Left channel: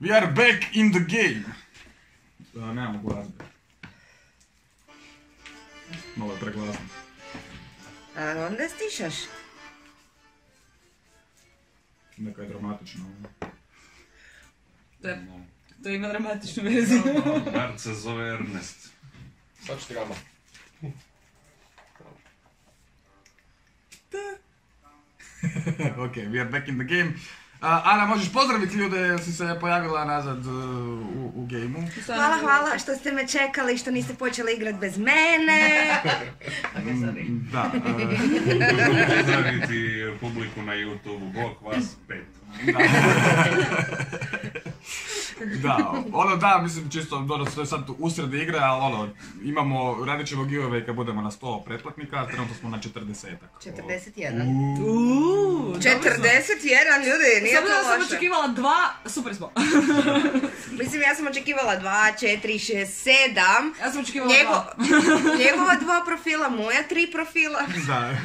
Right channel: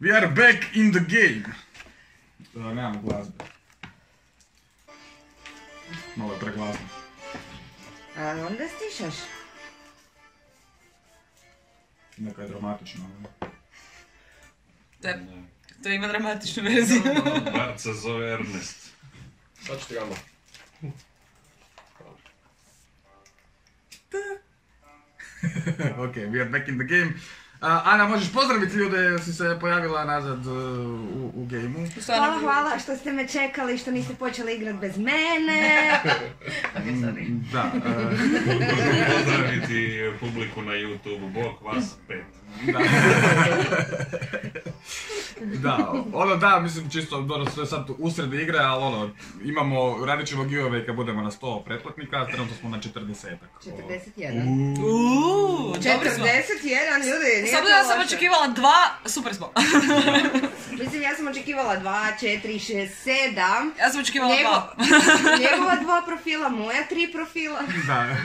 We are back in the game. Nemamo glazbe. Malo je preglasno. A onda stišaš. Neka je dramatično. Da, to ima dramatičnu verziju. Bart se zove Ernest. Sad ću ti gama. Ok, we are back in the game. Ana, možeš pozdraviti ljude jer si se pojavila nazad u gameu. Hvala što ste me čekali, što niste počeli igrati bez mene. Da. Pozdraviti publiku na YouTube, bok vas 5. Da, mislim čisto, sve sad usred igre, ali radit ćemo giveaway kad budemo na 100 pretplatnika, trenutno smo na 40-ak. 41. 41, ljudi, nije to loše. Sam očekivala 2, super smo. Mislim, ja sam očekivala 2, 4, 6, 7. Ja sam očekivala 2. Njegova 2 profila, moja 3 profila. Da.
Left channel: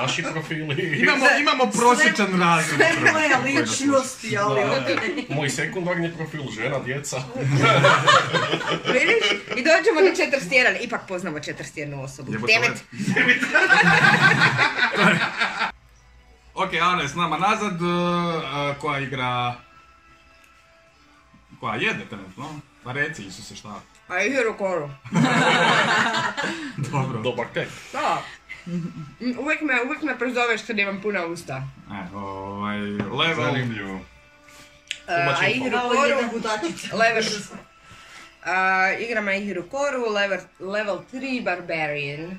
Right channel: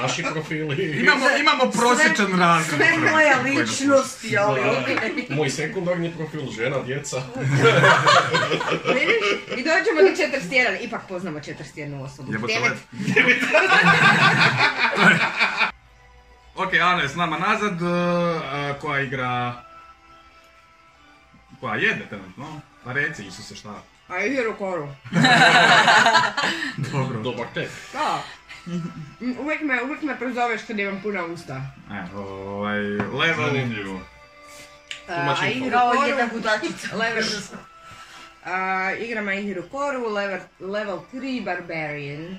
Naši profili. Imamo prosječan razred. Sve moja ličnost, joli. Moj sekundarni profil, žena, djeca. Vidiš? I dođemo na 41, ipak poznamo 41 osobu. 9. Ok, Ana je s nama nazad, koja igra... Koja jede trenutno? Pa reci, Isuse, šta? A i Hirokoru. Dobro. Dobar kek. Da. Uvijek me prozoveš kad imam puna usta. Level... Zanimljivo. Kao jedna budačica. Igram i Hirokoru, level 3 Barbarian.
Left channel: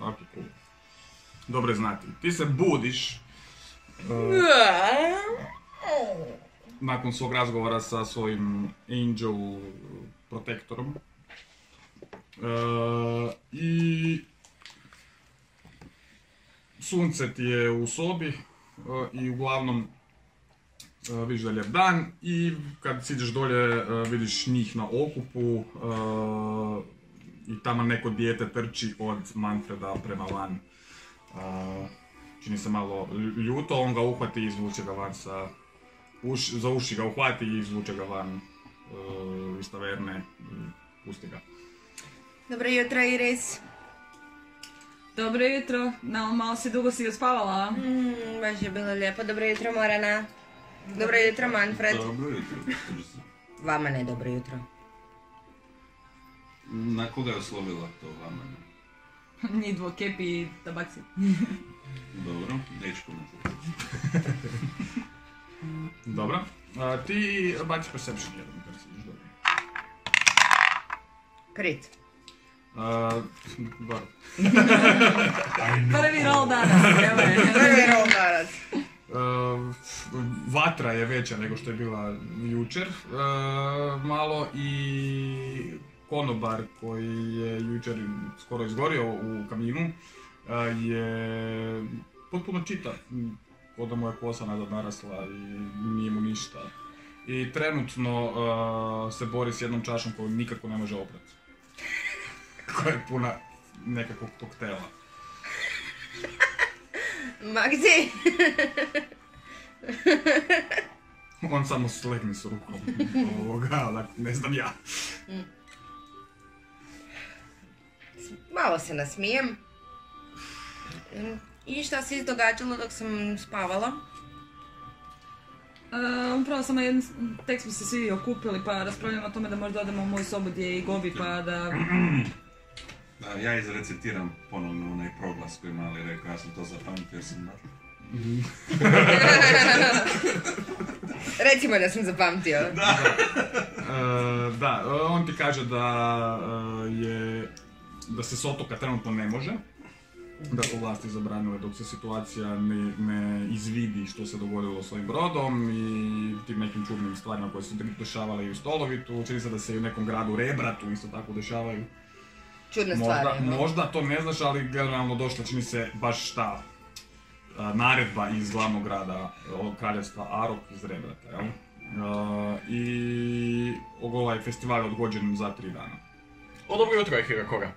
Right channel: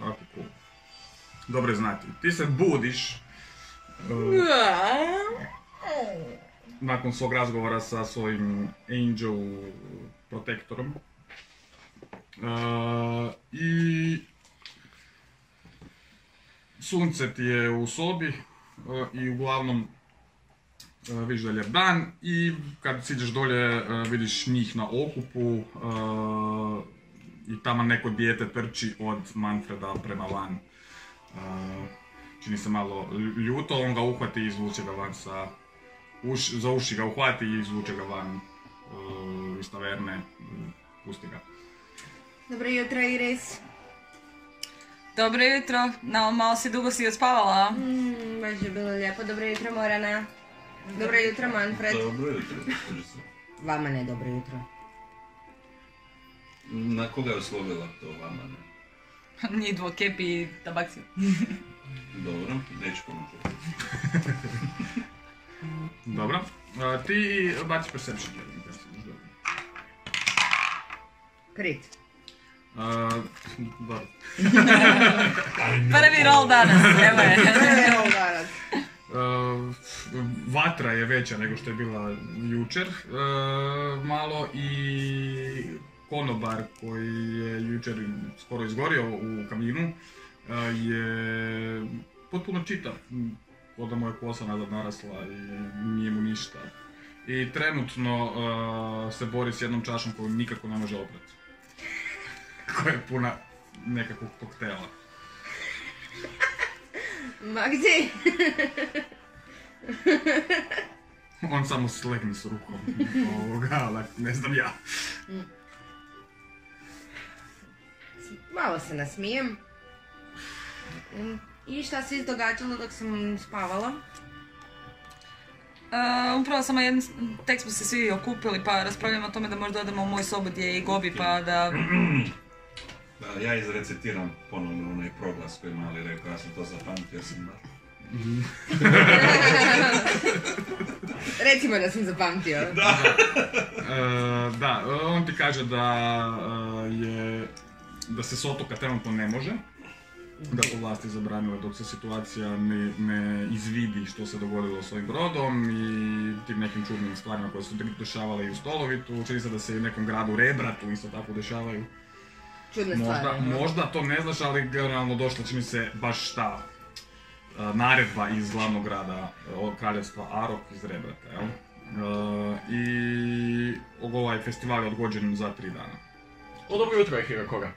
Ok, cool. Dobro je znati. Ti se budiš nakon svog razgovora sa svojim Angel Protectorom i sunce ti je u sobi i uglavnom vidiš da je lijep dan i kad siđeš dolje vidiš njih na okupu i tamo neko dijete trči od Manfreda prema van. Čini se malo ljuto, on ga uhvati i izvuče ga van za uši ga uhvati i izvuče ga van iz taverne, pusti ga. Dobro jutro, Iris. Dobro jutro, malo dugo si odspavala. Baš je bilo lijepo, dobro jutro Morana. Dobro jutro Manfred. Dobro jutro. Vama ne dobro jutro. Na koga je oslovila to vama ne? Njih dvo, Kepi i Tabaksi. Dobro, neću komentirati. Dobro, ti baci perception. Krit. Dobro. Prvi roll danas, evo je. Prvi roll danas. Vatra je veća nego što je bila jučer malo i konobar koji je jučer skoro izgorio u kaminu je potpuno čitav, od da mu je kosa nazad narasla i nije mu ništa. I trenutno se bori s jednom čašom koju nikako ne može oprati. Koja je puna nekakvog koktela. Magzi! On samo slegne s rukom ali ne znam ja. Malo se nasmijem. I šta se izdogađalo dok sam spavala? Upravo samo tek smo se svi okupili pa raspravljamo o tome da možda odemo u moju sobu gdje je i Gobi pa da... Ja izrecitiram ponovno onaj proglas koji Mali rekao, ja sam to zapamtio, sam baš. Recimo da sam zapamtio. Da, on ti kaže da se s otoka trenutno ne može, da su vlasti zabranile dok se situacija ne izvidi što se dogodilo s ovim brodom i tim nekim čudnim stvarima koje su dešavale i u Stolovitu. Čini se da se i u nekom gradu Rebratu isto tako dešavaju. Čudne stvari. Možda to ne znaš, ali generalno došla čini se baš ta naredba iz glavnog grada od kraljevstva Arok iz Rebrata, jel? I ovaj festival je odgođen za 3 dana. Dobro jutro je Hirokoga.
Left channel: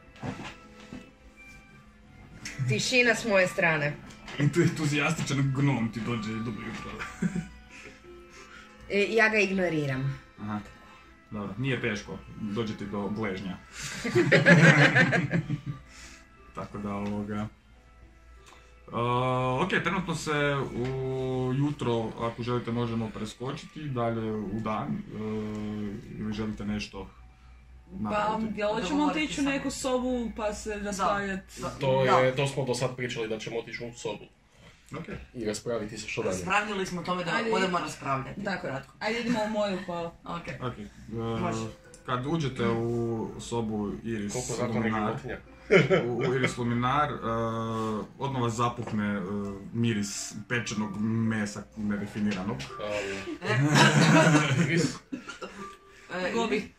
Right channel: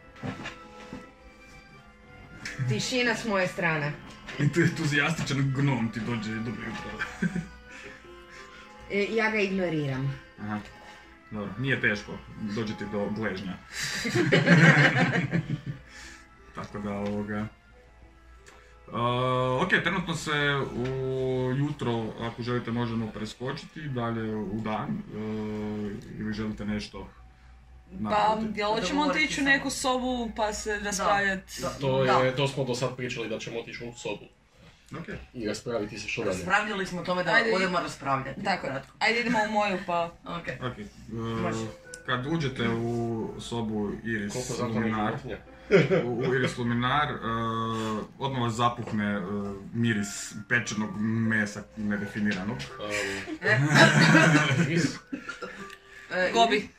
Tišina s moje strane. Entuzijastičan gnom ti dođe, dobro jutro. Ja ga ignoriram. Aha. Dobro, nije teško, dođe ti do gležnja. Tako da ok, trenutno se jutro, ako želite, možemo preskočiti dalje u dan. Ili želite nešto Pa, napraviti? jel hoćemo otići u neku sobu pa se raspravljati? To smo do sad pričali da ćemo otići u sobu. Ok. I raspraviti se što dalje. Raspravljali smo o tome da Ajde, budemo raspravljati. Tako, kratko. ajde idemo u moju pa... Ok. Ok. Može. Kad uđete u sobu Iris Koliko zakonnih Luminar, životinja? u Iris Luminar, odmah vas zapuhne miris pečenog mesa nedefiniranog. Gobi,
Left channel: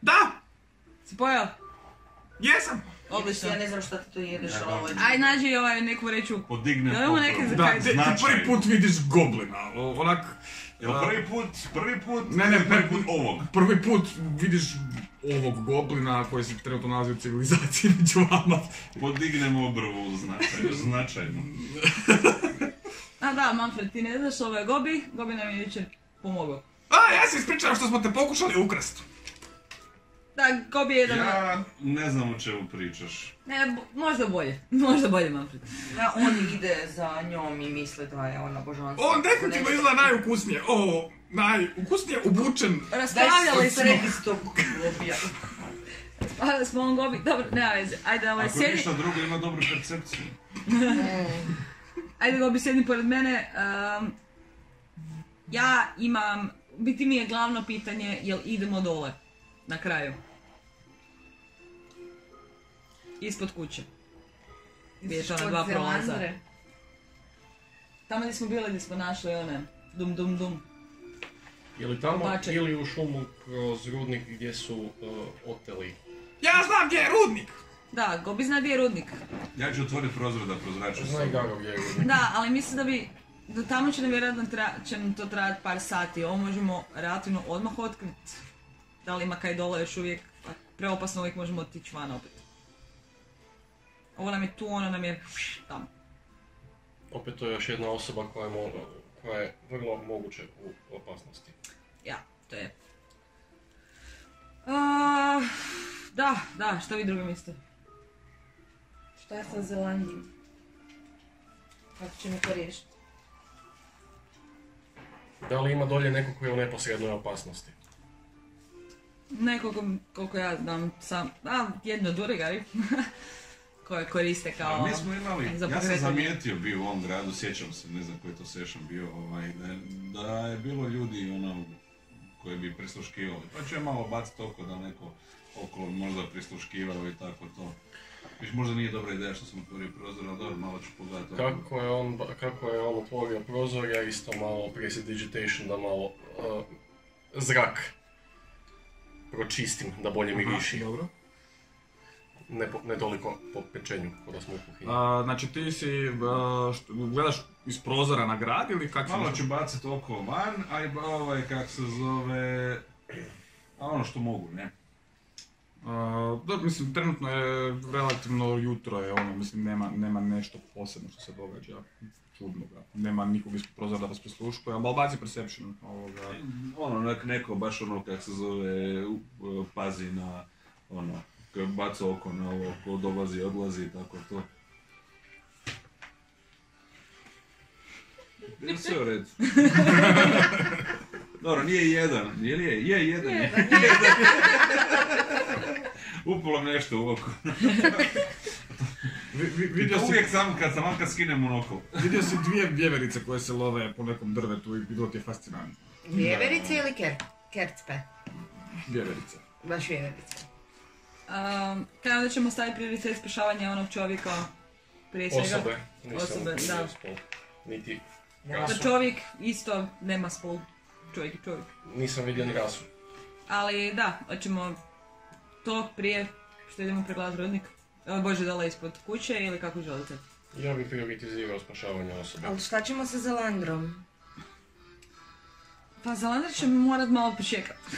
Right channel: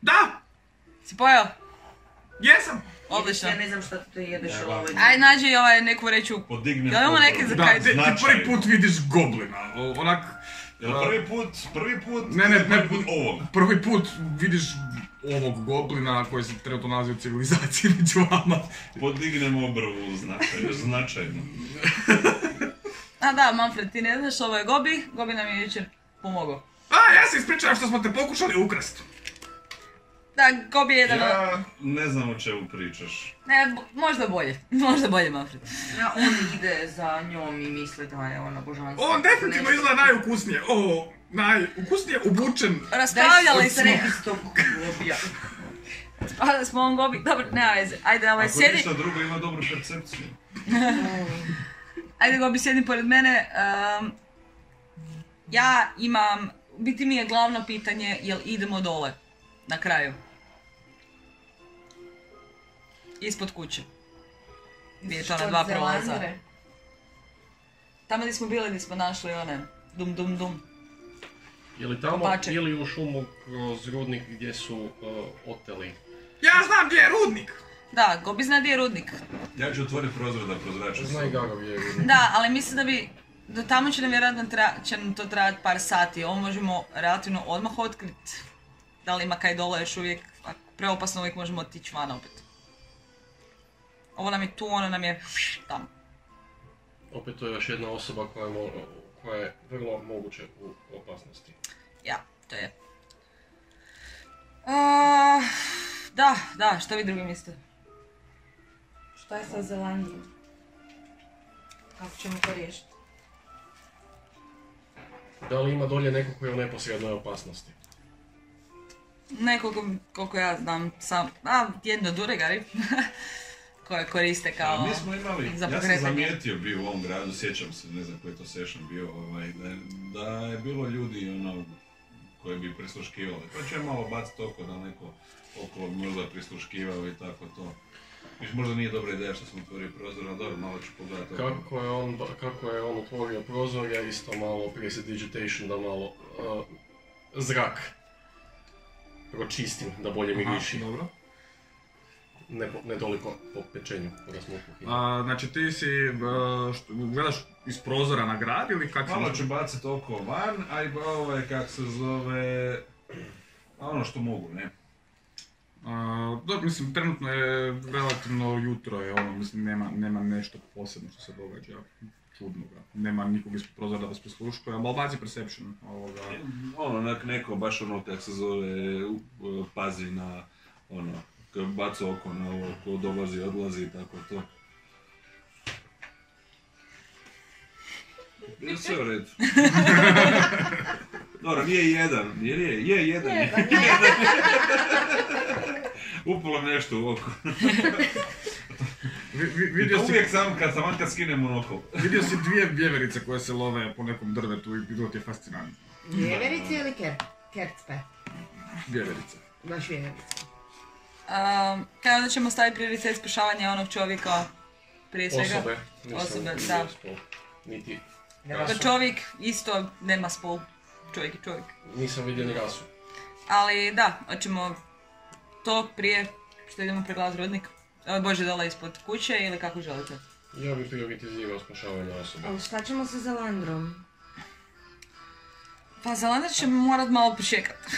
Da! si pojeo? Jesam! Odlično. Ja ne znam šta ti to jedeš, ali ovo je... Ajde nađi neku vreću. Podignem Jel imamo neke za Da, kaj? ti prvi put vidiš goblina, onak... Jel prvi put? Ne, Prvi put ovog. Prvi put vidiš ovog goblina koji se trenutno nalazi u civilizaciji među vama. Podignemo obrvu značajno. A da, Manfred, ti ne znaš, ovo je Gobi. Gobi nam je jučer pomogao. Ja se ispričavam što smo te pokušali ukrasti. Da, Gobi je jedan... Ja ne znam o čemu pričaš. Ne, možda bolje. Možda bolje, Manfred. Da, on ide za njom i misli da je ona božanstva. On definitivno izgleda najukusnije. Najukusnije obučen. Raspravljali smo. Sredistog Gobija. Raspravljali smo on Gobi. Dobro, nema veze. Ajde, Ako sjedi. ništa drugo ima dobru percepciju. Ajde, Gobi, sjedi pored mene. Ja imam... Biti mi je glavno pitanje, jel idemo dole? Na kraju. Ispod kuće. Gdje je to na dva prolaza. Tamo gdje smo bili, gdje smo našli one dum. Je li tamo Bačaj. ili u šumu kroz rudnik gdje su oteli? Ja znam gdje je rudnik! Da, Gobi zna gdje je rudnik. Ja ću otvoriti prozor da prozraču Zna i sobu. Gago gdje je rudnik. Da, ali mislim da bi... Do tamo će nam vjerojatno će nam to trajati par sati. Ovo možemo relativno odmah otkriti. Da li ima kaj dole još uvijek. Preopasno uvijek možemo otići van opet. Ovo nam je tu, ono nam je tamo. Opet to je još jedna osoba koja je vrlo moguće u opasnosti. Ja, to je. Da, šta vi drugi mislite? Šta je sa Zelandijom? Kako ćemo to riješiti? Da li ima dolje neko koji je u neposrednoj opasnosti? Nekoliko, koliko ja znam, jedno Duregari. Koje koriste kao... Mi smo imali, za ja sam pokretanje. zamijetio bio u ovom gradu, sjećam se, ne znam koji je to session bio, da je bilo ljudi koji bi prisluškivali. Pa ću je malo baciti oko da neko oko možda prisluškivao i tako to. Viš, možda nije dobra ideja što sam otvorio prozor, ali dobro, malo ću pogledati oko. Kako je on otvorio prozor, ja isto malo prestidigitation da malo zrak pročistim da bolje miriši. Dobro. Ne toliko po pečenju, kada smo u kuhinji. Znači ti si, gledaš iz prozora na grad ili kak si... Malo ću baciti oko van, a i kak se zove, ono što mogu, ne? Dobro, mislim, trenutno je relativno jutro je mislim, nema nešto posebno što se događa čudnoga. Nema nikog iz prozora da vas prisluškuje, ali baci perception ovoga. Neko baš kak se zove, pazi na baca oko na ovo ko dolazi, odlazi i tako to. Je sve u redu. Dobro, nije jedan, je jedan. Upalo mi nešto u oko. Uvijek sam kad skinem monokol. Vidio si dvije vjeverice koje se love po nekom drvetu i bilo ti je fascinantno. Vjeverice ili kercpe? Vjeverice. Baš vjeverice. Kada ćemo staviti prioritet spašavanja onog čovjeka prije svega? Osobe. Nisam Osobe, vidio da. spol. Niti Pa rasu. čovjek isto nema spol. Čovjek je čovjek. Nisam vidio ni rasu. Ali da, hoćemo to prije što idemo pregledati rudnik. Bože, dala ispod kuće ili kako želite? Ja bih prioritizirao spašavanje osobe. Ali šta ćemo sa Zelandrom? Pa Zelandar će morat malo pričekati.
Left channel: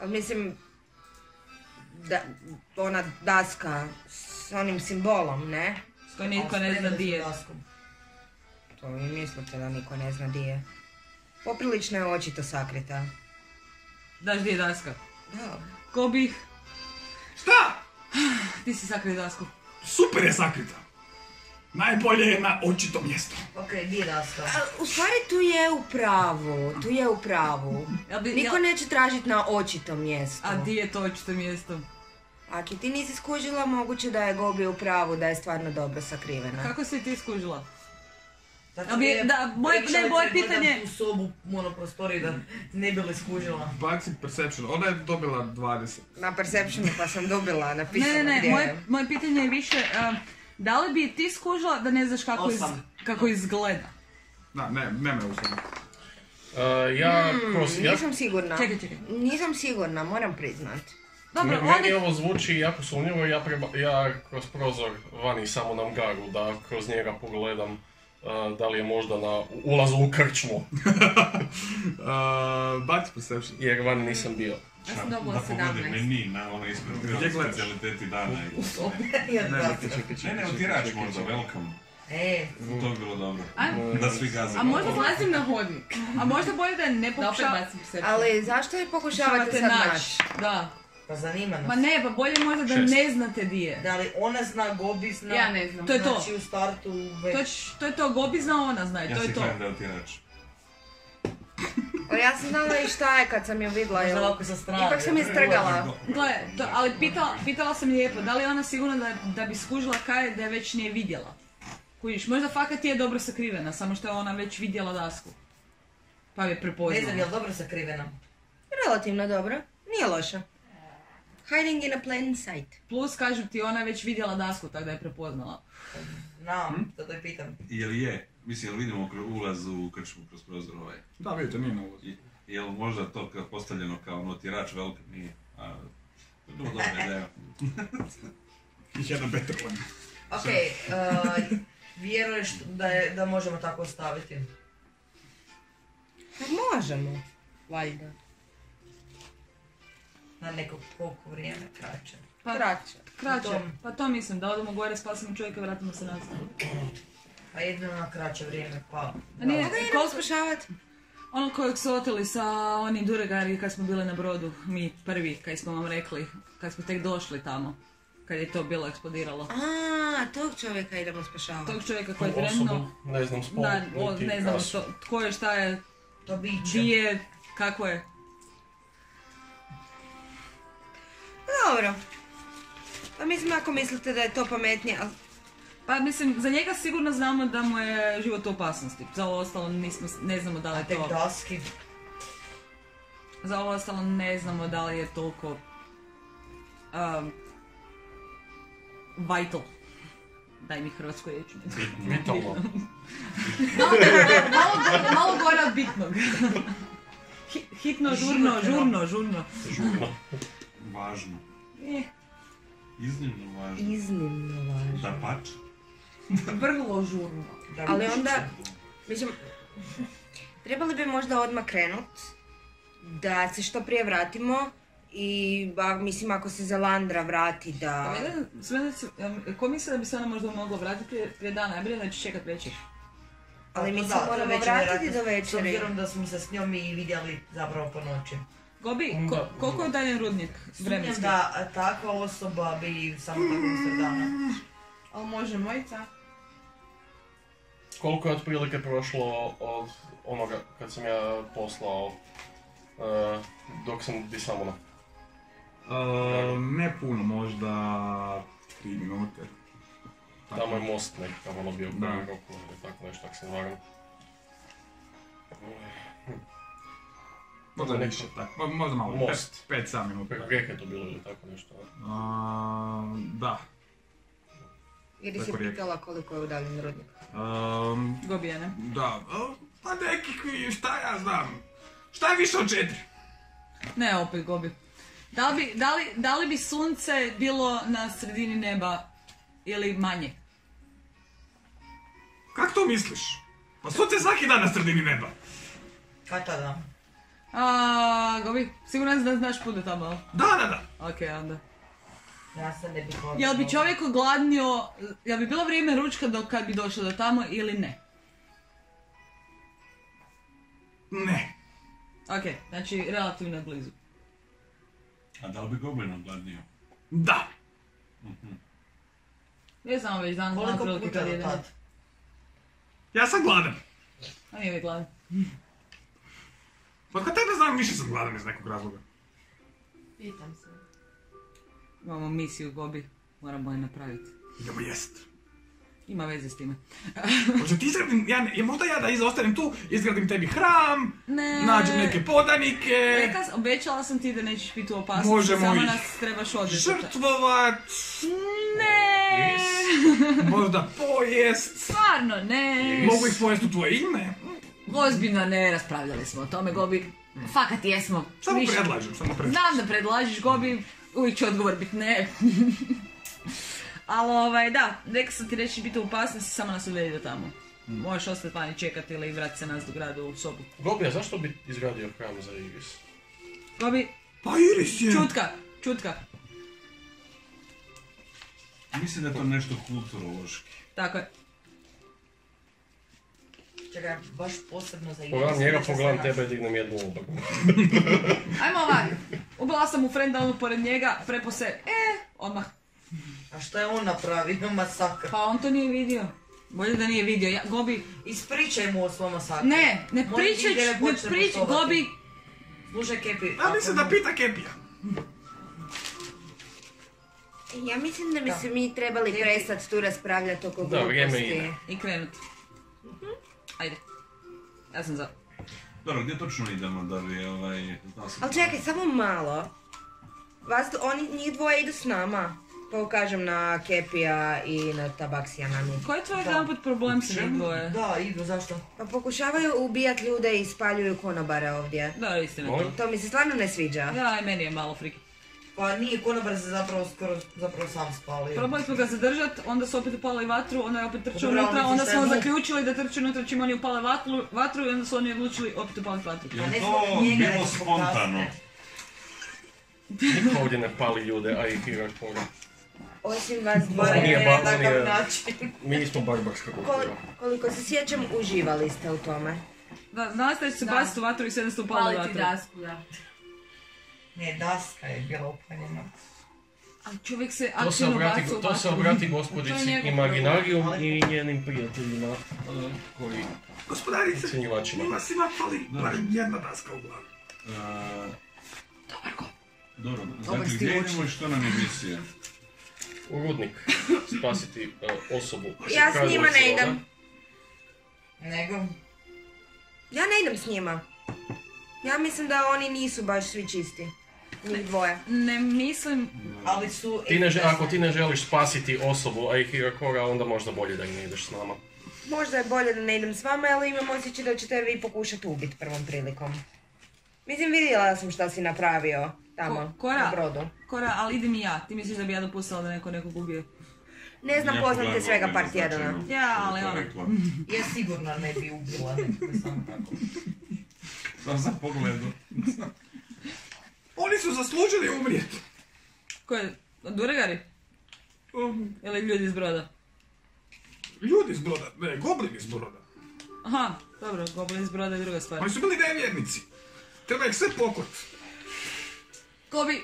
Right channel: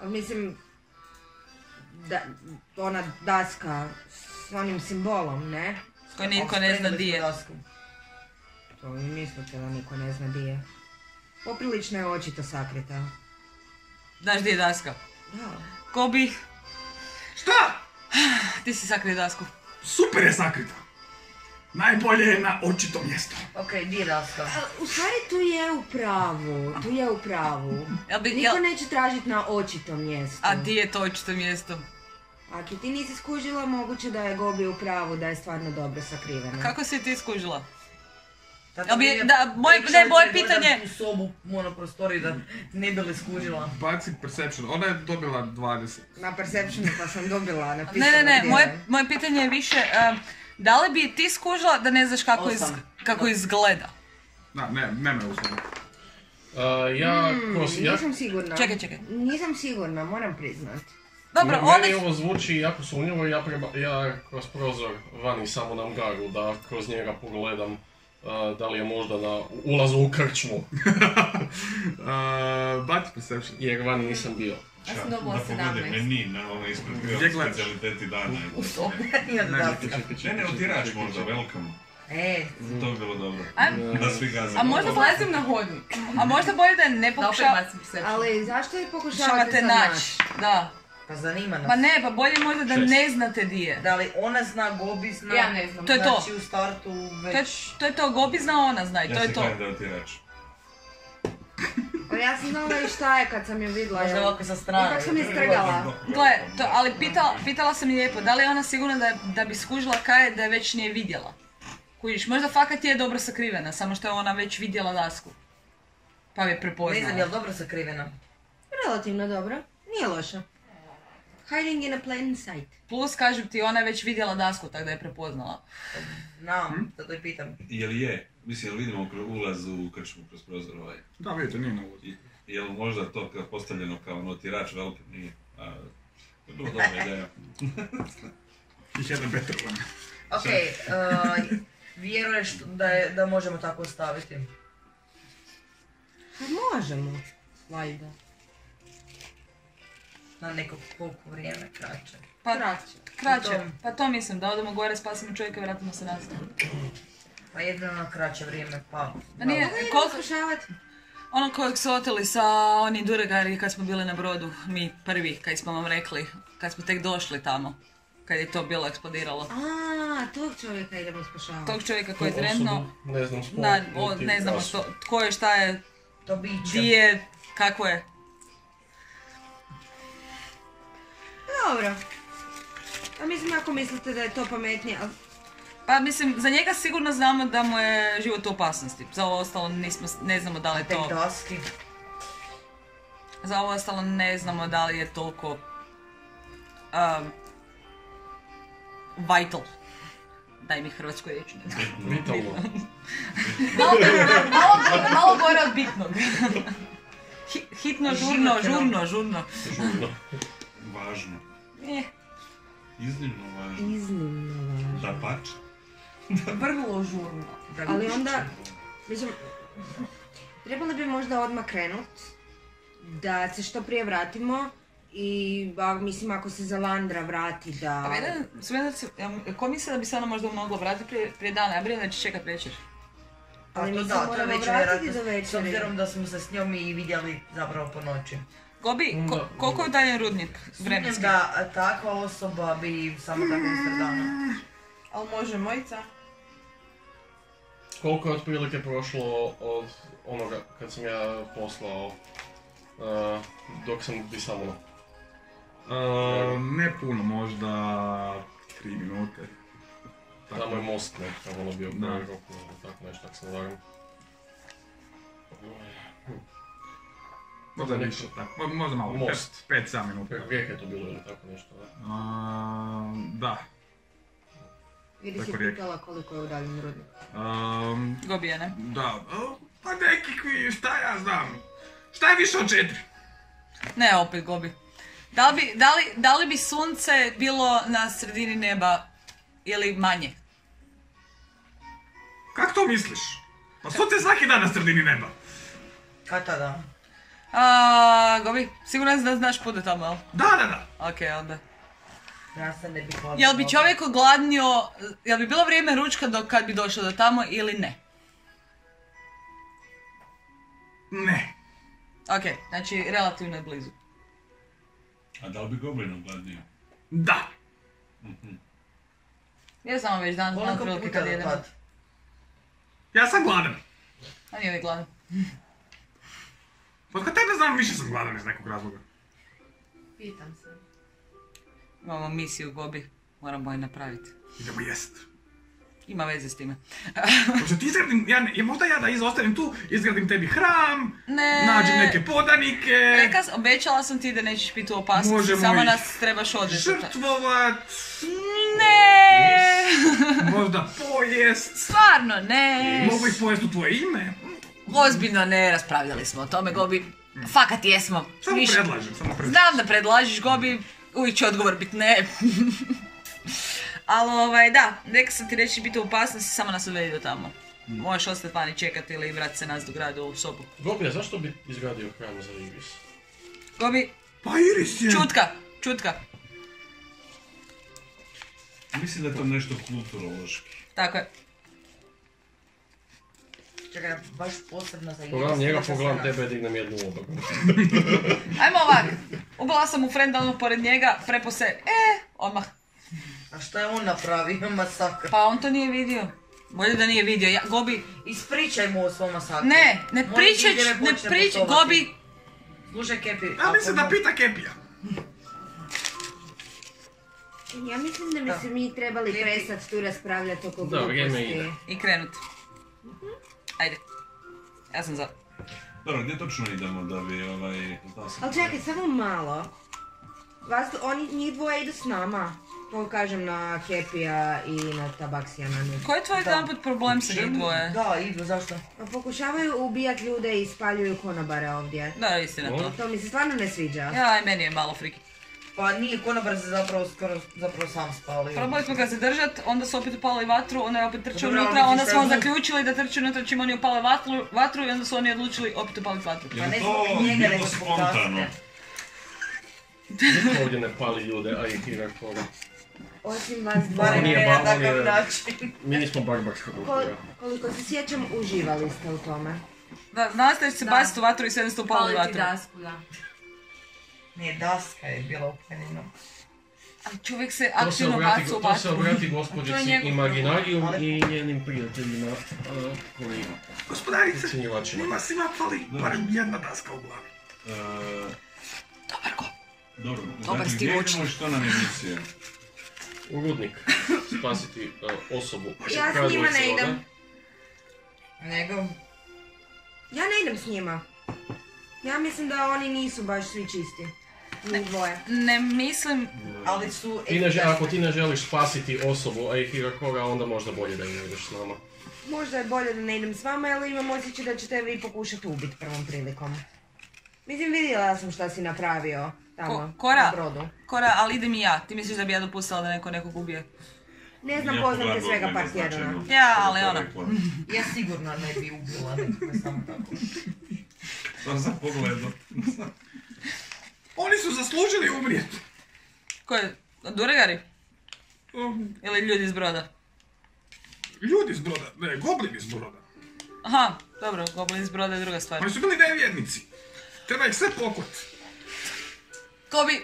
Ali mislim, ona daska s onim simbolom, ne? S kojim nitko ne zna di je. To vi mislite da niko ne zna di je? Poprilično je očito sakrita. Znaš gdje je daska? Da. Gobi, Šta? ti si sakrio dasku. Super je sakrita. Najbolje je na očitom mjestu. Ok, di je daska? U stvari tu je u pravu. Niko neće tražiti na očitom mjestu. A di je to očito mjesto? Ako ti nisi skužila, moguće da je Gobi u pravu, da je stvarno dobro sakrivena. Kako si ti skužila? Tako Moje pitanje... u sobu, prostoriju da ne bi li skužila. Baci perception. Ona je dobila 20. Na perceptionu pa sam dobila napisano. Ne, moje pitanje je više, da li bi ti skužila da ne znaš kako izgleda? Da, ne me usluži. Nisam sigurna. Čekaj. Nisam sigurna, moram priznat. Dobro, Meni ovo zvuči jako sumnjivo, ja kroz prozor vani samo na Angaru, da kroz njega pogledam da li je možda na ulazu u krčmu. Baci perception. Jer vani nisam bio. Ja sam dobila Da pogledaj 17. meni na ono ispred Gdje gledaš? specijaliteti dana. Ne, Ne, utirač možda, welcome. To bi bilo dobro. Da svi gaze. A možda Ulazim na hodnik. A možda bolje da ne Da opet pokušavate bacim perception. Ali zašto je pokušavate sad naći? naći? Da. Pa zanima nas. Pa ne, pa bolje možda da 6. ne znate di je. Da li ona zna, Gobi zna? Ja ne znam. To je to. Znači u startu već... To je to, Gobi zna, ona zna i to Ja je se to. kladim da je utirač. Pa ja sam znala i šta je kad sam ju vidjela. Možda ovako sa strane. Ipak sam je strgala. Gle, ali pitala sam lijepo, da li je ona sigurna da bi skužila kaj je da je već nije vidjela? Kužiš, možda fakat je dobro sakrivena, samo što je ona već vidjela dasku. Pa je prepoznala. Ne znam, je li dobro sakrivena? Relativno dobro. Nije loša. Hiding in a plain sight. Plus, kažem ti, ona je već vidjela dasku, tako da je prepoznala. Znam, zato i pitam. Je li je? Mislim, jel vidimo ulaz u krčmu kroz prozor ovaj? Da, vidite, nije na ulazu. Jel možda to postavljeno kao utirač veliki? Nije. To je bilo dobra ideja. Ih jedan better one. Ok, vjeruješ da možemo tako ostaviti? Možemo. Valjda. Na neko koliko vrijeme kraće. Pa, Kraće. kraće. Pa to mislim, da odemo gore, spasimo čovjeka i vratimo se nazad. Pa jedino na kraće vrijeme, pa... Pa nije, Koga idemo koliko... spašavat? Ono kojeg su oteli sa onim Duregari kad smo bili na brodu, mi prvi, kad smo vam rekli, kad smo tek došli tamo, kad je to bilo eksplodiralo. Tog čovjeka idemo spašavati. Tog čovjeka koji je Tu trenutno, osobu, ne znam spol, ne znamo tko je, šta je, To biće. di je, kako je. Dobro. A mislim ako mislite da je to pametnije, ali... Pa mislim, za njega sigurno znamo da mu je život u opasnosti, za ovo ostalo ne znamo da li A je tek to... daski? Za ovo ostalo ne znamo da li je toliko... vital. Daj mi hrvatsku riječ. Vitalno. Malo gore od bitnog. Hitno, žurno. Žurno. Važno. Je. Iznimno važno. Da pač. Vrlo žurno. Ali onda, mislim, trebali bi možda odmah krenut, da se što prije vratimo i, mislim, ako se Zalandra vrati da... Ko misle da bi se ona možda mogla vratiti prije dana? Ja brinem da će čekat večer. Ali mi se to je moramo već vratiti vjerojatno, do večeri. s obzirom da smo se s njom i vidjeli zapravo po noći. Gobi, koliko je dalje rudnik Sumnjam vremenski? da takva osoba bi samo tako usred dana. Ali može mojica. Koliko je otprilike prošlo od onoga kad sam ja poslao dok sam disamo? Ne puno, možda 3 minute. Tamo je most nekako ono bio Da. prvi rok, tako nešto, ako se ne varam. Možda više, možda malo, Most. 5-7 minuta. Preko rijeke je to bilo ili tako nešto, da? Da. Jer si Preko rijeke. pitala koliko je udaljen rudnik. Gobi je, ne? Da, pa nekakvi, šta ja znam. Šta je više od 4? Ne, opet Gobi. Da li bi sunce bilo na sredini neba ili manje? Kako to misliš? Pa sunce je svaki dan na sredini neba. Kad tada? Gobi, siguran da znaš put do tamo, ali? Da. Ok, onda. Ja se ne bih hodila. Jel bi čovjek ogladnio, jel bi bilo vrijeme ručka kad bi došao do tamo ili ne? Ne. Ok, znači relativno je blizu. A da li bi goblin ogladnio? Da. Ja sam već dan znam Koliko prilike puta kad do jedem. tad? Ja sam gladan. A nije uvijek gladan. Pa kod tebe znam, više sam gladan iz nekog razloga. Pitam se. Imamo misiju Gobi, moramo je napraviti. Idemo jest. Ima veze s time. Hoće ti izgradim, možda ja da izostanem tu, izgradim tebi hram, Ne. nađem neke podanike, Obećala sam ti da nećeš biti u opasnosti, Možemo samo ih nas trebaš odvesti. žrtvovat, Ne! možda pojest, Stvarno ne! mogu ih pojest u tvoje ime. Ozbiljno ne, raspravljali smo o tome, Gobi. Fakat jesmo. Samo Više- predlažem. Znam da predlažiš, Gobi, uvijek će odgovor biti ne. Ali da, rekao sam ti reći biti u opasnosti, samo nas odvedi do tamo. Možeš ostati vani čekati ili vratiti se nas do grada u sobu. Gobi, a zašto bi izgradio hram za Iris? Gobi, Pa Iris je... čutka. Mislim da je to nešto kulturološki. Tako je. Čekaj, baš posebno za Pogledam njega, pogledam tebe, dignem jednu obagu. Ajmo ovak. Ubila sam u friendalnu pored njega, prepo se, odmah. A šta je on napravio? Masakr. Pa on to nije vidio. Bolje da nije vidio. Gobi, Ispričaj mu o svom masakru. ne Moj pričaj, igre ne počne pričaj, poštovati. Gobi. Slušaj, Kepi. A mislim da pita Kepija. Ja mislim da bi se mi trebali prestati tu raspravljati oko Da, vrijeme gluposti. ide. I krenut. Ajde. Ja sam za. Dobro, gdje točno idemo da bi Ali čekaj, samo malo. Njih dvoje idu s nama. To kažem na Kepija i na Tabaksija Nanu. Koji je tvoj jedan put problem sa njih dvoje? Da, idu, zašto? Pa pokušavaju ubijati ljude i spaljuju konobare ovdje. Da, istina to. To mi se stvarno ne sviđa. Ja, i meni je malo friki. Pa nije, konobar se zapravo sam spalio. Probali smo ga zadržat, onda su opet upali vatru, onda je opet trčao Dobro, ali unutra, onda misliš smo da je zaključili da trče unutra čim oni upale vatru i onda su oni odlučili opet upaliti vatru. Je Pa li ne to zbog njega, bilo nego zbog spontano? kasne. Niko ovdje ne pali ljude, a i Hirakora. Osim vas Barem On je dvoje. ne na ba- on takav je- način. Mi nismo barbarska kultura. Koliko se sjećam, uživali ste u tome. Da, nastaviš se Da. baciti u vatru i sve ste upali Paliti vatru. dasku, da. Ne, daska je bila upaljena. A čovjek se To se aktivno baci u to se vatru. obrati To gospođici je njegov Imaginarium problem. i njenim prijateljima koji Gospodarice, ocjenjivačima. njima svima fali barem jedna daska u glavi. Dobro, Dobar dakle, gdje stimuć. idemo i što nam je misija? U rudnik spasiti osobu. Ja s koja njima ne dvojica idem. ode. Nego, Ja ne idem s njima. Ja mislim da oni nisu baš svi čisti. Njih dvoje. Ne mislim, ali su... Ako ti ne želiš spasiti osobu, a i Hirakora, onda možda bolje da ne ideš s nama. Možda je bolje da ne idem s vama, ali imam osjećaj da ćete vi pokušati ubiti prvom prilikom. Mislim, vidjela sam šta si napravio tamo, Kora. na brodu. Kora, ali idem i ja. Ti misliš da bi ja dopustila da neko nekog ubije? Ne znam, Ja poznam te pogledam svega Goblina par tjedana. značajno, Ja, što bi ali to ono. rekla. Ja sigurno ne bi ubila nekoga samo tako. Sam za pogledu. Oni su zaslužili umrijeti. Ko je? Duregari? Ili ljudi iz broda? Ljudi iz broda, ne, goblini iz broda. Aha, dobro, goblin iz broda je druga stvar. Oni su bili nevjernici. Treba ih sve pokot. Gobi,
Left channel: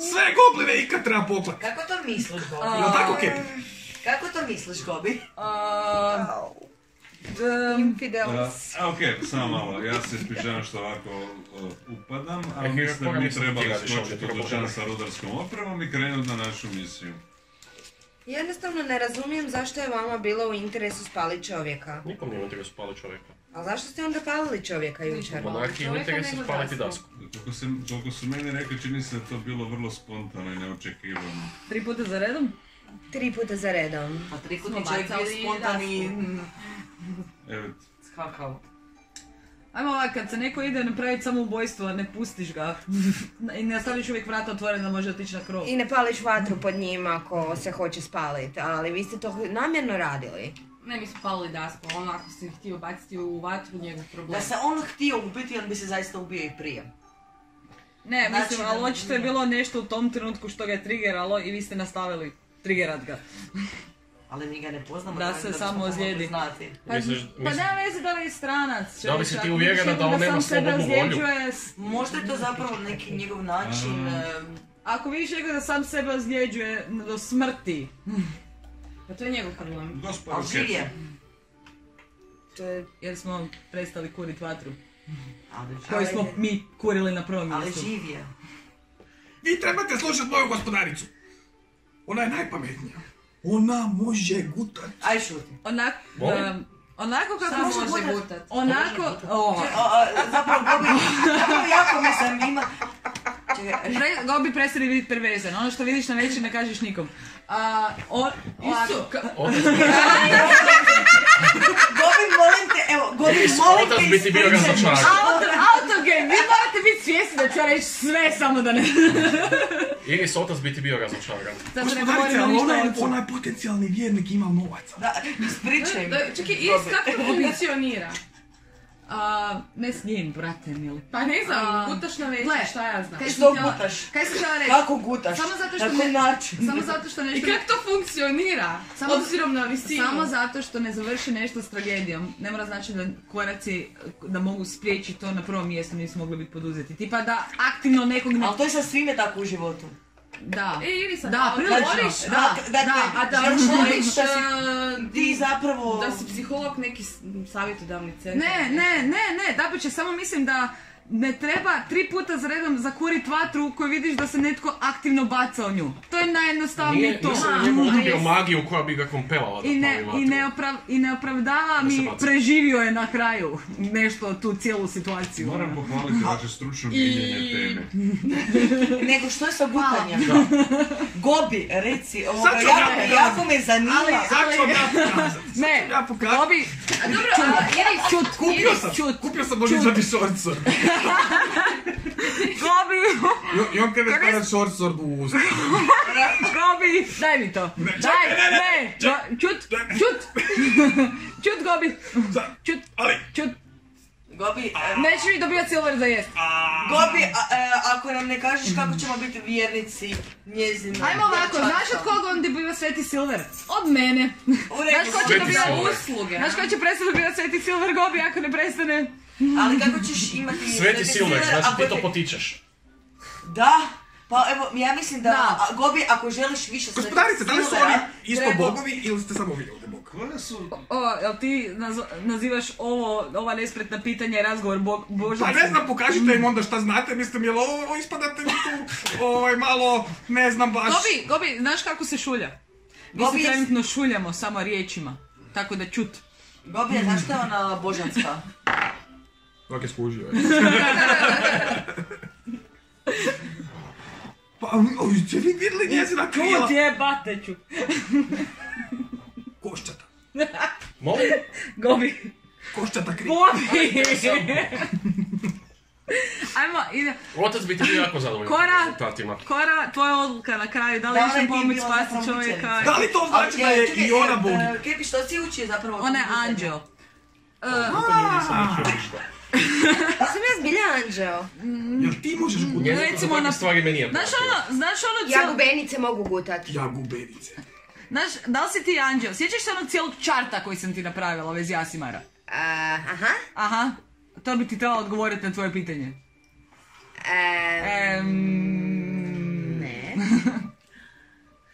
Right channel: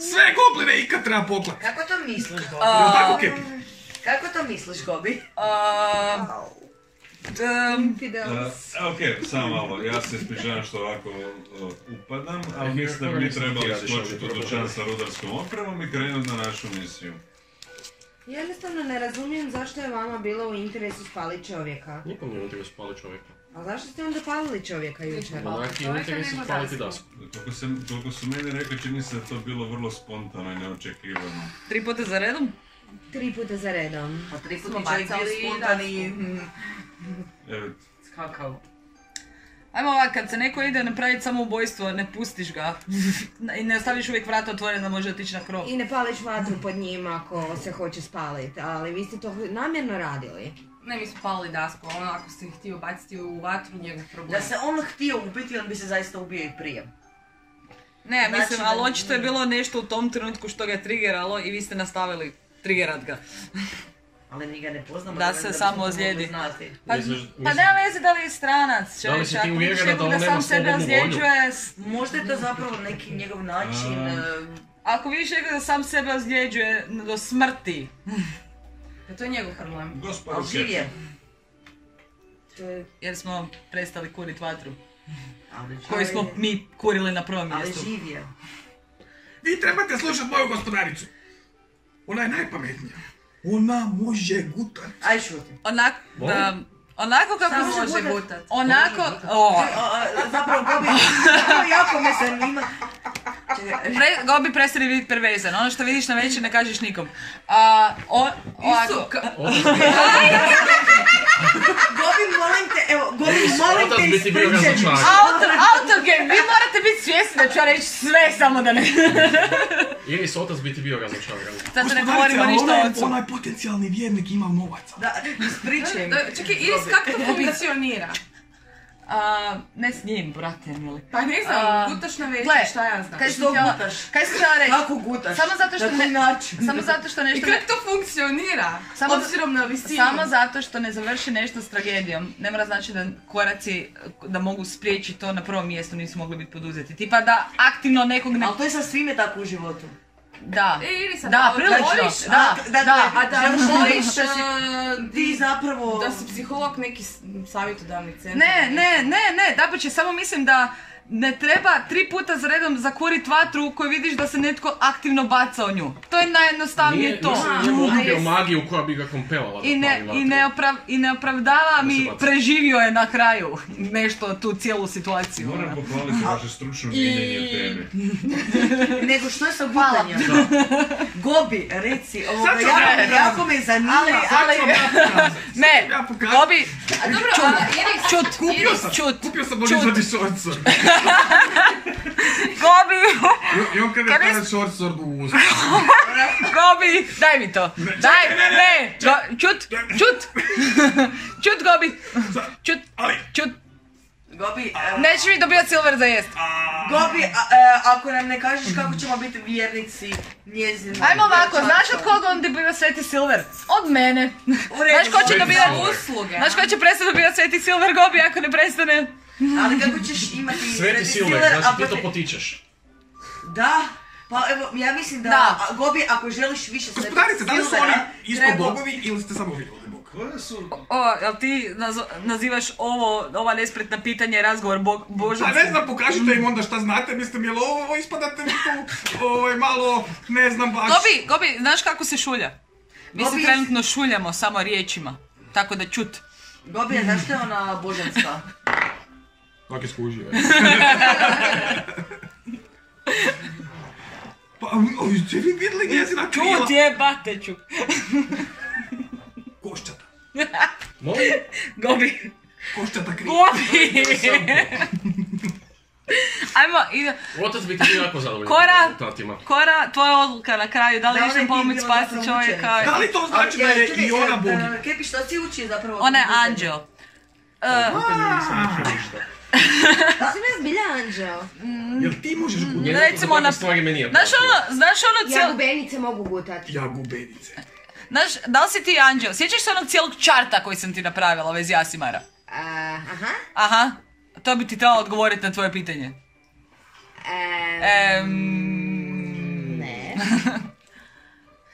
Sve gobline ikad treba poklat. Kako to misliš, Gobi? Jel tako, Kepi? Kako to misliš, Gobi? Ok, samo malo, ja se ispričavam što ovako upadam, ali mislim da bi mi nisam trebali htio više skočiti u ovdje dućan sa rudarskom opremom i krenuti na našu misiju. Jednostavno ne razumijem zašto je vama bilo u interesu spalit čovjeka. Nikom nije u interesu spali čovjeka. A zašto ste onda palili čovjeka jučer? Monarhiji je u interesu spaliti dasku. Koliko su meni rekli, čini se da je to bilo vrlo spontano i neočekivano. 3 puta za redom? 3 puta za redom. Pa 3 Smo puta čovjek bio bacali spontan i Evo, skakao. Ajmo ovak, kad se neko ide napraviti samoubojstvo, ne pustiš ga. I ne ostaviš uvijek vrata otvorena da može otići na krov. I ne pališ vatru pod njim ako se hoće spaliti, ali vi ste to namjerno radili. Ne, mi smo palili dasku, ono ako si htio baciti u vatru, njegov problem. Da se on htio ubiti, on bi se zaista ubio i prije. Ne, Znači mislim, da- ali očito je bilo nešto u tom trenutku što ga je triggeralo i vi ste nastavili triggerat ga. Ali mi ga ne poznamo. Da se samo ozlijedi. Pa nema veze da li je stranac. Da li si ti uvjerena da on nema slobodnu volju? Možda je to zapravo neki njegov način. Ako vidiš nekog da sam sebe ozljeđuje do smrti. To je njegov problem. Ali živje. Jer smo prestali kuriti vatru. Ali koju smo mi kurili na prvom mjestu. Ali živje. Vi trebate slušati moju gospodaricu. Ona je najpametnija. Ona može gutat. Aj šuti. Onako kako može gutat. Onako... Zapravo Gobi, jako me zanima. Gobi, prestani biti pervezan. Ono što vidiš na večer ne kažeš nikom. Gobi, molim te, evo, Gobi, molim te ispričaj. Autogame, vi morate biti svjesni da ću ja reći sve, samo da ne... Iris, otac bi ti bio razočaran. Gospodarice, ali ona je potencijalni vjernik, ima novaca. Da, ispričaj mi. Čekaj, Iris, kako to funkcionira? Ne s njim, brate, mili. Pa ne znam, gutaš na večer, šta ja znam. Što gutaš? Kaj si htjela reći? Kako gutaš? Samo zato što na koji način? Samo zato što nešto... I kako to funkcionira? Obzirom na visinu. Samo zato što ne završi nešto s tragedijom. Ne mora znači da koraci da mogu spriječiti to na prvom mjestu nisu mogli biti poduzeti. Tipa da aktivno nekog ne... Ali to je sa svime tako u životu. Da, Irisa, da, prilično, da. A da voliš ti zapravo... Da si psiholog neki savjetodavni centar. Ne, dapače, samo mislim da ne treba 3 puta za redom zakurit vatru koju vidiš da se netko aktivno baca o nju. To je najjednostavnije to. Njemu ubio magiju koja bi ga kompelala. I ne opravdava mi, preživio je na kraju nešto tu cijelu situaciju. Moram pohvaliti vaše stručno viđenje teme. Nego što je sa gutanjem? Gobi, reci, jako me zanima. Ne, Gobi, Kupio sam božićani šorcor. Gobi! I on kada je stavio šorcor u usta. Gobi, daj mi to. Ne. Čut, Gobi. Čut. Gobi, nećeš mi dobijat silver za jest. Gobi, ako nam ne kažeš kako ćemo biti vjernici njezina... Ajmo ovako, znaš od koga on dobiva sveti silver? Od mene. Znaš ko će dobivati usluge? Znaš ko će prestati dobivati sveti silver, Gobi, ako ne prestane? Ali kako ćeš imati sveti silver, znači ti to potičeš. Da, pa evo, ja mislim da, Gobi, ako želiš više sveti silvera... Gospodarice, da li su oni isto bogovi ili ste samo vi ovdje bog? Jel ti nazivaš ova nespretna pitanja i razgovor božanstva? Pa ne znam, pokažite im onda šta znate, mislim, jel ovo ispadate mi tu malo, ne znam baš... Gobi, znaš kako se šulja? Mi se trenutno šuljamo samo riječima, tako da čut. Gobi, znaš što je ona božanska? Ovak je skužio, je. Pa, ste vi vidjeli njezina krila? Čut jebate ću. Koščata. Molim? Gobi. Koščata krila. Gobi! Ajmo, ide. Otac bi ti bio jako zadovoljno. Kora, tvoja odluka na kraju, da li išem pomoć spasiti čovjeka? Da li to znači da je i ona boginja? Kepi, što si uči zapravo? Ona je anđel. Sam ja zbilja anđeo. Jel ti možeš gutati? Recimo na... Znaš ono Ja gubenice mogu gutati. Ja gubenice. Znaš, da li si ti anđeo? Sjećaš se onog cijelog čarta koji sam ti napravila vez Jasimara? Aha. To bi ti trebalo odgovoriti na tvoje pitanje.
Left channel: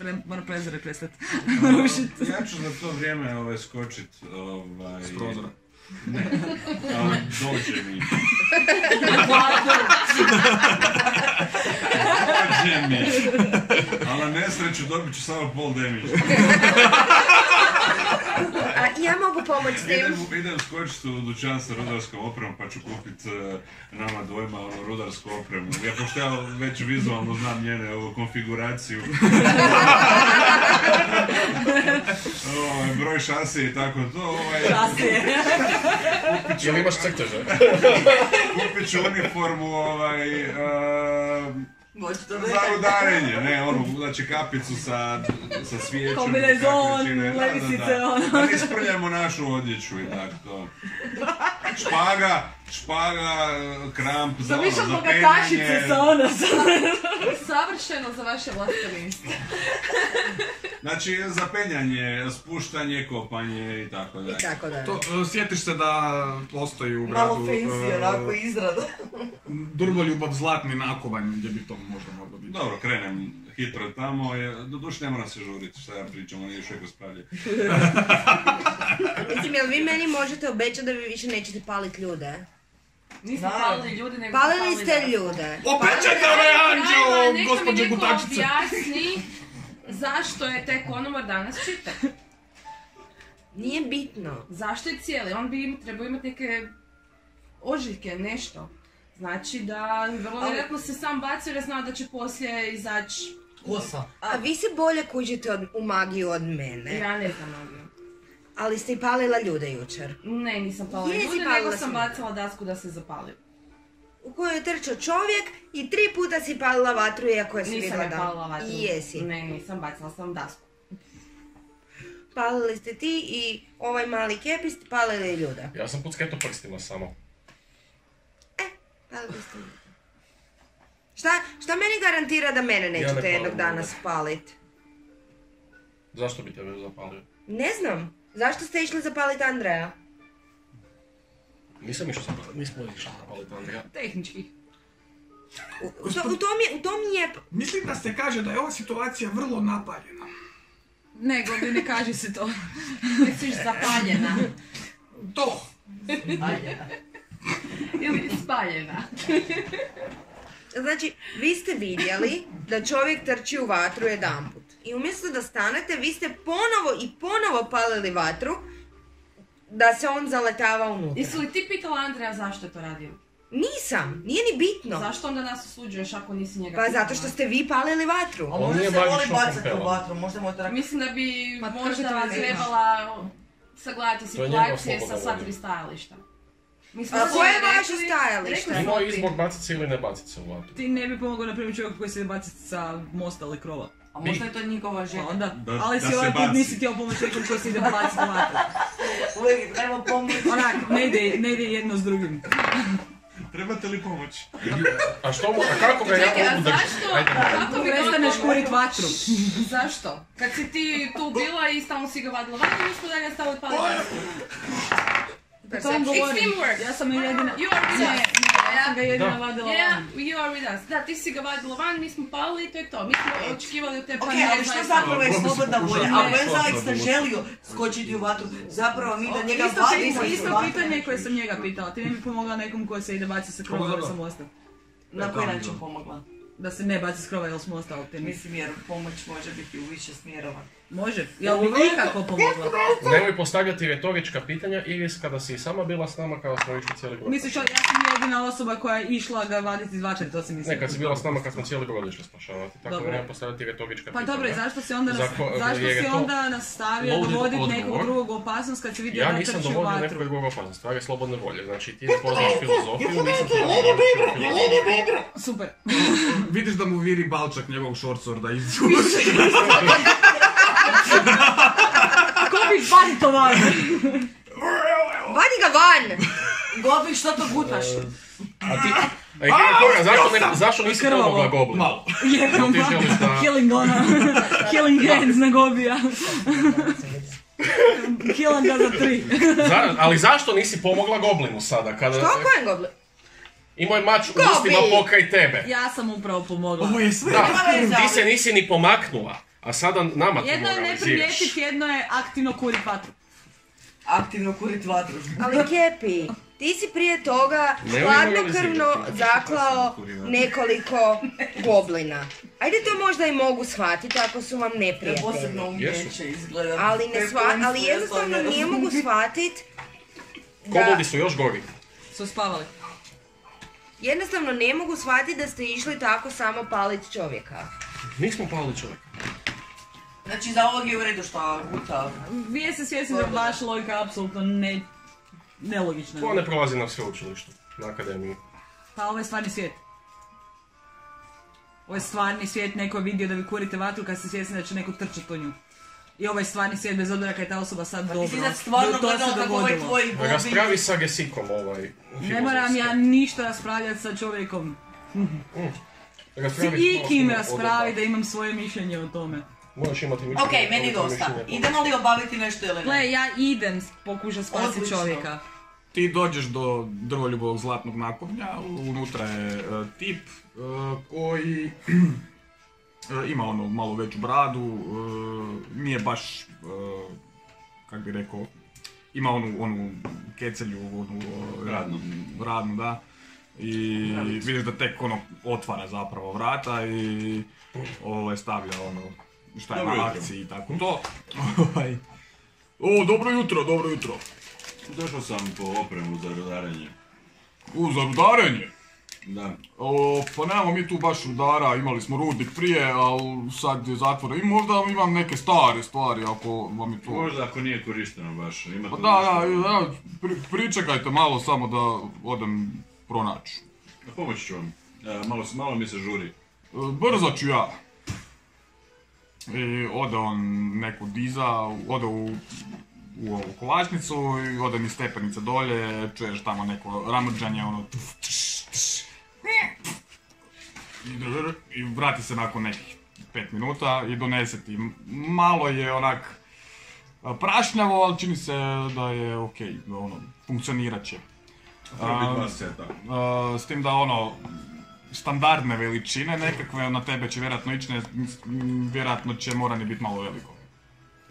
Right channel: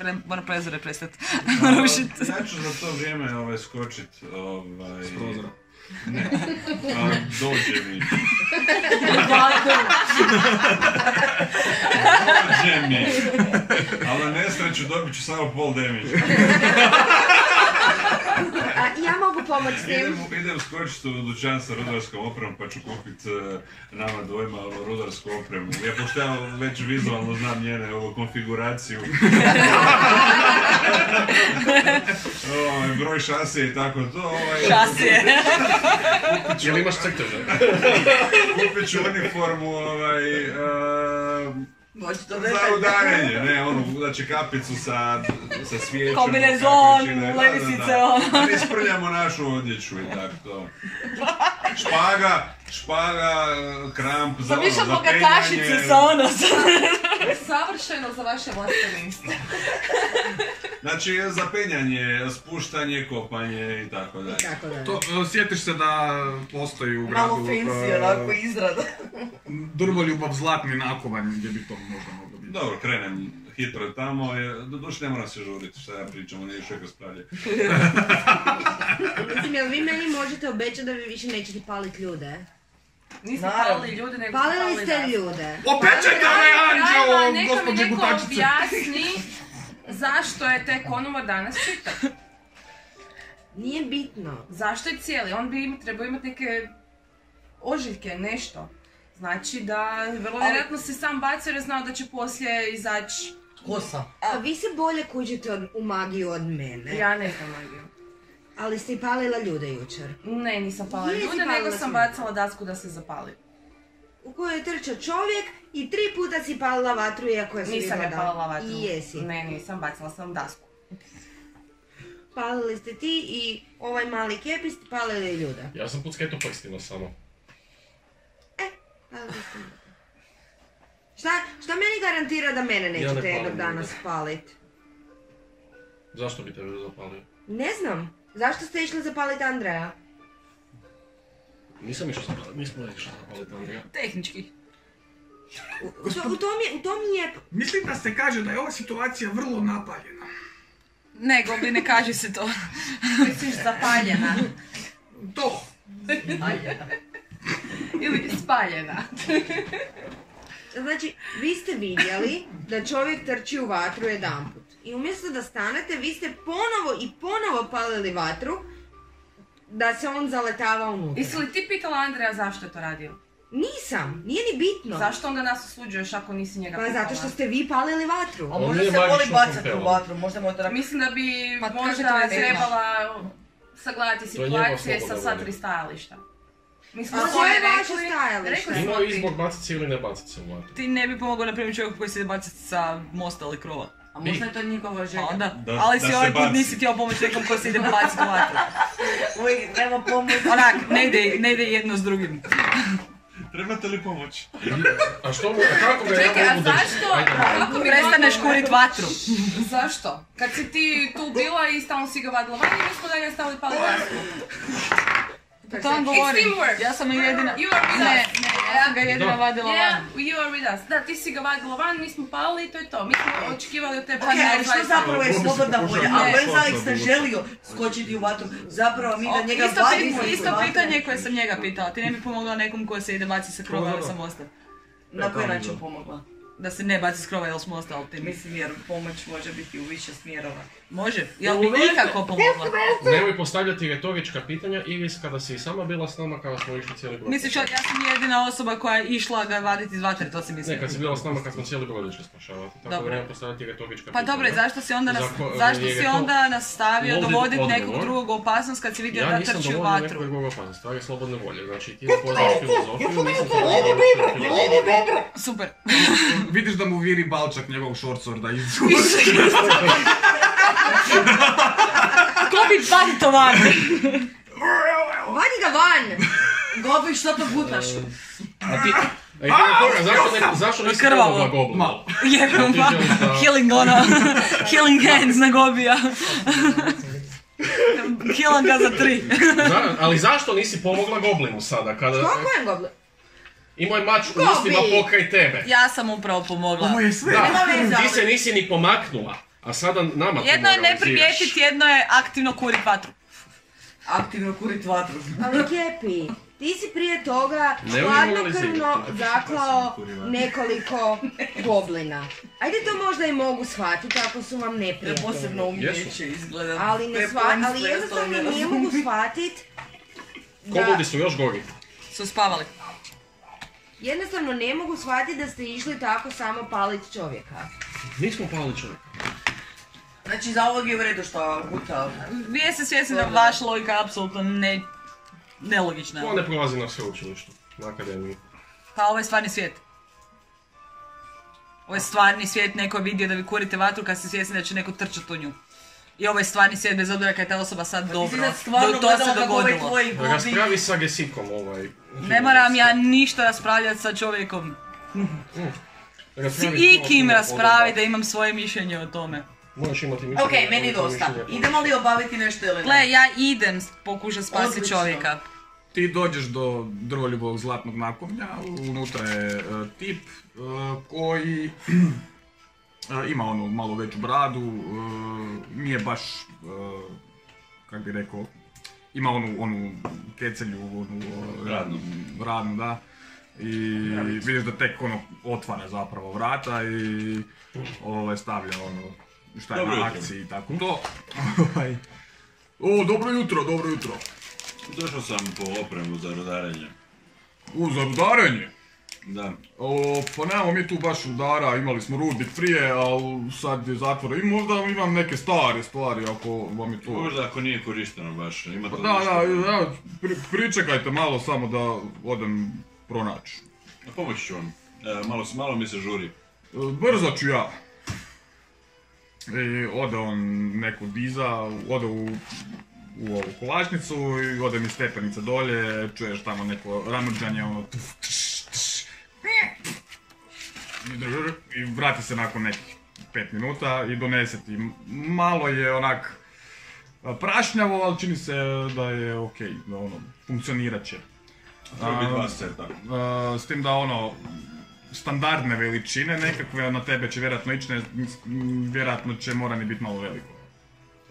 Ne. Moram prezore prestati. Ja ću za to vrijeme skočit s prozora. Ne, dođe mi. Dođe mi. Ali na nesreću dobit ću samo pol damage. A ja mogu pomoći s tim. Idem skočit u dućan sa rudarskom opremom pa ću kupit nama dvojima rudarsku opremu. Ja pošto ja već vizualno znam njene konfiguraciju. Broj šasije i tako to. Šasije. Jel imaš crteže? Kupit ću uniformu za udarenje, ne, znači kapicu sa svijećom. Kombinezon, levisice, da mi isprljamo našu odjeću i tako to. Špaga, špaga, kramp, za ono, Više za bogatašici penjanje. sa ono. Savršeno za vaše vlastne. Znači, za penjanje, spuštanje, kopanje i tako dalje. Tako da. Sjetiš se da postoji u gradu Malo fancy, onako izrada. Drvoljubav zlatni nakovanj gdje bi to možda moglo biti. Dobro, krenem hitro tamo, doduše ne moram se žuriti, šta ja pričam, oni još uvijek raspravljaju. Mislim, jel vi meni možete obećati da vi više nećete paliti ljude? Nismo Naravno. palili ljude, nego Palili ste ljude. Opećajte ove anđeo, Neka mi gospođe neko Gutačice! objasni zašto je tek Konovar danas čitan. Nije bitno. Zašto je cijeli? On bi trebao imati neke ožiljke, nešto. Znači da vrlo vjerojatno se sam bacio jer je znao da će poslije izaći. Kosa. A vi se bolje kužite u magiju od mene. Ja ne znam magiju. Ali ste i palila ljude jučer. Ne, nisam palila Jesi ljude, palila nego sam sve. bacala dasku da se zapali. U kojoj je trčao čovjek i 3 puta si palila vatru iako je Nisam vidjela je da- palila vatru. I jesi. Ne, nisam, bacala sam dasku. Palili ste ti i ovaj mali kepi ste palili ljude. Ja sam pucketo prstima samo. Palili ste ljude. Šta meni garantira da mene ne nećete palim jednog dana ljude. spalit? Zašto bi tebe zapalio? Ne znam. Zašto ste išli zapalit Andreja? Nismo išli zapaliti Andreja. Tehnički. U tom je... Mislim da se kaže da je ova situacija vrlo napaljena. Ne, Gobi, ne kaži se to. Misliš zapaljena. To! Ili spaljena. Znači, vi ste vidjeli da čovjek trči u vatru jedanput. I umjesto da stanete, vi ste ponovo palili vatru da se on zaletava unutra. Jesi li ti pitala Andreja zašto je to radio? Nisam, nije ni bitno. Zašto onda nas osuđuješ ako nisi njega Pa pitala? zato što ste vi palili vatru. A On možda nije se voli magično bacati u kompelom. vatru, možda mu je tako... Mislim da bi Ma, kako možda to veze ima? trebala sagledati To je njegova situacije sa slobodna sva volja. 3 stajališta. Mi smo A svoje koje je rekli- vaše stajalište? rekli smo Imao ti. izbor baciti se ili ne baciti se u vatru. Ti ne bi pomogao, na primjer, čovjeku koji se ide baciti sa mosta ili krova. A možda je to njegova Pa želja. onda, Da- ali da si se ovaj put baci. nisi htio pomoći nekom koji se ide baciti u vatru. Uvijek treba pomoći. Onak, ne ide jedno s drugim. Trebate li pomoć? A što mu, a kako ga ja Čekaj, a mogu držati? zašto? Ajde. Kako bi Prestaneš rekao- kurit vatru. Zašto? Kad si ti tu bila i stalno si ga vadila van, mi smo da ga stavili pali dasku. To vam govorim. teamwork. Ja sam ju jedina... You are with Ne, us. ja sam ga jedina Da. vadila Yeah, van. you are with us. Da, ti si ga vadila van, mi smo pali i to je to. Mi smo očekivali od tebe. Ok, ali što zapravo je Gobi se slobodna pokušao volja? malo Ako je Alex sosa ne vući. želio skočiti u vatru, zapravo mi da njega Isto vadimo iz isto vatre. pitanje koje sam njega pitala. Ti ne bi pomogla nekom ko se ide baciti sa krova ili sa mosta. Na koji način pomogla? Da se ne baci s krova ili s mosta, ali ti Mislim jer pomoć može biti u više smjerova. Može. Jel bi ikako pomogla? Nemoj postavljati retorička pitanja ili kada si i sama bila s nama kada smo išli cijeli brod. Misliš, ja sam jedina osoba koja je išla ga vaditi iz vatre, to si mislim. Ne, kad si bila s nama kad smo cijeli brod išli spašavati, tako da Dobro. nemoj postavljati retorička Pa pitanja. dobro, i zašto si onda, zašto jer je si to onda nastavio loaded dovoditi nekog odgovor. drugog u opasnost kad si vidio Ja da nisam trči u dovodio vatru? nekog drugog opasnost, stvar je slobodne volje. Znači ti ne poznaš filozofiju, nisam ti filozofiju. Super. Vidiš da mu viri balčak njegovog shortsorda iz Ko bi vadi to van? Vadi ga van! Gobi, što to gutaš? A ti... Zašto nisi Krvavo. pomogla Goblinu? Malo. Jebno, Ti želiš da- healing healing hands na Gobija. Healing ga za 3. Ali zašto nisi pomogla Goblinu sada kada... Što kojem goblin? Imao je mač u Gobi! ustima pokraj tebe. Ja sam upravo pomogla. Ovo je sve. Da, veze, ti ali- se nisi ni pomaknula, a sada nama to Jedno je ne moraliziraš. primijetiti, jedno je aktivno kurit vatru. Aktivno kurit vatru. Ali Kepi, ti si prije toga Ne hladnokrvno moralizirati. zaklao nekoliko goblina. Ajde to možda i mogu shvatiti ako su vam To je neprijatelji. posebno umijeće izgleda. Ali, ali jednostavno ne mogu shvatiti Koboldi su još gori. Su spavali. Jednostavno ne mogu shvatiti da ste išli tako samo paliti čovjeka. Nismo pali čovjek. Znači za ovog je u redu što guta. Vi jeste svjesni da vaša logika apsolutno nelogična. To ne prolazi na sveučilištu, na akademiji. Pa ovo je stvarni svijet. Ovo je stvarni svijet, neko je vidio da vi kurite vatru kad ste svjesni da će neko trčati u nju. i ovaj stvarni svijet, bez obzira kad je ta osoba sad dobro. Ti si sad stvarno gledala kako ovaj tvoji gobi... Raspravi sa Gesikom Ne moram ja ništa raspravljati sa čovjekom. S ikim raspravi da imam svoje mišljenje o tome. Možeš imati mišljenje. Ok, meni dosta. Idemo li obaviti nešto ili ne? Gle, ja idem pokušati spasiti Odlično. čovjeka. Ti dođeš do drvoljubovog zlatnog nakovnja, unutra je tip koji ima ono malo veću bradu, nije baš, kak bi rekao, ima onu kecelju, onu radnu, da. I vidiš da tek ono otvara zapravo vrata i stavlja ono šta je na akciji i tako to. O, dobro jutro. Došao sam po opremu za rudarenje. Za rudarenje? Da. Pa nemamo mi tu baš rudara, imali smo rudnik prije, ali sad je zatvoren. I možda imam neke stare stvari ako vam je to... Možda ako nije korišteno baš, ima to da, pričekajte malo samo da odem pronaći. Pomoći ću vam, malo mi se žuri. Brzo ću ja. I ode on neku diza, ode u ovu kovačnicu i ode mi stepenice dolje, čuješ tamo neko ramrđanje, ono i vrati se nakon nekih 5 minuta i donese ti. Malo je onak prašnjavo, ali čini se da je okej, da ono, funkcionirat će. Treba biti 2 seta. S tim da ono, standardne veličine nekakve, na tebe će vjerojatno ići, vjerojatno će morani biti malo veliko.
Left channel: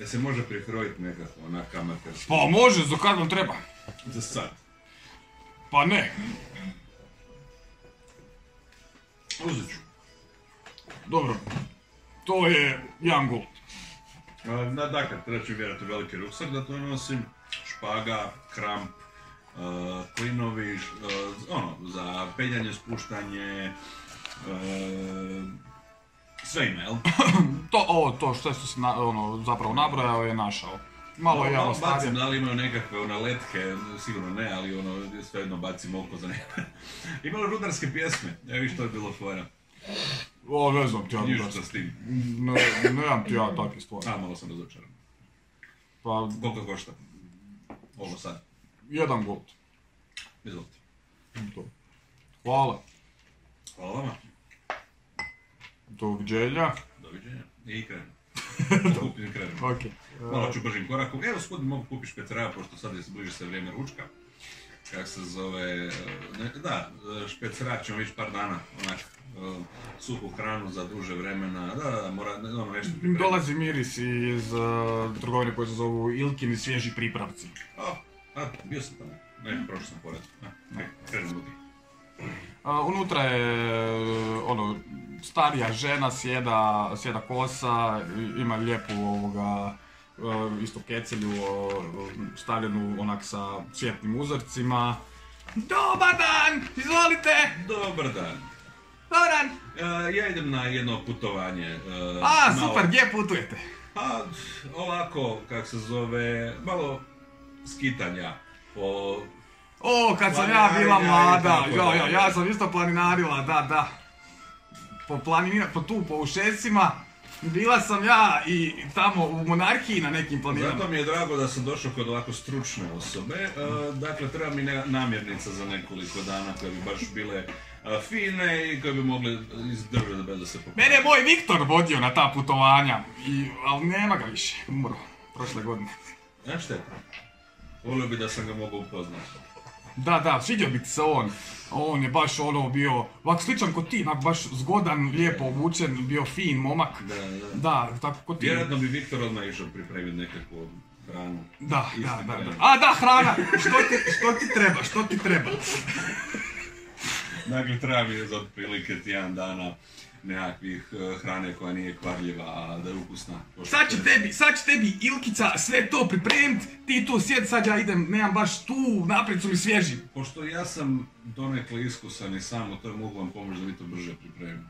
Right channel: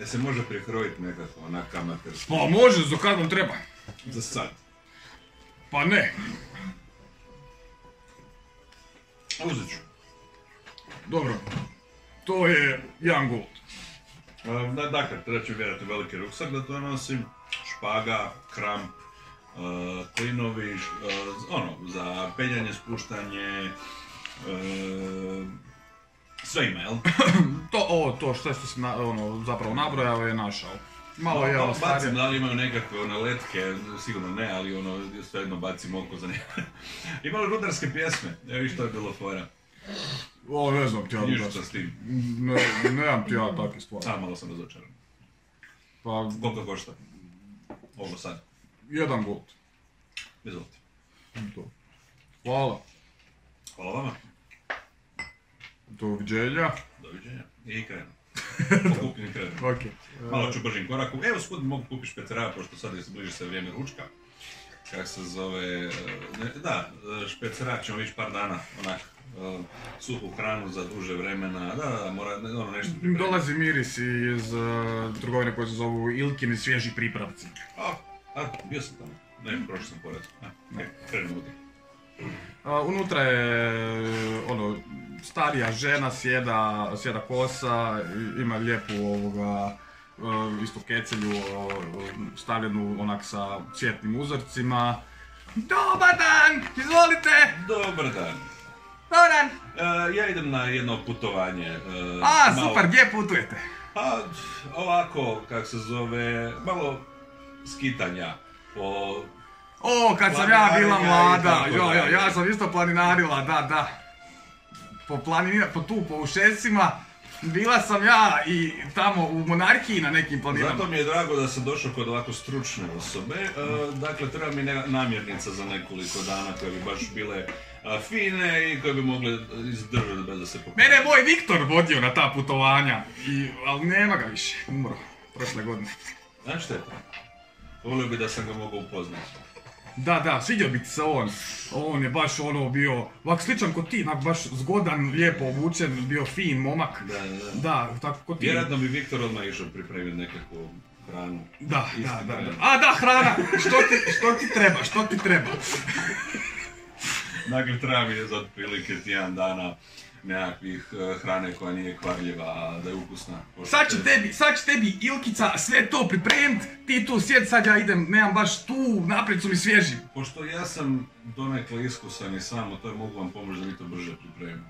Se može prikrojiti nekako, onak amaterski? Pa može, za kad vam treba? Za sad. Pa ne. Uzet ću. Dobro, to je jedan gold. Dakle, treba ću vjerojatno veliki ruksak da to nosim, špaga, kramp, klinovi, za penjanje, spuštanje, sve ima, jel? To što si zapravo nabrojao je našao. Malo je bacim, da li imaju nekakve letke, sigurno ne, ali svejedno bacim oko za nekakve. Imali rudarske pjesme, evo viš to je bilo fora. Ne znam ti ja rudarske. s tim. Nemam ti ja takve stvari. Malo sam razočaran. Pa... Koliko košta? Ovo sad. 1 gold. Izvolite. Hvala. Hvala vama. Doviđenja. Doviđenja. I krenu. Pokupim i krenu. Okay. Malo ću bržim koraku. Evo gospodin, mogu kupiti špeceraja, pošto sad bliži se vrijeme ručka. Kak se zove... špeceraja ćemo ići par dana, onak, suhu hranu za duže vremena, mora nešto pripremiti. Dolazi miris iz trgovine koje se zovu Ilkini svježi pripravci. Bio sam tamo. Ne, prošao sam pored. Krenem unutra. Unutra je starija žena, sjeda kosa, ima lijepu isto kecelju stavljenu onak sa cvjetnim uzorcima. Dobar dan, izvolite! Dobar dan. Dobar dan! Ja idem na jedno putovanje. Super, gdje putujete? Ovako, kak se zove, malo skitanja po... kad sam ja bila mlada, ja sam isto planinarila, da. Po Ušesima, bila sam ja i tamo u monarhiji na nekim planinama. Zato mi je drago da sam došao kod ovako stručne osobe. Dakle, treba mi namirnica za nekoliko dana koje bi baš bile fine i koje bi mogle izdržati bez da se pokupaju. Mene je moj Viktor vodio na ta putovanja, ali nema ga više, umro prošle godine. Znaš šteta? Volio bi da sam ga mogao upoznati. Da, svidio bi ti se on je baš bio, ovak sličan ko ti, baš zgodan, lijepo obučen, bio fin momak. Da, tako ko ti. Vjerojatno bi Viktor odmah išao pripremiti nekakvu hranu. Da. Hrana, što ti treba? Dakle, treba mi je za otprilike tjedan dana nekakvih hrane koja nije kvarljiva, a da je ukusna. Sad će tebi Ilkica sve to pripremit, ti tu sjed, sad ja idem, nemam baš tu, naprijed su mi svježi. Pošto ja sam donekle iskusan i samo, to mogu vam pomoći da mi to brže pripremim.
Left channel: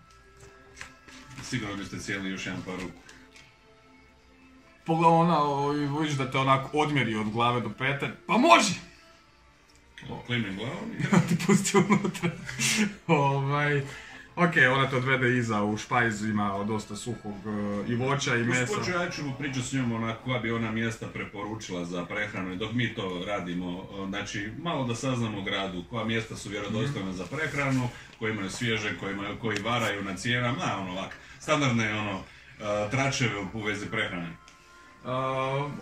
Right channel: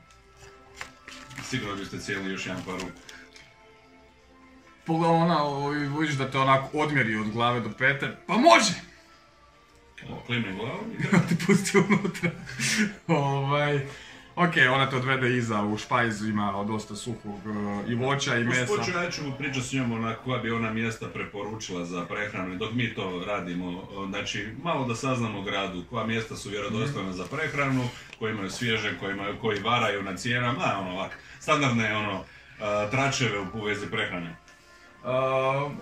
Sigurno biste cijeli još jedan par ruku. Pogledaj vidiš da te onako odmjeri od glave do pete, pa može! Klimni glavom i ti pusti unutra. Ok, ona te odvede iza u špajz, ima dosta suhog i voća i mesa. Usput ću, ja ću pričati s njom ona koja bi ona mjesta preporučila za prehranu dok mi to radimo. Znači, malo da saznamo gradu koja mjesta su vjerodostojna za prehranu, koji imaju svježe, koji varaju na cijenama, ono ovak, standardne tračeve u vezi prehrane.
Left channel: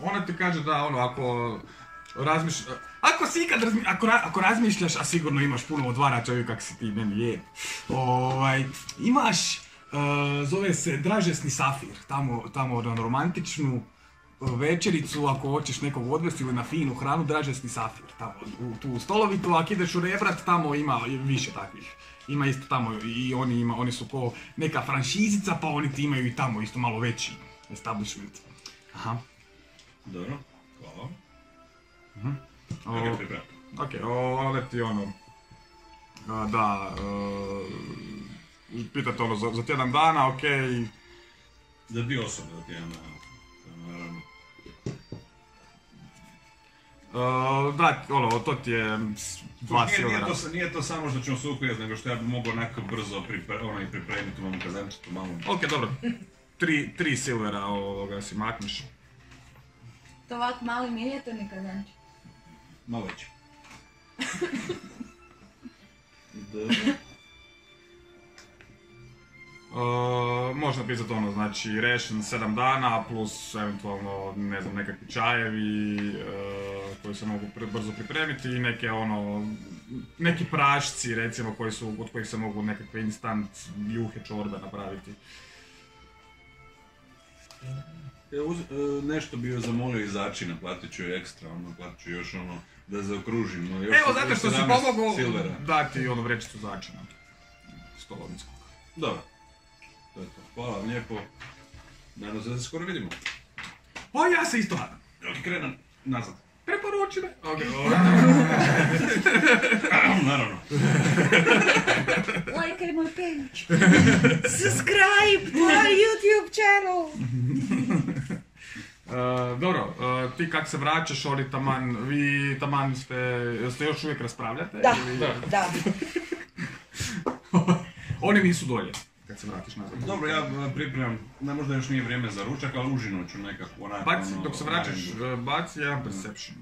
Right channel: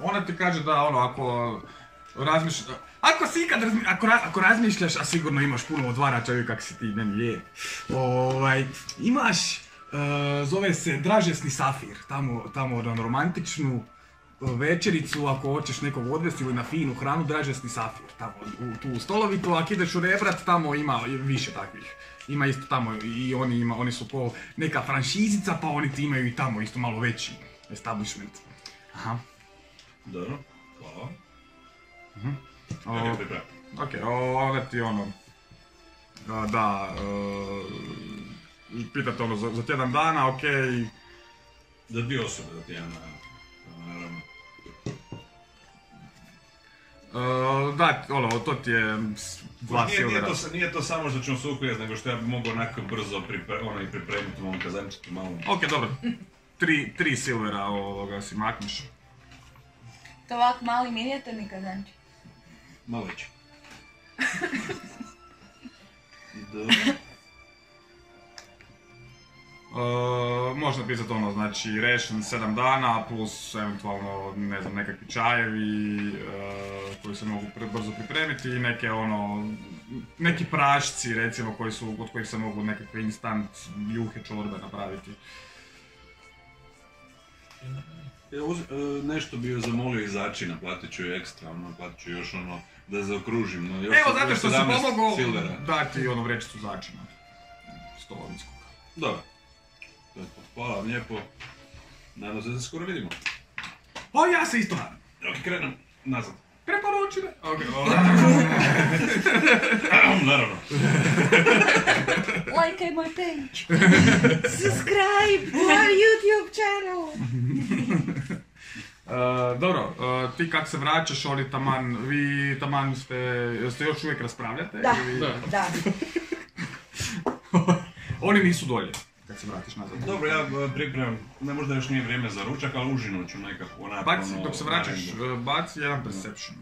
Ona ti kaže da ako razmišljaš, ako razmišljaš, a sigurno imaš puno odvarača, čovjek kak si ti meni je, imaš, zove se Dražesni safir, tamo na romantičnu večericu, ako hoćeš nekog odvesti ili na finu hranu, Dražesni safir, tamo tu stolovitu, ako ideš u Rebrat, tamo ima više takvih. Ima isto tamo i oni su ko neka franšizica, pa oni ti imaju i tamo isto malo veći establishment. Aha. Dobro, hvala. Ok, onda ti pitate za tjedan dana, ok. Za 2 osobe za tjedan dana, naravno. Da, to ti je 2 silvera. Nije to samo što ćemo se ukujeti, nego što ja bi mogao onako brzo pripremiti u mom kazančitu malo. Ok, dobro. 3 silvera si makneš. To ovak mali minijaturni kazančik. Malo veći. Dobro. Možda pisati znači ration 7 dana plus eventualno, ne znam, nekakvi čajevi koji se mogu brzo pripremiti i neki prašci recimo od kojih se mogu nekakve instant juhe, čorbe napraviti. Nešto bi joj zamolio i začina, platit ću ekstra, platit ću još da zaokružim. Evo, zato što si pomogao dati vrećicu začina. Stolovinskog. Dobro. To je to. Hvala vam lijepo. Nadam se da se skoro vidimo. O, ja se isto nadam. Ok, krenem nazad. Preporuči me. Ok. Naravno. Like my page. Subscribe to our YouTube channel. Dobro, ti kak se vraćaš, vi taman ste još uvijek raspravljate? Da, ili... da. Oni nisu dolje kad se vratiš nazad. Dobro, ja pripremam, možda još nije vrijeme za ručak, ali užinu ću nekako onako... Dok se vraćaš, baci jedan perception.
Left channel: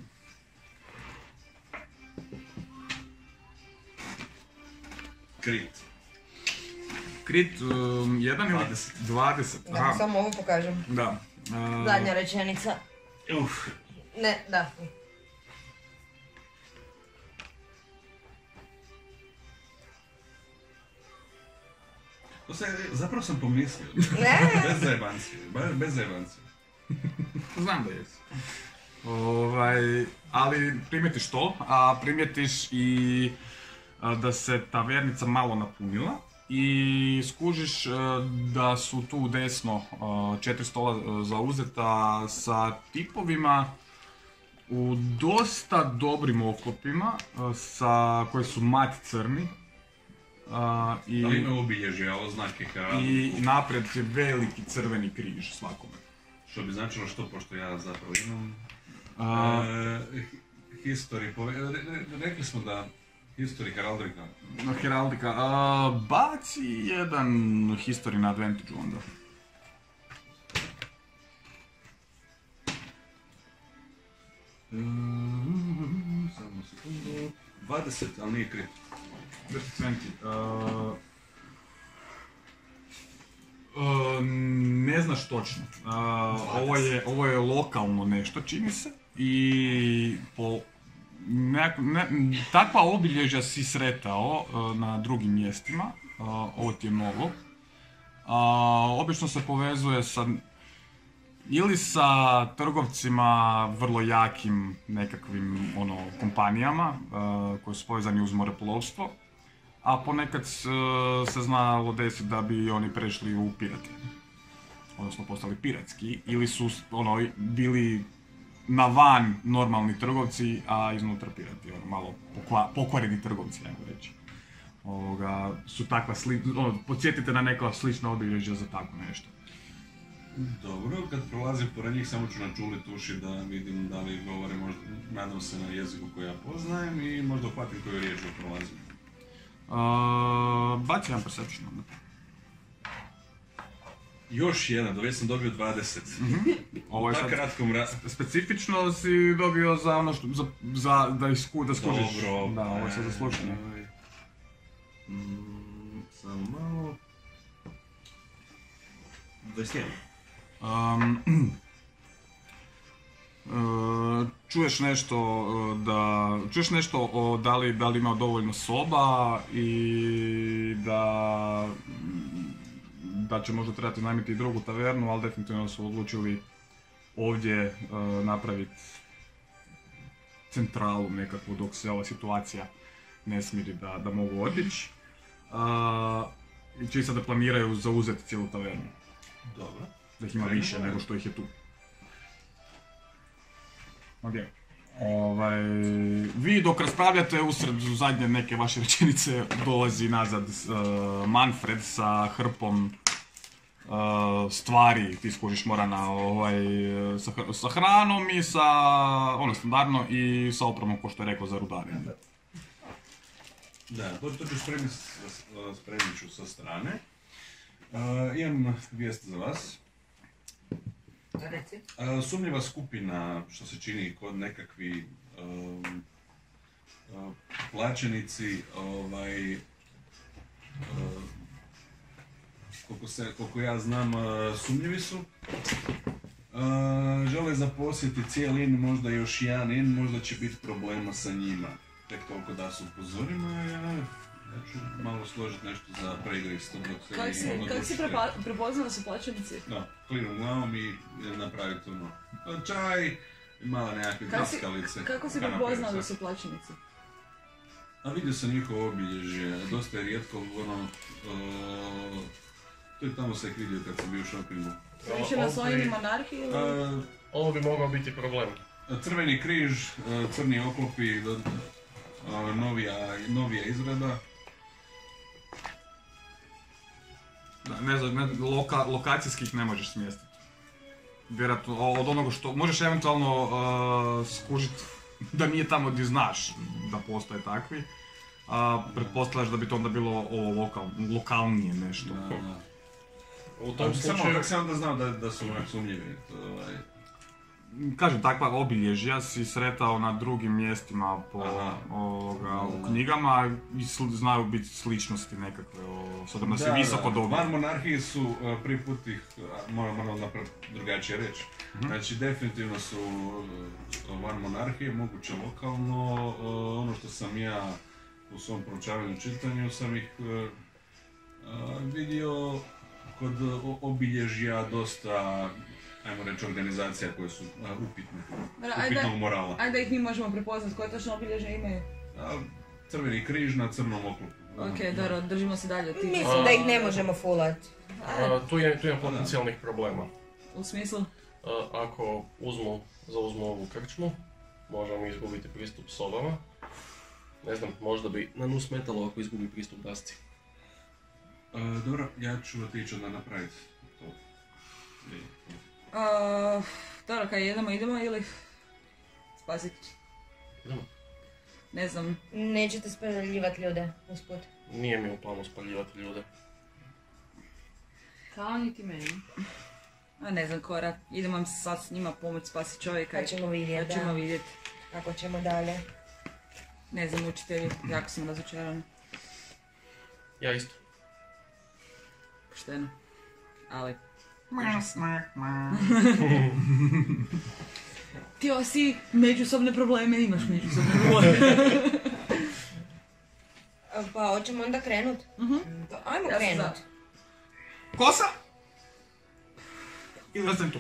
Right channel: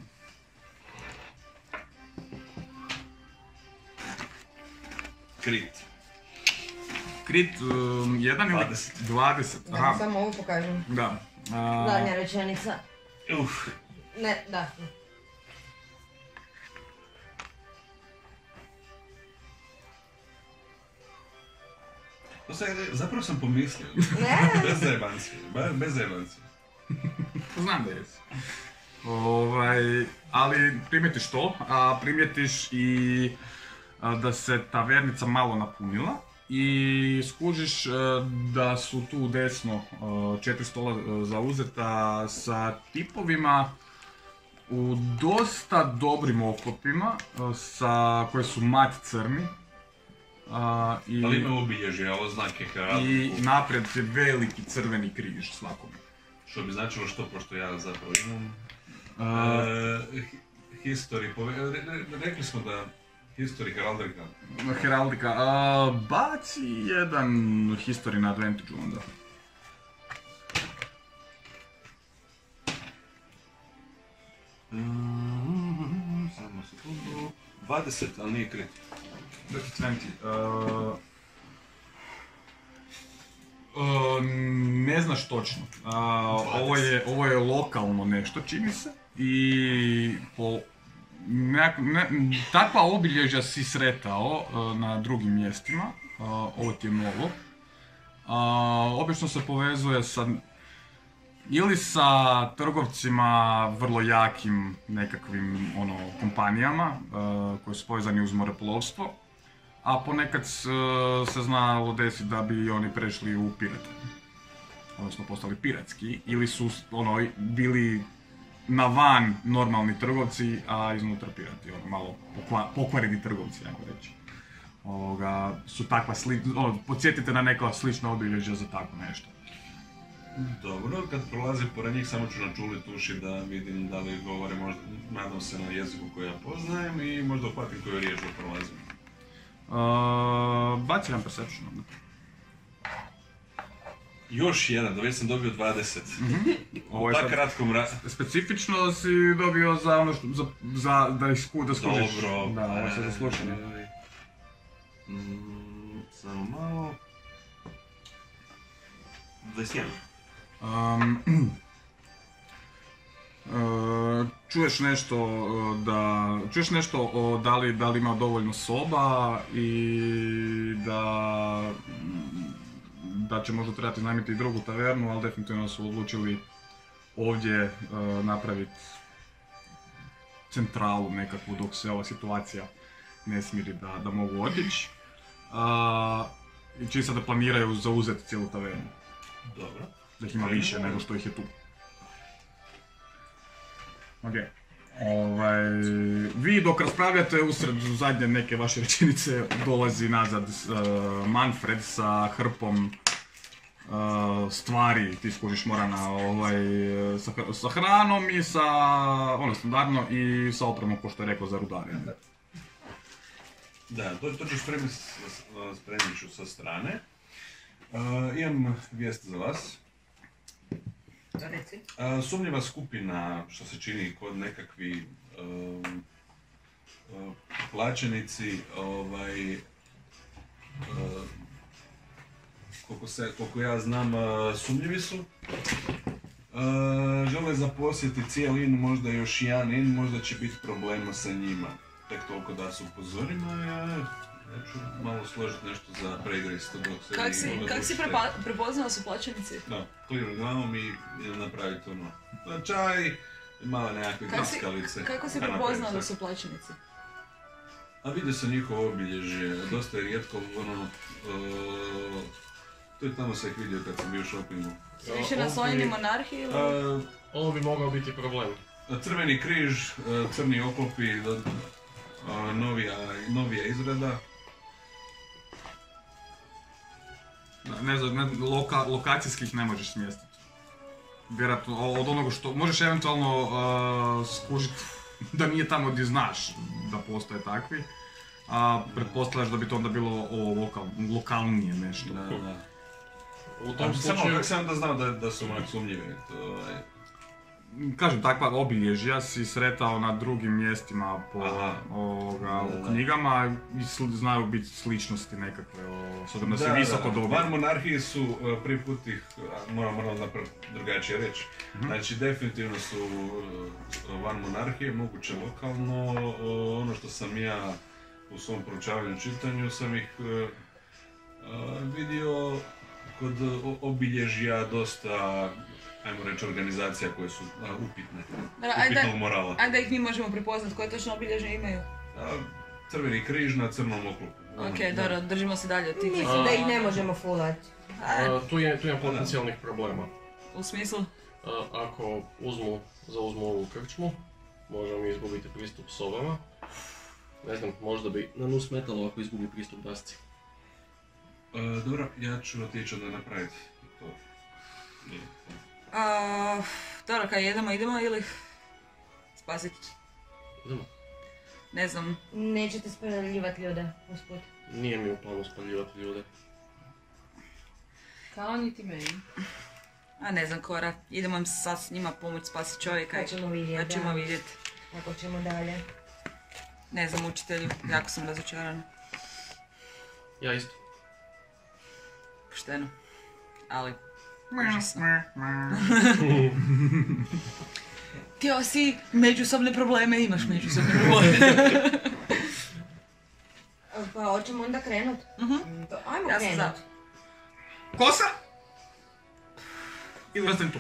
Crit 1 ili 20? Aha. Samo ovo pokažem. Da. Zadnja rečenica. Ne, da. Zapravo sam pomislio. Bez zajebancije. Znam da jesi. Ali primjetiš to, a primjetiš i da se tavernica malo napunila i skužiš da su tu desno 4 stola zauzeta sa tipovima u dosta dobrim oklopima koji su mat crni. Ali ima obilježja, oznake heraldiku. I naprijed je veliki crveni križ svakome. Što bi značilo što, pošto ja zapravo imam... rekli smo da... History heraldika. Heraldika. Baci jedan history na advantage onda. Samo sekundu... 20, ali nije krit. Ne znaš točno. Ovo je lokalno nešto, čini se. I takva obilježja si sretao na drugim mjestima. Ovo ti je novo. Obično se povezuje ili sa trgovcima vrlo jakim nekakvim kompanijama koji su povezani uz moreplovstvo, a ponekad se znalo desiti da bi oni prešli u pirate, odnosno postali piratski, ili su bili na van normalni trgovci, a iznutra pirati, malo pokvareni trgovci, ajmo reći. Su takva podsjetite na neka slična obilježja za tako nešto. Dobro, kad prolazim pored njih samo ću načuliti uši da vidim da li govore, možda, nadam se, na jeziku koji ja poznajem i možda uhvatim koju riječ da prolazim. baci jedan perception onda. Još jedan, da već sam dobio 20. Ovo je Pa sad kratkom specifično si dobio za ono što, da skužiš. Dobro. Da, ovo je sad za slušanje. Samo malo... 21. Čuješ nešto o da li ima dovoljno soba i da će možda trebati najmiti i drugu tavernu, ali definitivno su odlučili ovdje napraviti centralu nekakvu dok se ova situacija ne smiri da mogu otići. I čisto da planiraju zauzeti cijelu tavernu. Dobro. Da ih ima više nego što ih je tu. Ok. Vi dok raspravljate usred zadnje neke vaše rečenice dolazi nazad Manfred sa hrpom stvari, ti skužiš Morana, sa hranom i sa, ono standardno, i sa opremom ko što je rekao za rudarenje. Da, to ću spremit ću sa strane. Imam vijest za vas. Sumnjiva skupina, što se čini kod nekakvi plaćenici, koliko ja znam, sumnjivi su. Žele zaposjeti cijeli in, možda još jedan in, možda će biti problema sa njima. Tek toliko da se upozorim, a ja ću malo složiti nešto za preigrist dok se Kako si prepoznala su plaćenici? Da, kliram glavom i napraviti ono čaj i mala nekakve kaskalice. Kako si prepoznala da su plaćenici? A vidio sam njihovo obilježje, dosta je rijetko, ono, to je tamo se vidio kad sam bio u shoppingu. Su više naslonjeni monarhiji ili? Ovo bi mogao biti problem. Crveni križ, crni oklopi, novija izrada. Da, ne znam, lokacijskih ne možeš smjestiti. Vjerojatno od onoga što možeš eventualno skužiti da nije tamo gdje znaš da postoje takvi. A pretpostavljaš da bi to onda bilo ovo lokalnije nešto. Da. U tom Samo slučaju... kako sam onda znao da su onak sumnjivi. Kažem, takva obilježja si sretao na drugim mjestima u knjigama i znaju biti sličnosti nekakve, s obzirom da se visoko dobije. Van monarhiji su prvi put ih, moram drugačije reći. Znači definitivno su van monarhije, moguće lokalno. Ono što sam ja u svom proučavanju čitanju sam ih vidio kod obilježja dosta, ajmo reći, organizacija koje su upitne, upitnog morala. Ajde da ih mi možemo prepoznat, koje točno obilježje imaju? Crveni križ na crnom oklopu. Ok, dobro, držimo se dalje od tih. Mislim da ih ne možemo fullat. Tu je potencijalnih problema. U smislu? Ako zauzmu ovu krčmu, možemo izgubiti pristup sobama. Ne znam, možda bi na nus smetalo ako izgubi pristup dasci. Dobro, ja ću otići onda napraviti to. Dobro, kaj idemo ili spasiti? Idemo. Ne znam. Nećete spaljivati ljude usput? Nije mi u planu spaljivati ljude. Kao niti meni. A ne znam, Kora, idemo sad s njima pomoći spasiti čovjeka. Pa ćemo vidjeti, ćemo vidjeti. Kako ćemo dalje. Ne znam, učitelju, jako sam razočarana. Ja isto. Pošteno. Ali, užasno. Htio si međusobne probleme, imaš međusobne probleme. Pa hoćemo onda krenut? Ajmo krenut. Kosa? Ili tu?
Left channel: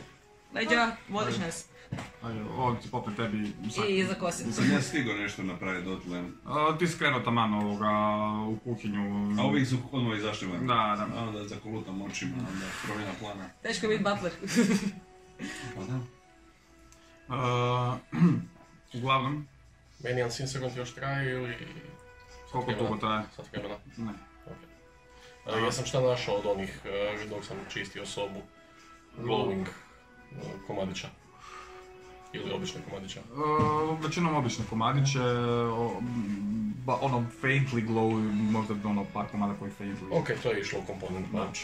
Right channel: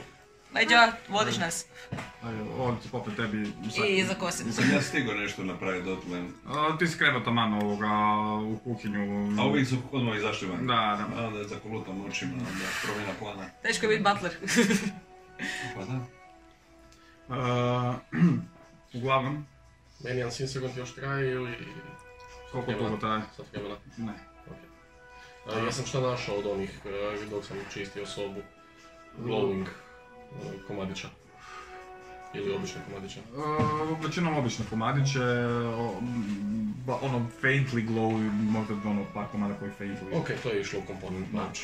Ajde, vodiš nas. Ovdje ću popet tebi... I za kosim. Sam ja stigao nešto napraviti dotle. Ti si krenuo taman u kuhinju. A ovi su odmah izašli van? Da. Onda zakolutam očima, onda promjena plana. Teško je biti butler. Pa da. Uglavnom. Meni Unseen Servant još traje ili... Koliko dugo traje? Sad vremena? Ne. Okay. Ja sam šta našao od onih dok sam čistio sobu. Glowing komadića. Ili obične komadiće? Većinom obične komadiće, ono faintly glow, možda ono par komada koji faintly. Ok, to je išlo u komponent bunch.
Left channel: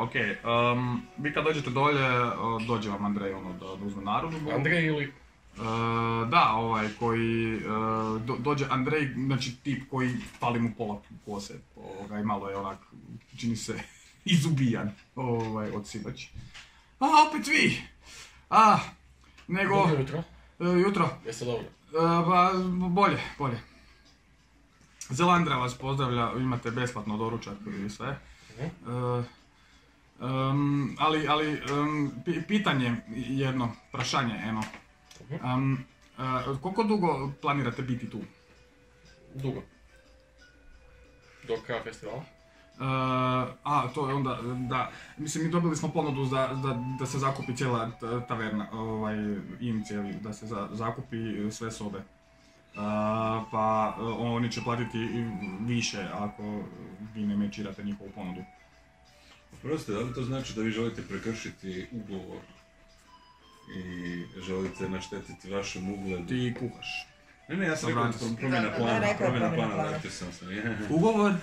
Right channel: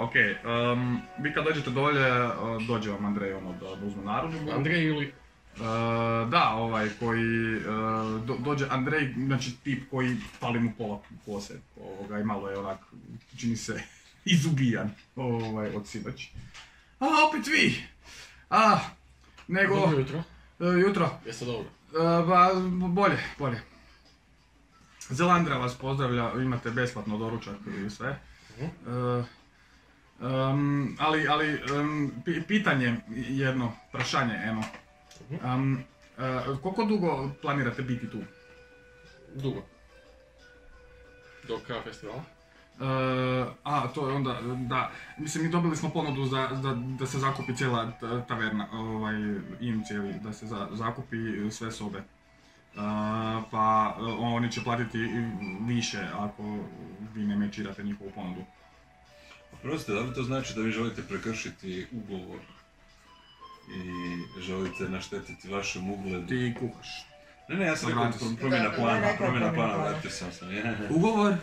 Ok, vi kad dođete dolje, dođe vam Andrej ono da uzme narudžbu. Andrej ili? Da, ovaj koji dođe Andrej, znači tip koji fali mu pola kose, i malo je onak, čini se izubijan od sinoć. A, opet vi! Nego... Dobro jutro. Jutro. Jeste dobro? Bolje. Zelandra vas pozdravlja, imate besplatno doručak i sve. Pitanje jedno, prašanje eno. Koliko dugo planirate biti tu? Dugo. Do kraja festivala? To je onda, da, mislim mi dobili smo ponudu da se zakupi cijela taverna, cijeli, da se zakupi sve sobe. Pa oni će platiti više ako vi ne mečirate njihovu ponudu. Oprostite, da li to znači da vi želite prekršiti ugovor i želite naštetiti vašem ugledu? Ti kuhaš. Ne, ja sam rekao promjena plana, vratio sam se. Ugovor?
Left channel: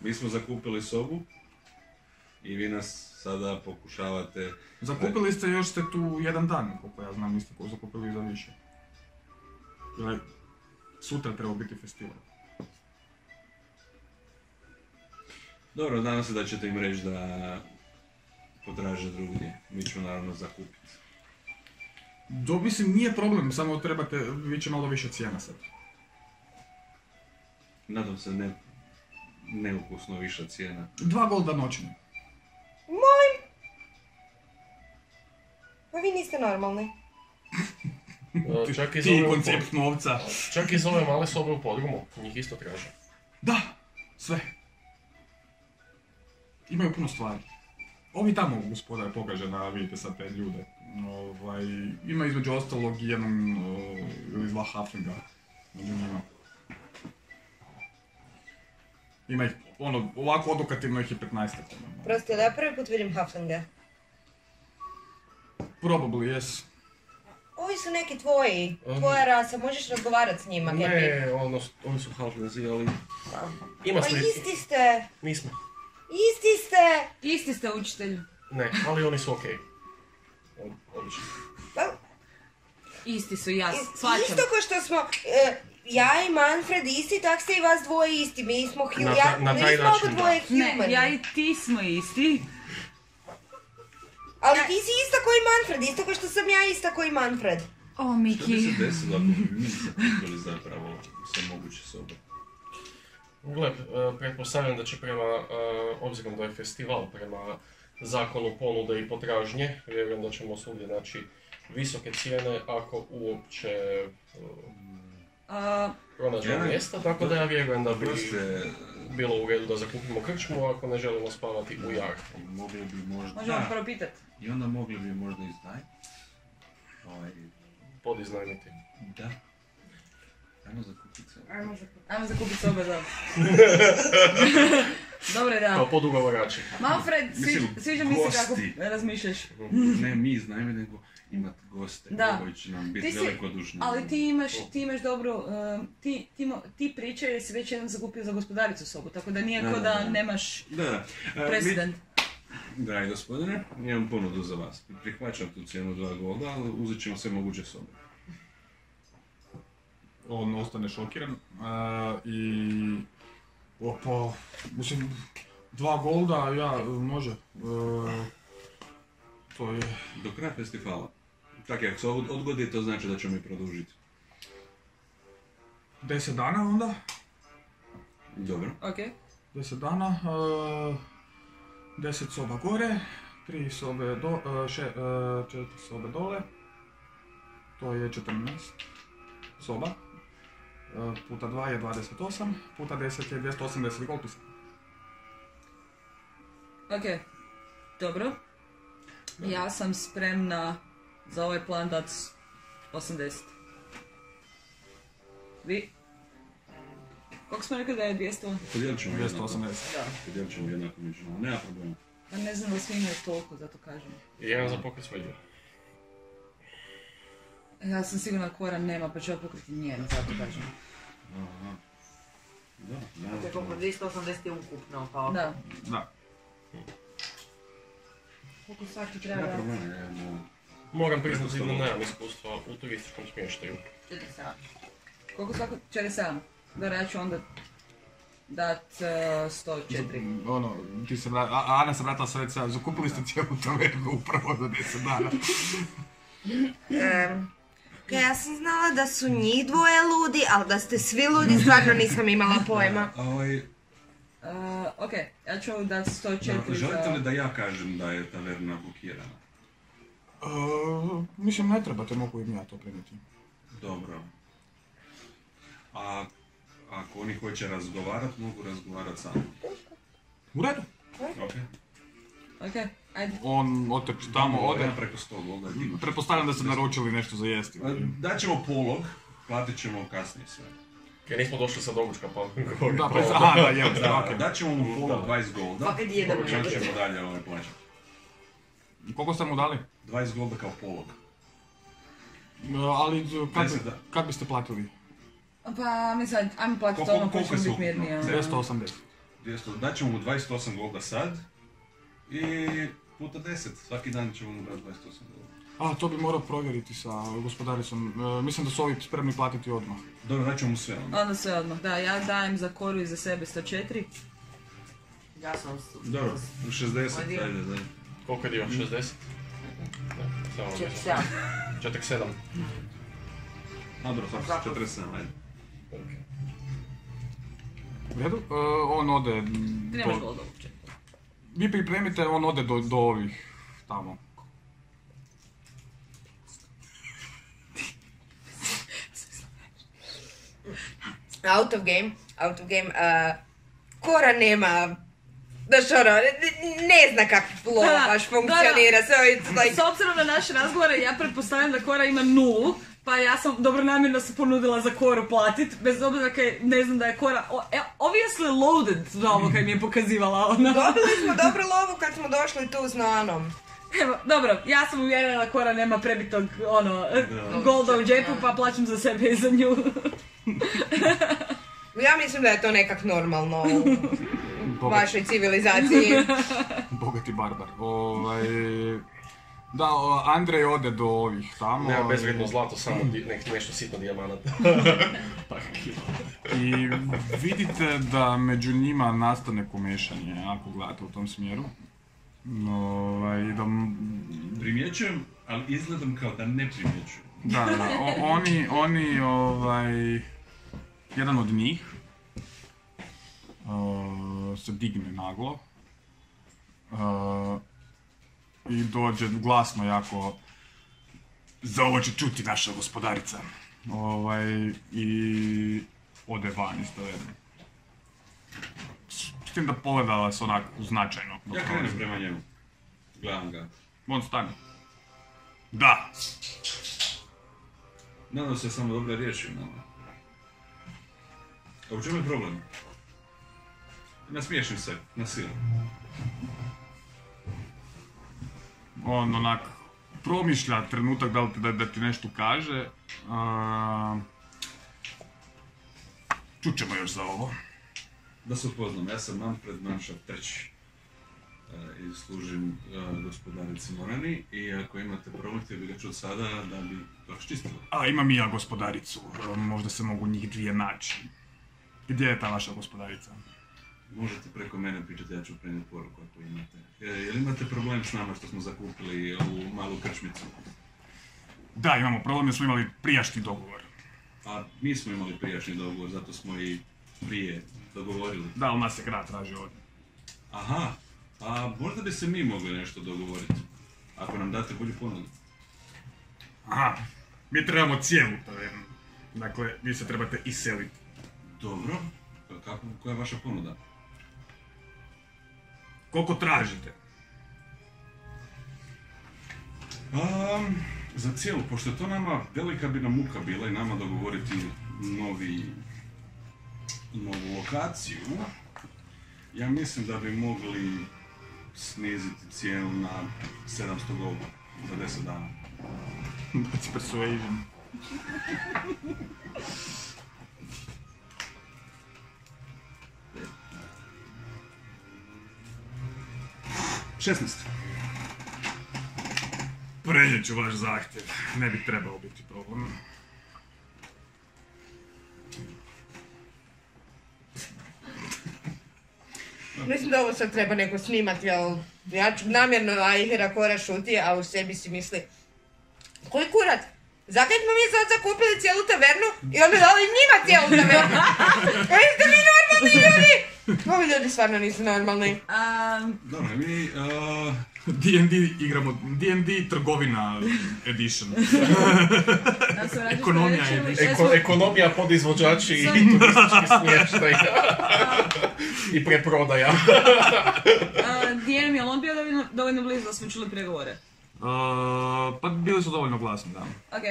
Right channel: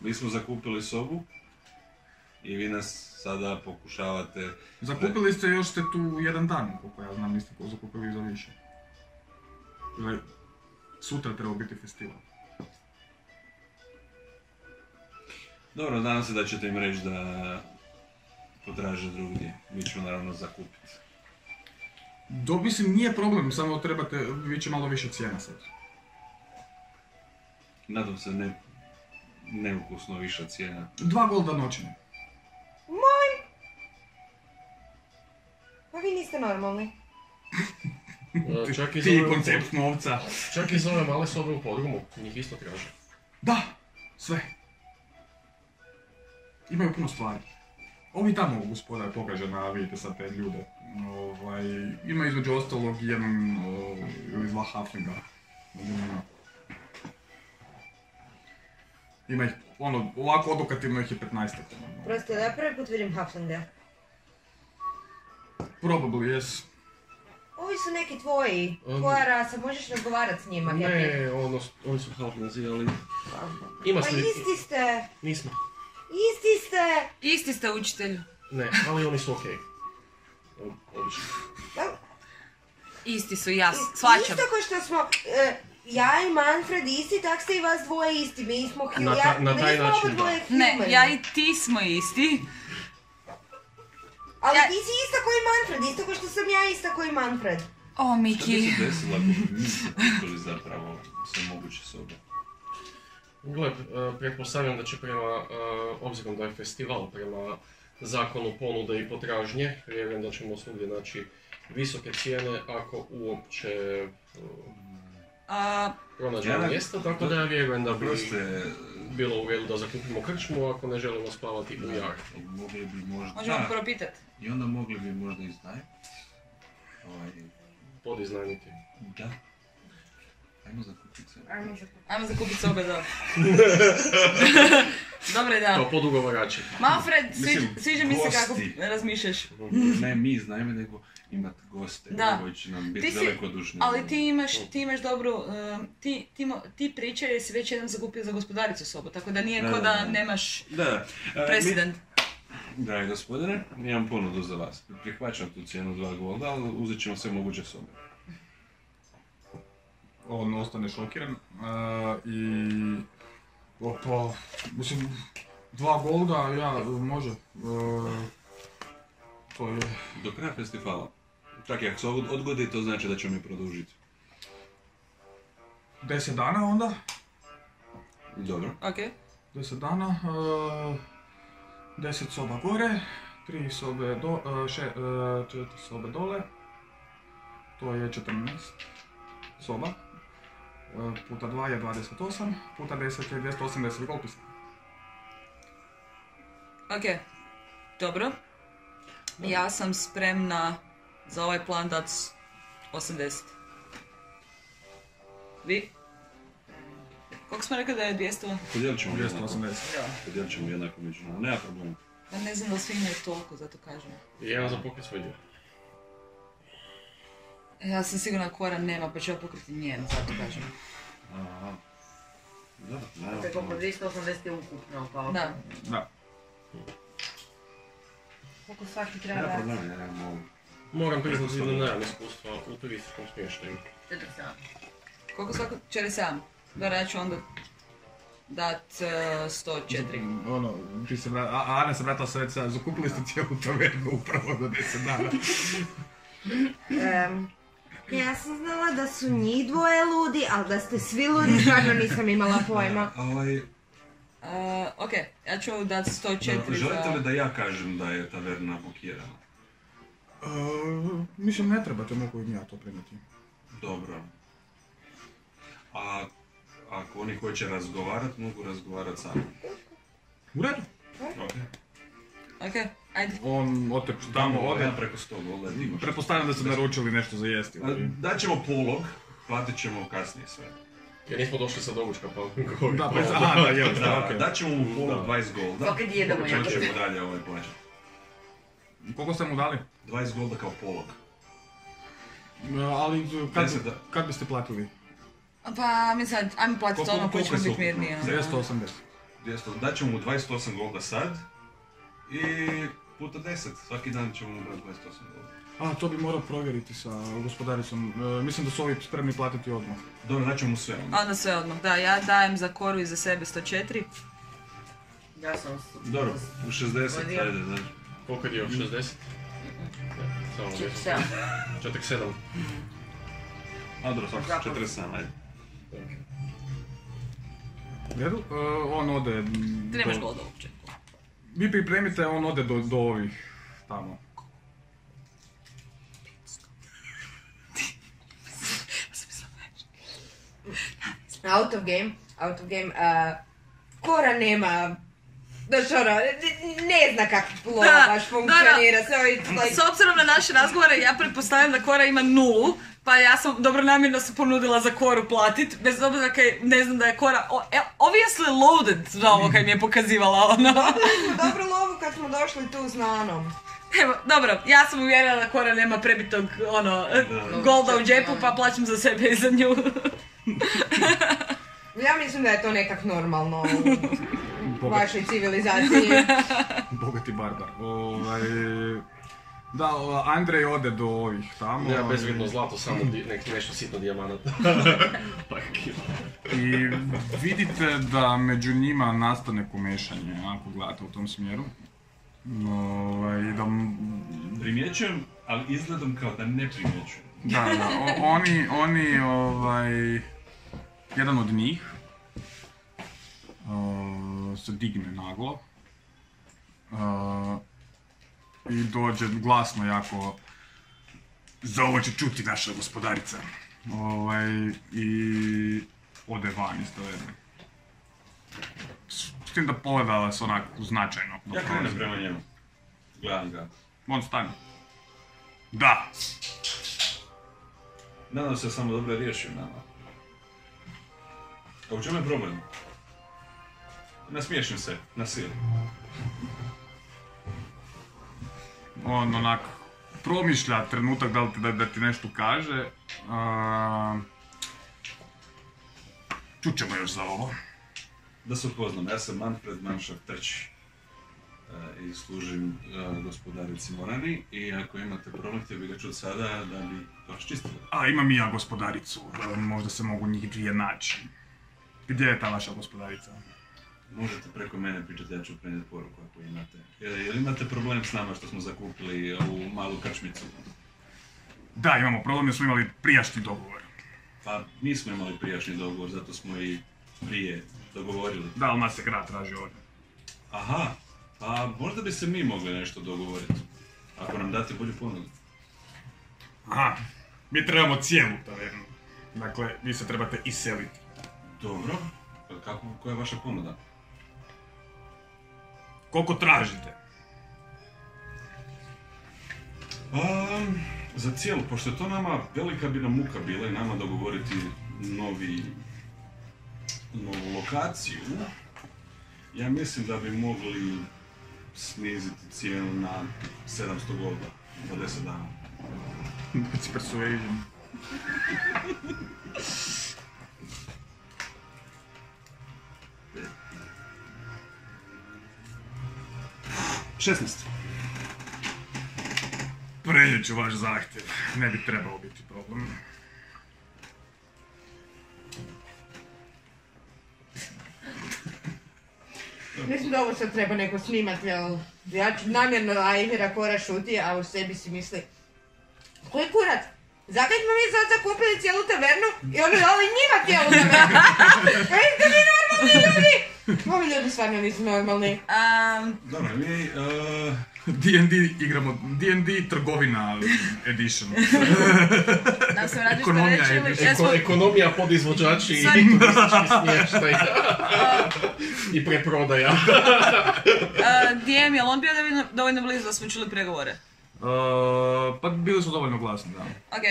Mi smo zakupili sobu i vi nas sada pokušavate... Zakupili ste, još ste tu jedan dan, koliko ja znam, niste zakupili za više. Sutra treba biti festival. Dobro, nadam se da ćete im reći da potraže drugdje. Mi ću naravno zakupiti. Mislim, nije problem, samo trebate, vi će malo više cijena sad. Nadam se neukusno viša cijena. 2 golda noćne. Molim! Pa vi niste normalni. Ti koncept novca. Čak i za ove male sobe u podrumu, njih isto traže. Da, sve. Imaju puno stvari. Ovi tamo gospodar pokaže na, vidite sad te ljude. Ima između ostalog jedan ili 2 halflinga. Ima ih, ovako odokativno ih je 15-ak. Prosto, da ja prvi put vidim halflinga. Probably, yes. Ovi su neki tvoji, tvoja rasa, možeš razgovarati s njima. Ne, oni su halflingzi, ali... Ima Pa isti ste! Nismo. Isti ste učitelju. Ne, ali oni su okej. Odlično. Isti su, ja shvaćam. Isto ko što smo, ja i Manfred isti, tak ste i vas dvoje isti. Mi smo na taj način, dvoje humani. Ne, ja i ti smo isti. Ali ti si ista koji Manfred, isto ko što sam ja ista koji Manfred. O, Miki. Što bi se desilo ako bi mi zakupili zapravo sve moguće sobe? Gle, pretpostavljam da će obzirom da je festival, prema zakonu ponude i potražnje, vjerujem da ćemo svugdje naći visoke cijene ako uopće pronađemo mjesto, tako da ja vjerujem da bi bilo u redu da zakupimo krčmu ako ne želimo spavati u jarku. Mogli bi možda... Možemo prvo pitati. I onda mogli bi možda iznajmiti. Podiznajmiti. Da. Ajmo zakupiti sobe. Ajmo zakupiti sobe, dobro. Dobre, da. Kao podugovarači. Manfred, sviđa mi se kako razmišljaš. Ne mi iznajme, nego imati goste koji će nam biti velikodušni. Ali ti imaš dobro, ti pričaj jer si već jedan zakupio za gospodaricu sobu, tako da nije ko da nemaš president. Dragi gospodine, imam ponudu za vas. Prihvaćam tu cijenu 2 golda, ali uzet ćemo sve moguće sobe. On ostane šokiran mislim, 2 golda, može. To je... Do kraja festivala. Čak i ako se odgodi, to znači da ćemo mi produžiti. 10 dana onda? Dobro. Okej. 10 dana, 10 soba gore, 4 sobe dole, to je 14 soba, puta 2 je 28, puta 10 je 280 golpisa. Ok, dobro. Ja sam spremna za ovaj plan dat 80. Vi? Koliko smo rekli da je 200? Podijelit ćemo 280. Podijelit ćemo jednako među nama, nema problema. Ja ne znam da svi imaju toliko, zato kažem. I jedan za pokret svoj dio. Ja sam sigurna Kora nema, pa ću ja pokriti njen, zato kažem. Aha. Da, To je koliko 280 je ukupno, pa Da. Da. Koliko svaki ne treba? problem, ja imamo... Moram priznati da nemam iskustva u turističkom smještaju. 47. Koliko svako? 47. Da, ja ću onda dat 104. Ono, ti se Ana se vratila sa reca, zakupili ste cijelu tavernu upravo do 10 dana. Ja sam znala da su njih dvoje ludi, ali da ste svi ludi, stvarno nisam imala pojma. Ok, ja ću dat 104 Želite li da ja kažem da je taverna bukirana? Mislim, ne trebate, mogu im ja to prenijeti. Dobro. A ako oni hoće razgovarat, mogu razgovarat sami. U redu. Ok. Ok, ajde. On otrči tamo, ode. Ja preko 100 golda dignuš. Pretpostavljam da ste naručili nešto za jesti. Daćemo polog, platit ćemo kasnije sve. Jer nismo došli sa doručka pa... Da, pa aha, da, je, Da, okej. daćemo mu polog 20 golda. Pa kad jedemo Počet jagode. ćemo dalje plaćati. Koliko ste mu dali? 20 golda kao polog. Ali Deset, da. kad biste platili? Pa mi sad, ajmo platiti ono koji ćemo biti mirniji. 280. 200, daćemo mu 28 golda sad i puta 10, svaki dan ćemo mu dati 28 golda. To bi morao provjeriti sa gospodaricom. Mislim da su ovi spremni platiti odmah. Dobro, daćemo mu sve onda. Onda sve odmah, da, ja dajem za Koru i za sebe 104. Ja sam... Dobro, u 60, ajde, da. Koliko je dio? 60? Samo 47. 47. A dobro, svako 47, ajde. U redu? On ode... Ti nemaš golda uopće. Vi pripremite, on ode do ovih tamo. Out of game. Kora nema... Znaš ono, ne zna kako lov baš funkcionira. S obzirom na naše razgovore, ja pretpostavljam da Kora ima 0, pa ja sam dobronamjerno se ponudila za Koru platit, bez obzira kaj ne znam da je Kora obviously loaded za ovo kaj mi je pokazivala ono. Dobili smo dobru lovu kad smo došli tu s Nanom. Evo, dobro, ja sam uvjerena da Kora nema prebitog golda u džepu, pa plaćam za sebe i za nju. Ja mislim da je to nekak normalno u vašoj civilizaciji. Bogati barbar. Da, Andrej ode do ovih tamo. Nema bezvrijedno zlato, samo nešto sitno dijamanata. I vidite da među njima nastane komešanje, ako gledate u tom smjeru. I da... Primjećujem, ali izgledam kao da ne primjećujem. Da, oni, jedan od njih se digne naglo i dođe glasno jako, za ovo će čuti naša gospodarica, i ode van iz taverne. S tim da pogleda vas onako značajno. Ja krenem prema njemu. Gledam ga. On stane. Da. Nadam se samo dobro riješio nama. A u čemu je problem? Nasmiješim se, na silu. On onak promišlja trenutak da ti nešto kaže. Čućemo još za ovo. Da se upoznam, ja sam Manfred Manšaft III. I služim gospodarici Morani i ako imate problem, htio bi ga čuti sada da bi to raščistili. Imam i ja gospodaricu, možda se mogu njih dvije naći. Gdje je ta vaša gospodarica? Možete preko mene pričati, ja ću prenijeti poruku ako imate. Jel imate problem s nama što smo zakupili ovu malu krčmicu? Da, imamo problem jer smo imali prijašnji dogovor. Pa mi smo imali prijašnji dogovor, zato smo i prije dogovorili. Da, ali nas se grad traži ovdje. Aha, pa možda bi se mi mogli nešto dogovoriti. Ako nam date bolju ponudu. Aha, mi trebamo cijelu tavernu. Dakle, vi se trebate iseliti. Dobro, koja je vaša ponuda? Koliko tražite? Za cijelu, pošto je to nama velika bi nam muka bila i nama dogovoriti novu lokaciju, ja mislim da bi mogli sniziti cijenu na 700 golda za 10 dana. Baci persuasion. Prenijet ću vaš zahtjev, ne bi trebao biti problem. Mislim da ovo sad treba neko snimati, jel? Ja ću namjerno Aihera Kora šuti, a u sebi si misli koji kurat? Zakaj smo mi sad zakupili cijelu tavernu i onda dali njima cijelu tavernu? Jeste vi normalni ljudi? Ovi ljudi stvarno nisu normalni. Dobro, mi... D&D igramo, D&D trgovina edition. Ekonomija edition. Ekonomija, podizvođači i turistički smještaj. I preprodaja. DM, je li on bio dovoljno blizu da smo čuli pregovore? Pa bili su dovoljno glasni, da. Ok,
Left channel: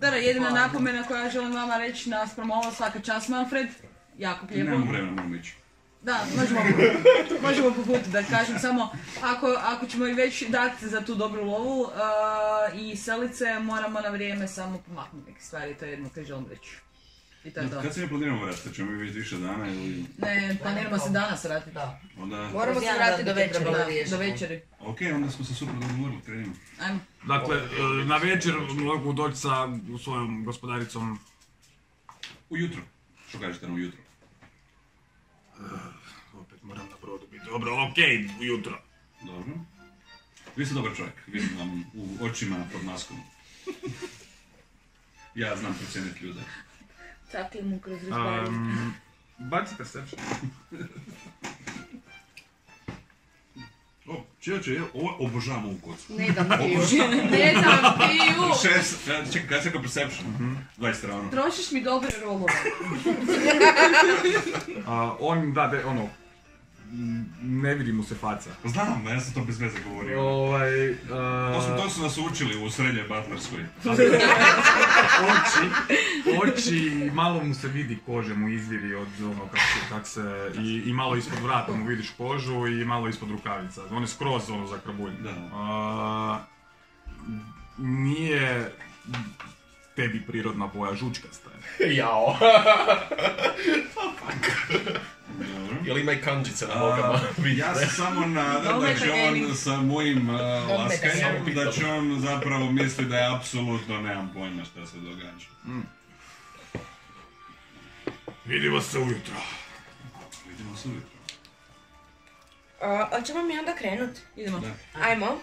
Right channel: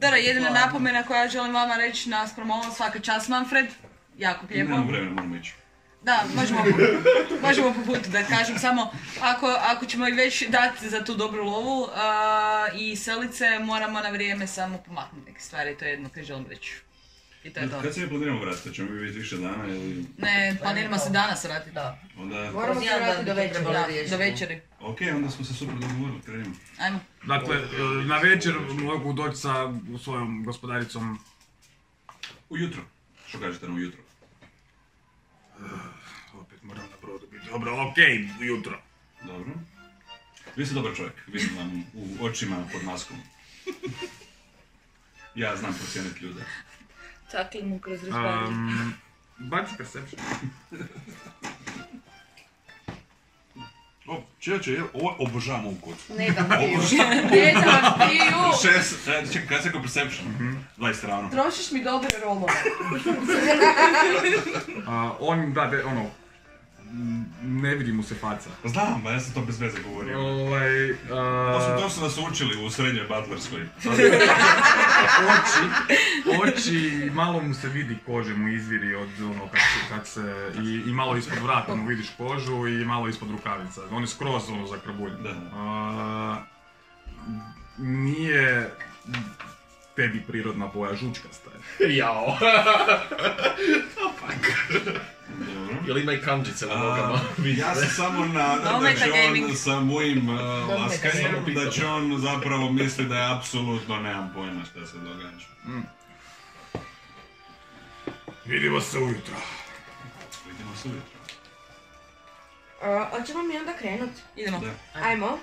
dobro, jedina napomena koja želim vama reći naspram ovo, svaka čast Manfred, jako lijepo. Nemam vremena, moramo ići. Da, možemo po putu da kažem, samo ako ćemo i već dati za tu dobru lovu i selice, moramo na vrijeme samo pomaknuti neke stvari, to je jedno koje želim reći. I to je to. Kad se ne planiramo vratiti, ćemo mi biti više dana ili... Ne, planiramo se danas vratiti. Da. Onda... Moramo se vratiti do večeri. Do večeri. Ok, onda smo se super dogovorili, krenimo. Ajmo. Dakle, na večer mogu doći sa svojom gospodaricom. Ujutro. Što kažete na ujutro? Opet moram na brodu biti. Dobro, okej, ujutro. Dobro. Vi ste dobar čovjek, vidim vam u očima pod maskom. Ja znam procijeniti ljude. Takli mu kroz razgovaranje. Baci perception. Čeće, ovo obožavam ovu kocku. Ne dam piju. Ne dam piju. Čekaj, kad se kao perception? 20 ravno. Trošiš mi dobre rolove. On, ne vidi mu se faca. Znam, ja sam to bez veze govorio. To su nas učili u srednjoj butlerskoj. Oči, malo mu se vidi kože mu izviri od ono kak se, i malo ispod vrata mu vidiš kožu i malo ispod rukavica. On je skroz zakrabuljen. Nije tebi prirodna boja, žučkasta je. Jao. Jel ima i kanđice na nogama? Ja se samo nadam da će on sa mojim laskanjem, da će on zapravo misli da je apsolutno nemam pojma šta se događa. Vidimo se ujutro. Hoćemo mi onda krenut? Idemo. Ajmo.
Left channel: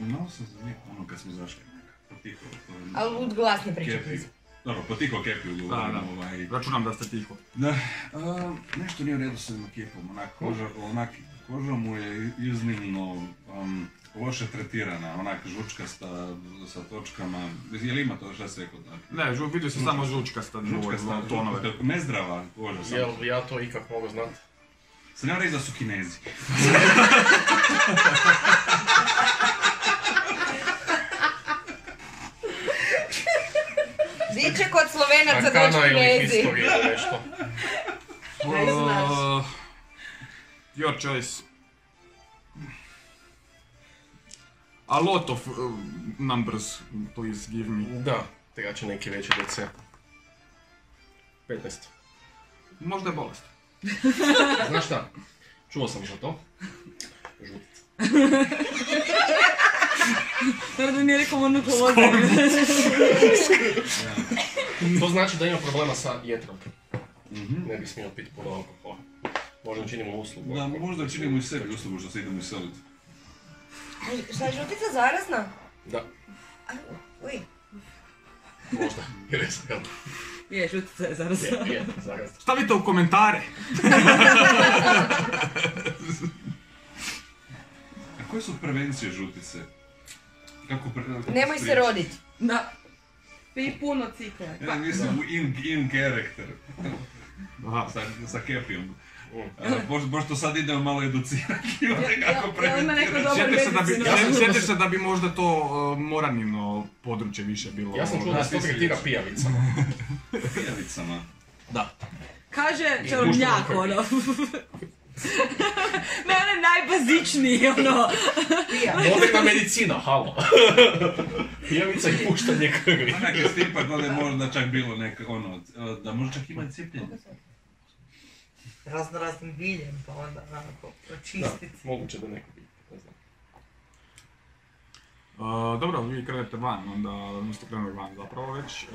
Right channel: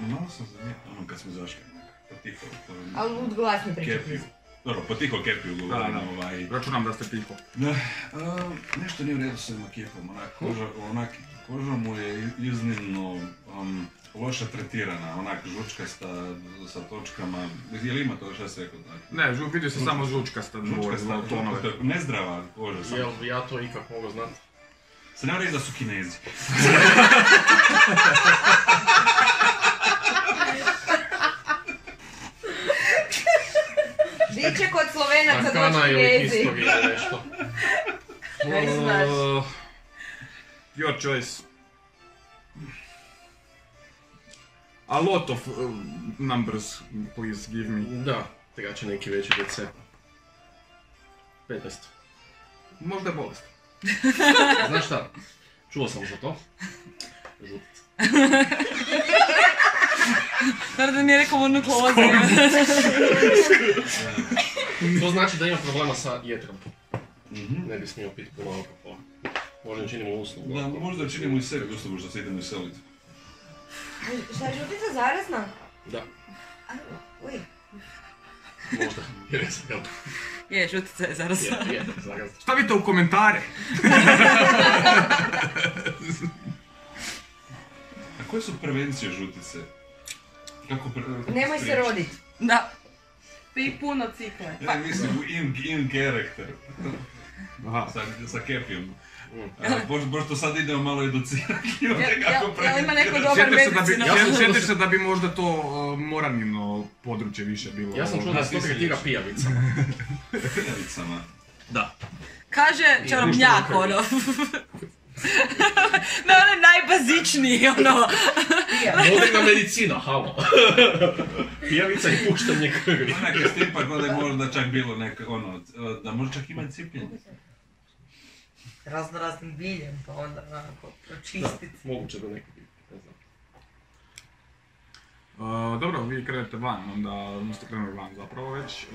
Malo sam zamijetno ono kad smo zašli. Potiho. Ali lud glas ne pričati. Dobro, potiho Kepiju govorimo. Računam da ste tiho. Da, nešto nije u redu s ovim Kepom, koža mu je iznimno loše tretirana, onak žučkasta sa točkama, je li ima to što se rekao tako? Ne, vidio se samo žučkasta tonove. Nezdrava koža sam. Jel ja to ikak mogu znati? Se nema reći da su Kinezi. Diče kod Slovenaca doći Arkana ili Kinezi. historija nešto. Ne znaš. Your choice. A lot of numbers, please give me. Da, treba će neki veći DC. 15. Možda je bolest. Znaš šta? Čuo sam za to. Žutica. Naravno da nije rekao onu kloze. To znači da ima problema sa jetrom. Ne bi smio piti puno alkohola. Možda činimo uslugu. Da, možda činimo i sebi uslugu što se idemo iseliti. Šta je žutica zarazna? Da. Uj. Možda. Jer je sad Je, žutica je zarazna. Je, zarazna. Stavite u komentare. A koje su prevencije žutice? Nemoj se rodit. Da. Pi puno cikle. Ja mislim u in character. Sa Kepijom. Pošto sad idemo malo educirati ljude kako preventirati. Sjetiš se da bi možda to Moranino područje više bilo. Ja sam čuo da se to tretira pijavicama. Pijavicama? Da. Kaže čarobnjak, ono. Na onaj najbazičniji, ono. Moderna medicina, halo. Pijavica i puštanje krvi. Onak je stipak, da je možda čak bilo da može čak imati cijepljenje. Raznim biljem, pa onda onako pročistiti. Da, moguće da neko bi, ne znam. Dobro, vi krenete van, onda niste krenuli van zapravo već.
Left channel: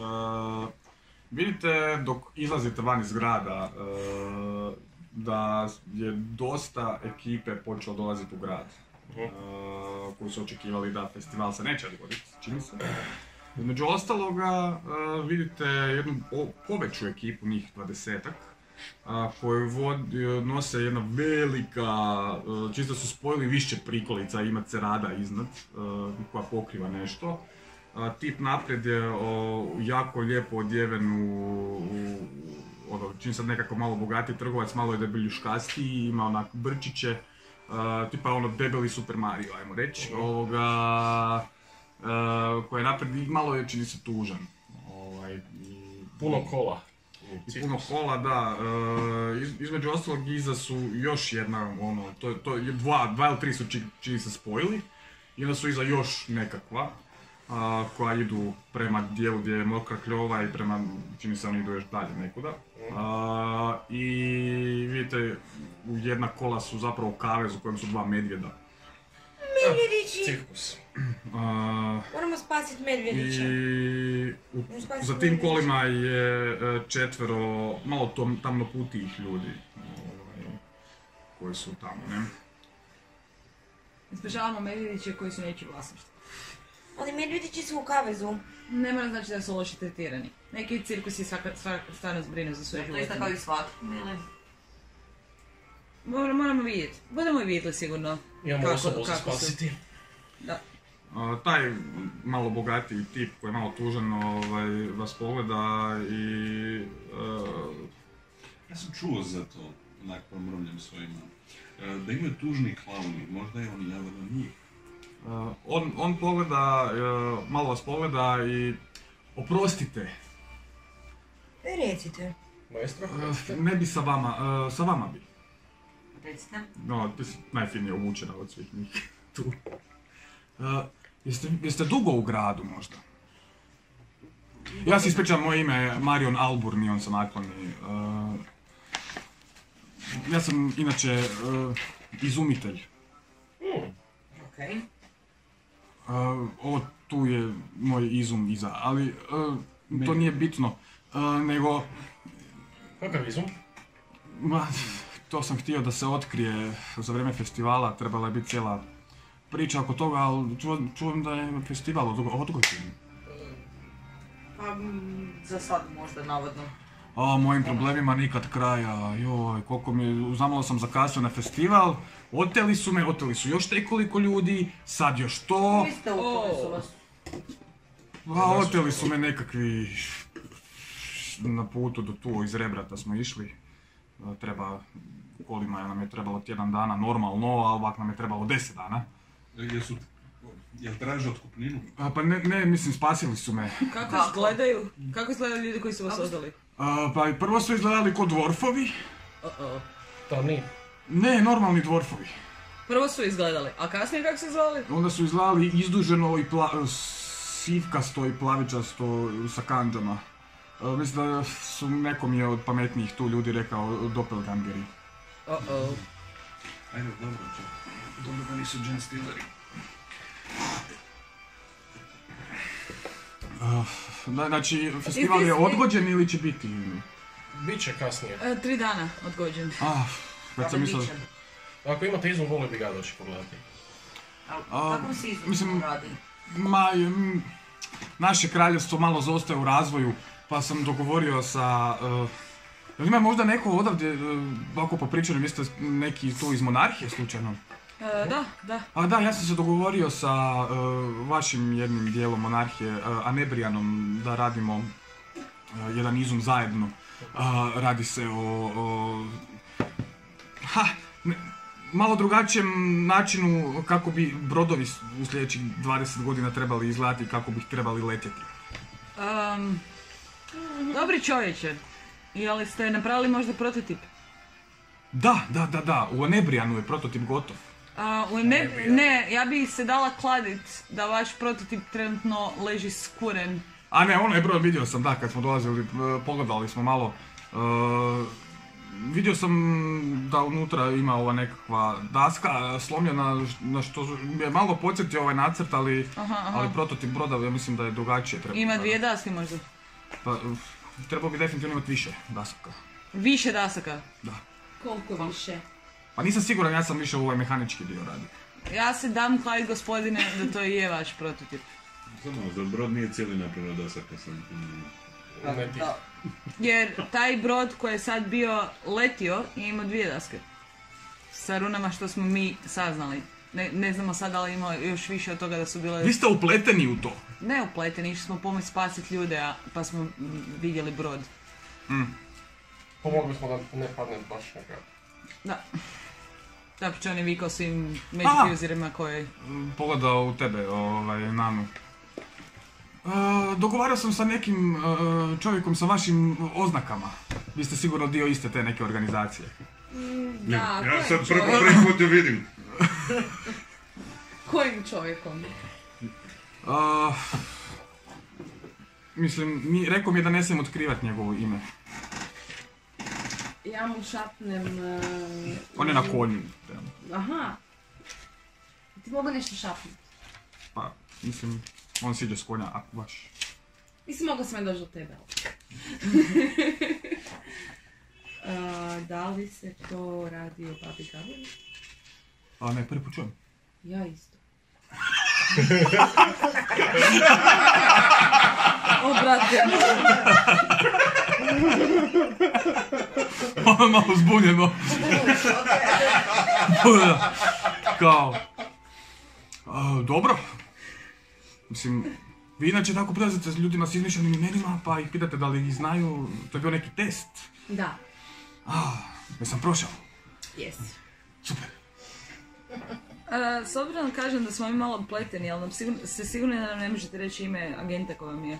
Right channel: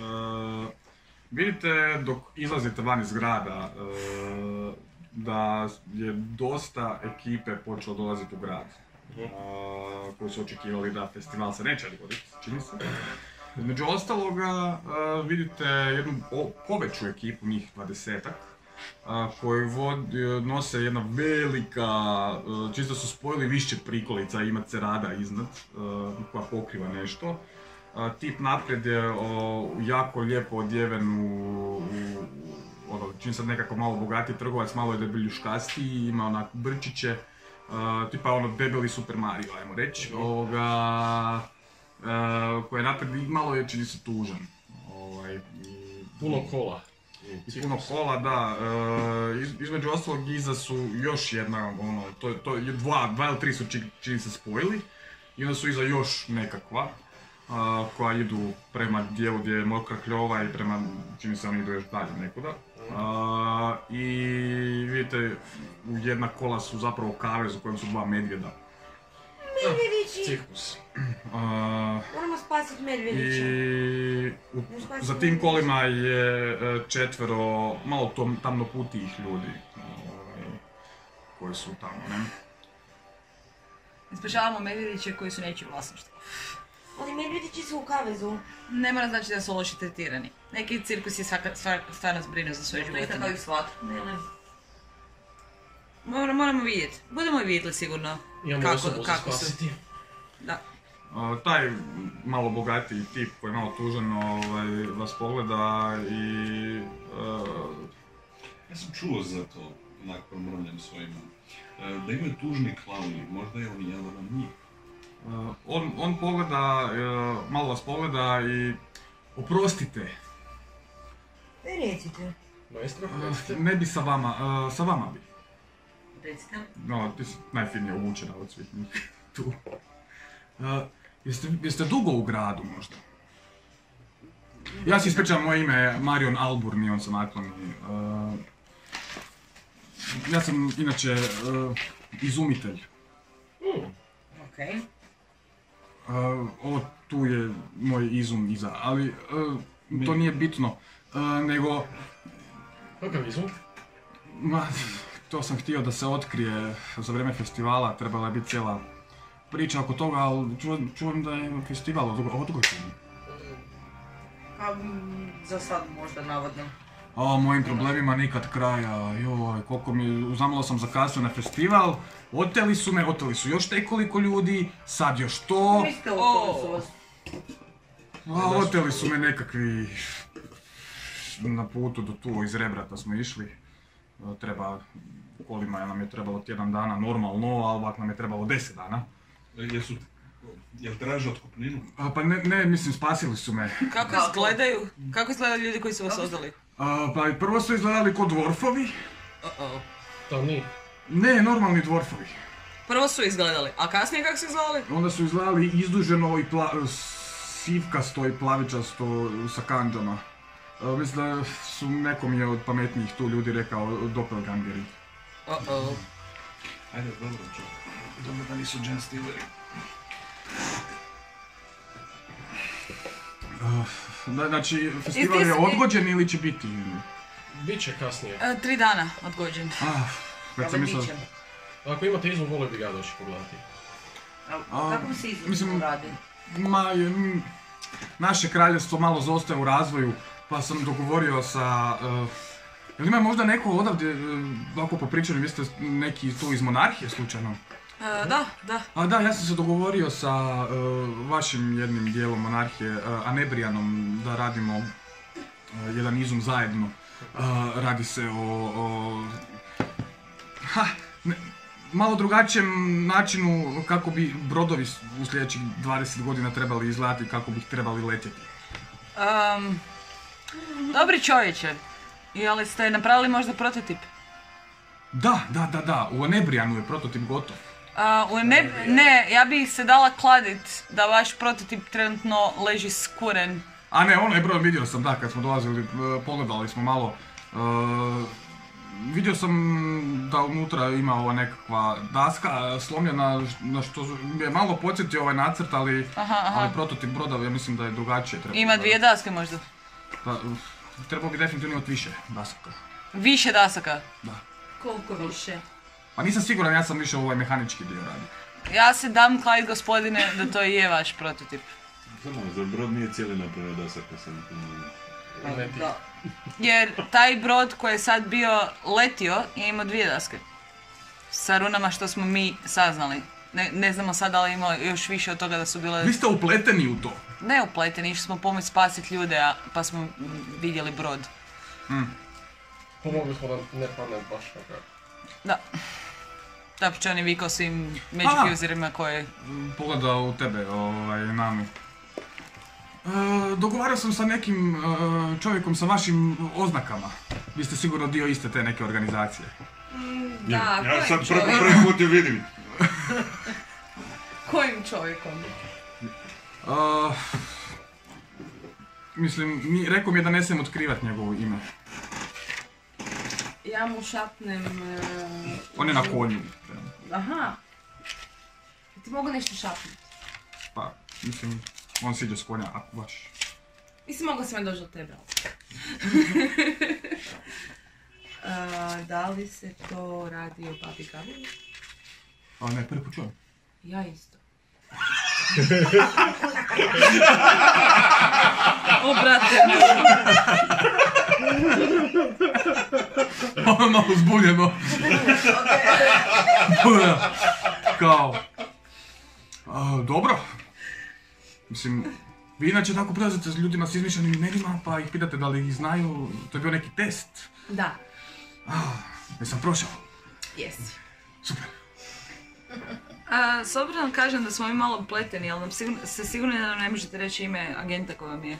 Vidite dok izlazite van iz grada da je dosta ekipe počelo dolaziti u grad. Koji su očekivali da festival se neće dogoditi, čini se. Među ostaloga vidite jednu poveću ekipu, njih 20-ak, koji nose jedna velika, čisto su spojili više prikolica, ima cerada iznad koja pokriva nešto. Tip naprijed je jako lijepo odjeven čini sad nekako malo bogatiji trgovac, malo je debeljuškastiji, ima onak brčiće, tipa debeli Super Mario, ajmo reći, koji je naprijed malo je čini se tužan. Puno kola. I puno kola, da. Između ostalog iza su još jedna, dva ili tri su čini se spojili. I onda su iza još nekakva, koja idu prema dijelu gdje je mokra kljova i prema, čini se oni idu još dalje nekuda. I vidite, u jedna kola su zapravo kavez u kojem su dva medvjeda. Medvjedići! Cirkus. Moramo spasiti medvjedića. I za tim kolima je 4 malo tamnoputijih ljudi koji su tamo, ne? Spašavamo medvjediće koji su nečiji vlasništvo. Oni medvjedići su u kavezu. Ne mora znači da su loše tretirani. Neki cirkus je stvarno zbrinu za svoje životinje. To je tako i svak. Moramo vidjeti. Budemo i vidjeli sigurno kako su. Da. Taj malo bogatiji tip koji je malo tužan vas pogleda i... Ja sam čuo za to, onak promrmljam svojima, da imaju tužni klauni, možda je on jedan od njih. On pogleda, malo vas pogleda i... Oprostite. Recite. Maestro? Ne bi sa vama bi. Recite. No, ti si najfinije obučena od svih njih tu. Jeste dugo u gradu možda? Ja se ispričam, moje ime je Marion Alburni, on sam nakloni. Ja sam inače izumitelj. Okej. Ovo tu je moj izum iza, ali to nije bitno, nego... Kakav izum? To sam htio da se otkrije za vrijeme festivala, trebala je biti cijela priča oko toga, ali čujem da je festival odgođen. Za sad možda navodno. Mojim problemima nikad kraja, koliko zamalo sam zakasnio na festival, oteli su još nekoliko ljudi, sad još to. Vi ste oteli su vas. Oteli su me nekakvi, na putu do tu iz Rebrata smo išli. Kolima nam je trebalo tjedan dana normalno, a ovak nam je trebalo 10 dana. Jel traže otkupninu? Pa ne, mislim, spasili su me. Kako izgledaju? Kako izgledaju ljudi koji su vas ozdali? Pa prvo su izgledali ko dvorfovi. To nije. Ne, normalni dvorfovi. Prvo su izgledali, a kasnije kako su izgledali? Onda su izgledali izduženo i sivkasto i plavičasto sa kandžama. Mislim da su nekom je od pametnijih tu ljudi rekao doppelgangeri. Ajde, dobro čak. Dobro da nisu Gen Stealeri. Znači, festival je odgođen ili će biti? Biće kasnije. 3 dana odgođen. Već sam mislio... Ako imate izum, volio bi ga doći pogledati. Kako bi se izum radi? Naše kraljevstvo malo zaostaje u razvoju, pa sam dogovorio sa... Jel ima možda neko odavdje, ovako po pričanju, vi ste neki tu iz monarhije slučajno? Da. Da, ja sam se dogovorio sa vašim jednim dijelom monarhije, Anebrijanom, da radimo jedan izum zajedno. Radi se o malo drugačijem načinu kako bi brodovi u sljedećih 20 godina trebali izgledati, kako bi trebali letjeti. Dobri čovječe, jel ste napravili možda prototip? Da, u Onebrianu je prototip gotov. Ne, ja bi se dala kladit da vaš prototip trenutno leži skuren. A ne, ono je broj, vidio sam, da, kad smo dolazili, pogledali smo malo. Vidio sam da unutra ima ova nekakva daska slomljena, na što je malo podsjetio ovaj nacrt, ali prototip broda, ja mislim da je drugačije. Ima 2 daske možda? Pa, trebao bi definitivno imati više dasaka. Više dasaka? Da. Koliko više? Pa nisam siguran, ja sam više u ovaj mehanički dio radio. Ja se dam kladit, gospodine, da to je vaš prototip. Samo, za brod nije cijeli napravio dasaka sam. Da. Jer taj brod koji je sad bio letio je imao 2 daske. Sa runama što smo mi saznali. Ne znamo sad da li imao još više od toga da su bile... Vi ste upleteni u to? Ne upleteni, išli smo pomoći spasiti ljude, pa smo vidjeli brod. Pomogli smo da ne padne baš na kraju. Da. Tako će on je vikao svim magic userima koje... Pogledao u tebe, Nanu. Dogovarao sam sa nekim čovjekom sa vašim oznakama. Vi ste sigurno dio iste te neke organizacije. Da, Ja sad prvi put ju vidim. Kojim čovjekom? Mislim, rekao mi je da ne smijem otkrivati njegovo ime. Ja mu šapnem... On je na konju. Aha. Ti mogu nešto šapnuti? Pa, mislim, on siđe s konja, ako baš. Mislim, mogu sam ja doći do tebe. Da li se to radi o Babi Gabi? Ne, prvi put čujem. Ja isto. O, brate. Ovo je malo zbunjeno. Kao... dobro. Mislim, vi inače tako prilazite s ljudima s izmišljenim imenima, pa ih pitate da li ih znaju, to je bio neki test. Da. Jesam prošao? Jesi. Super. S obzirom kažem da smo mi malo upleteni, ali sigurno da nam ne možete reći ime agenta koja vam je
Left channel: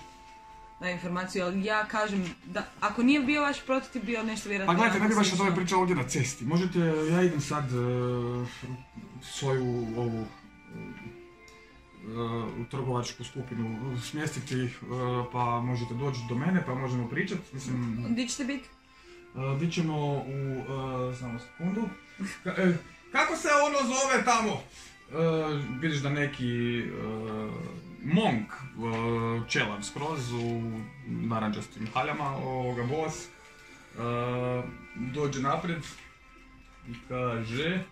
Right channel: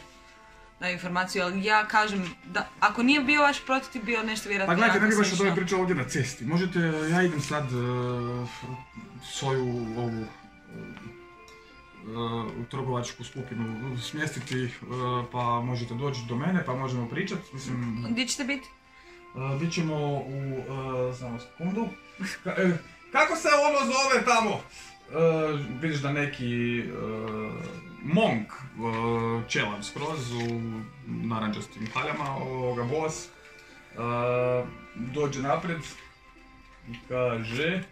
da informaciju, ali ja kažem da ako nije bio vaš prototip, bio nešto vjerojatno... Pa gledajte, ne bi baš od ove priče ovdje na cesti. Možete, ja idem sad svoju ovu trgovačku skupinu smjestiti, pa možete doći do mene, pa možemo pričati. Mislim... Gdje ćete biti? Bit ćemo u... samo sekundu. Kako se ono zove tamo? Vidiš da neki monk, čelav skroz u narančastim haljama, boss, dođe naprijed i kaže...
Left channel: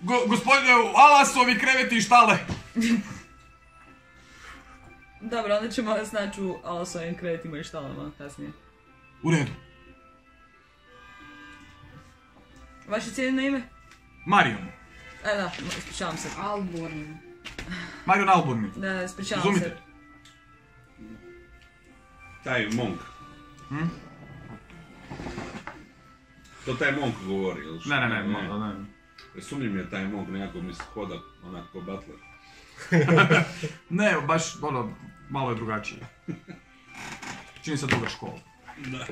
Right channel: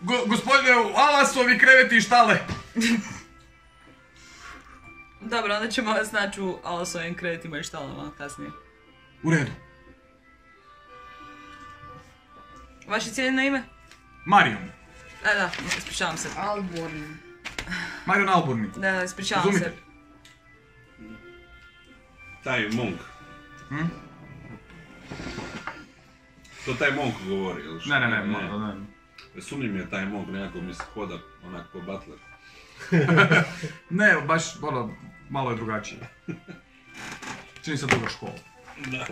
Gospodine, Alasovi kreveti i štale! Dobro, onda ćemo vas naći u Alasovim krevetima i štalama kasnije. U redu. Vaše cijeno ime? Marion. Da, ispričavam se. Alborn. Marion Alborni. Da, ispričavam Zumite. se. Taj monk. To taj monk govori, ili što? Ne. Sumnji mi je taj monk, nekako mi se hoda onako butler. Ne, baš malo je drugačije. Čini se druga škola. Da.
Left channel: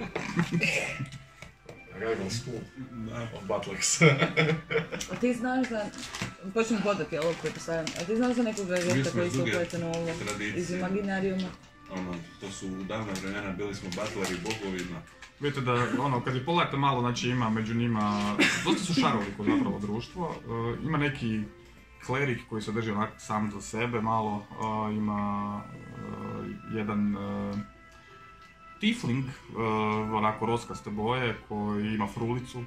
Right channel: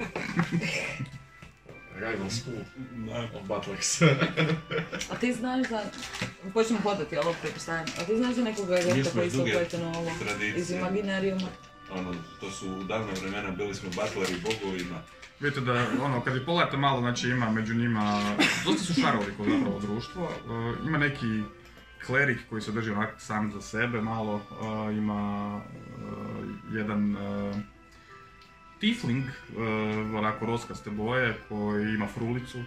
Raven School. Da. Butlers. A ti znaš da... Počnem hodati, ali prepostavljam. A ti znaš da nekoga agenta koji se upleten u ovo iz imaginarijuma? To su u davne vremena, bili smo butleri bogovima. Vidite da, kad ih pogledate malo, znači ima među njima, dosta su šaroliko zapravo društvo. Ima neki klerik koji se drži onak sam za sebe malo, ima jedan tiefling, onako roskaste boje, koji ima frulicu,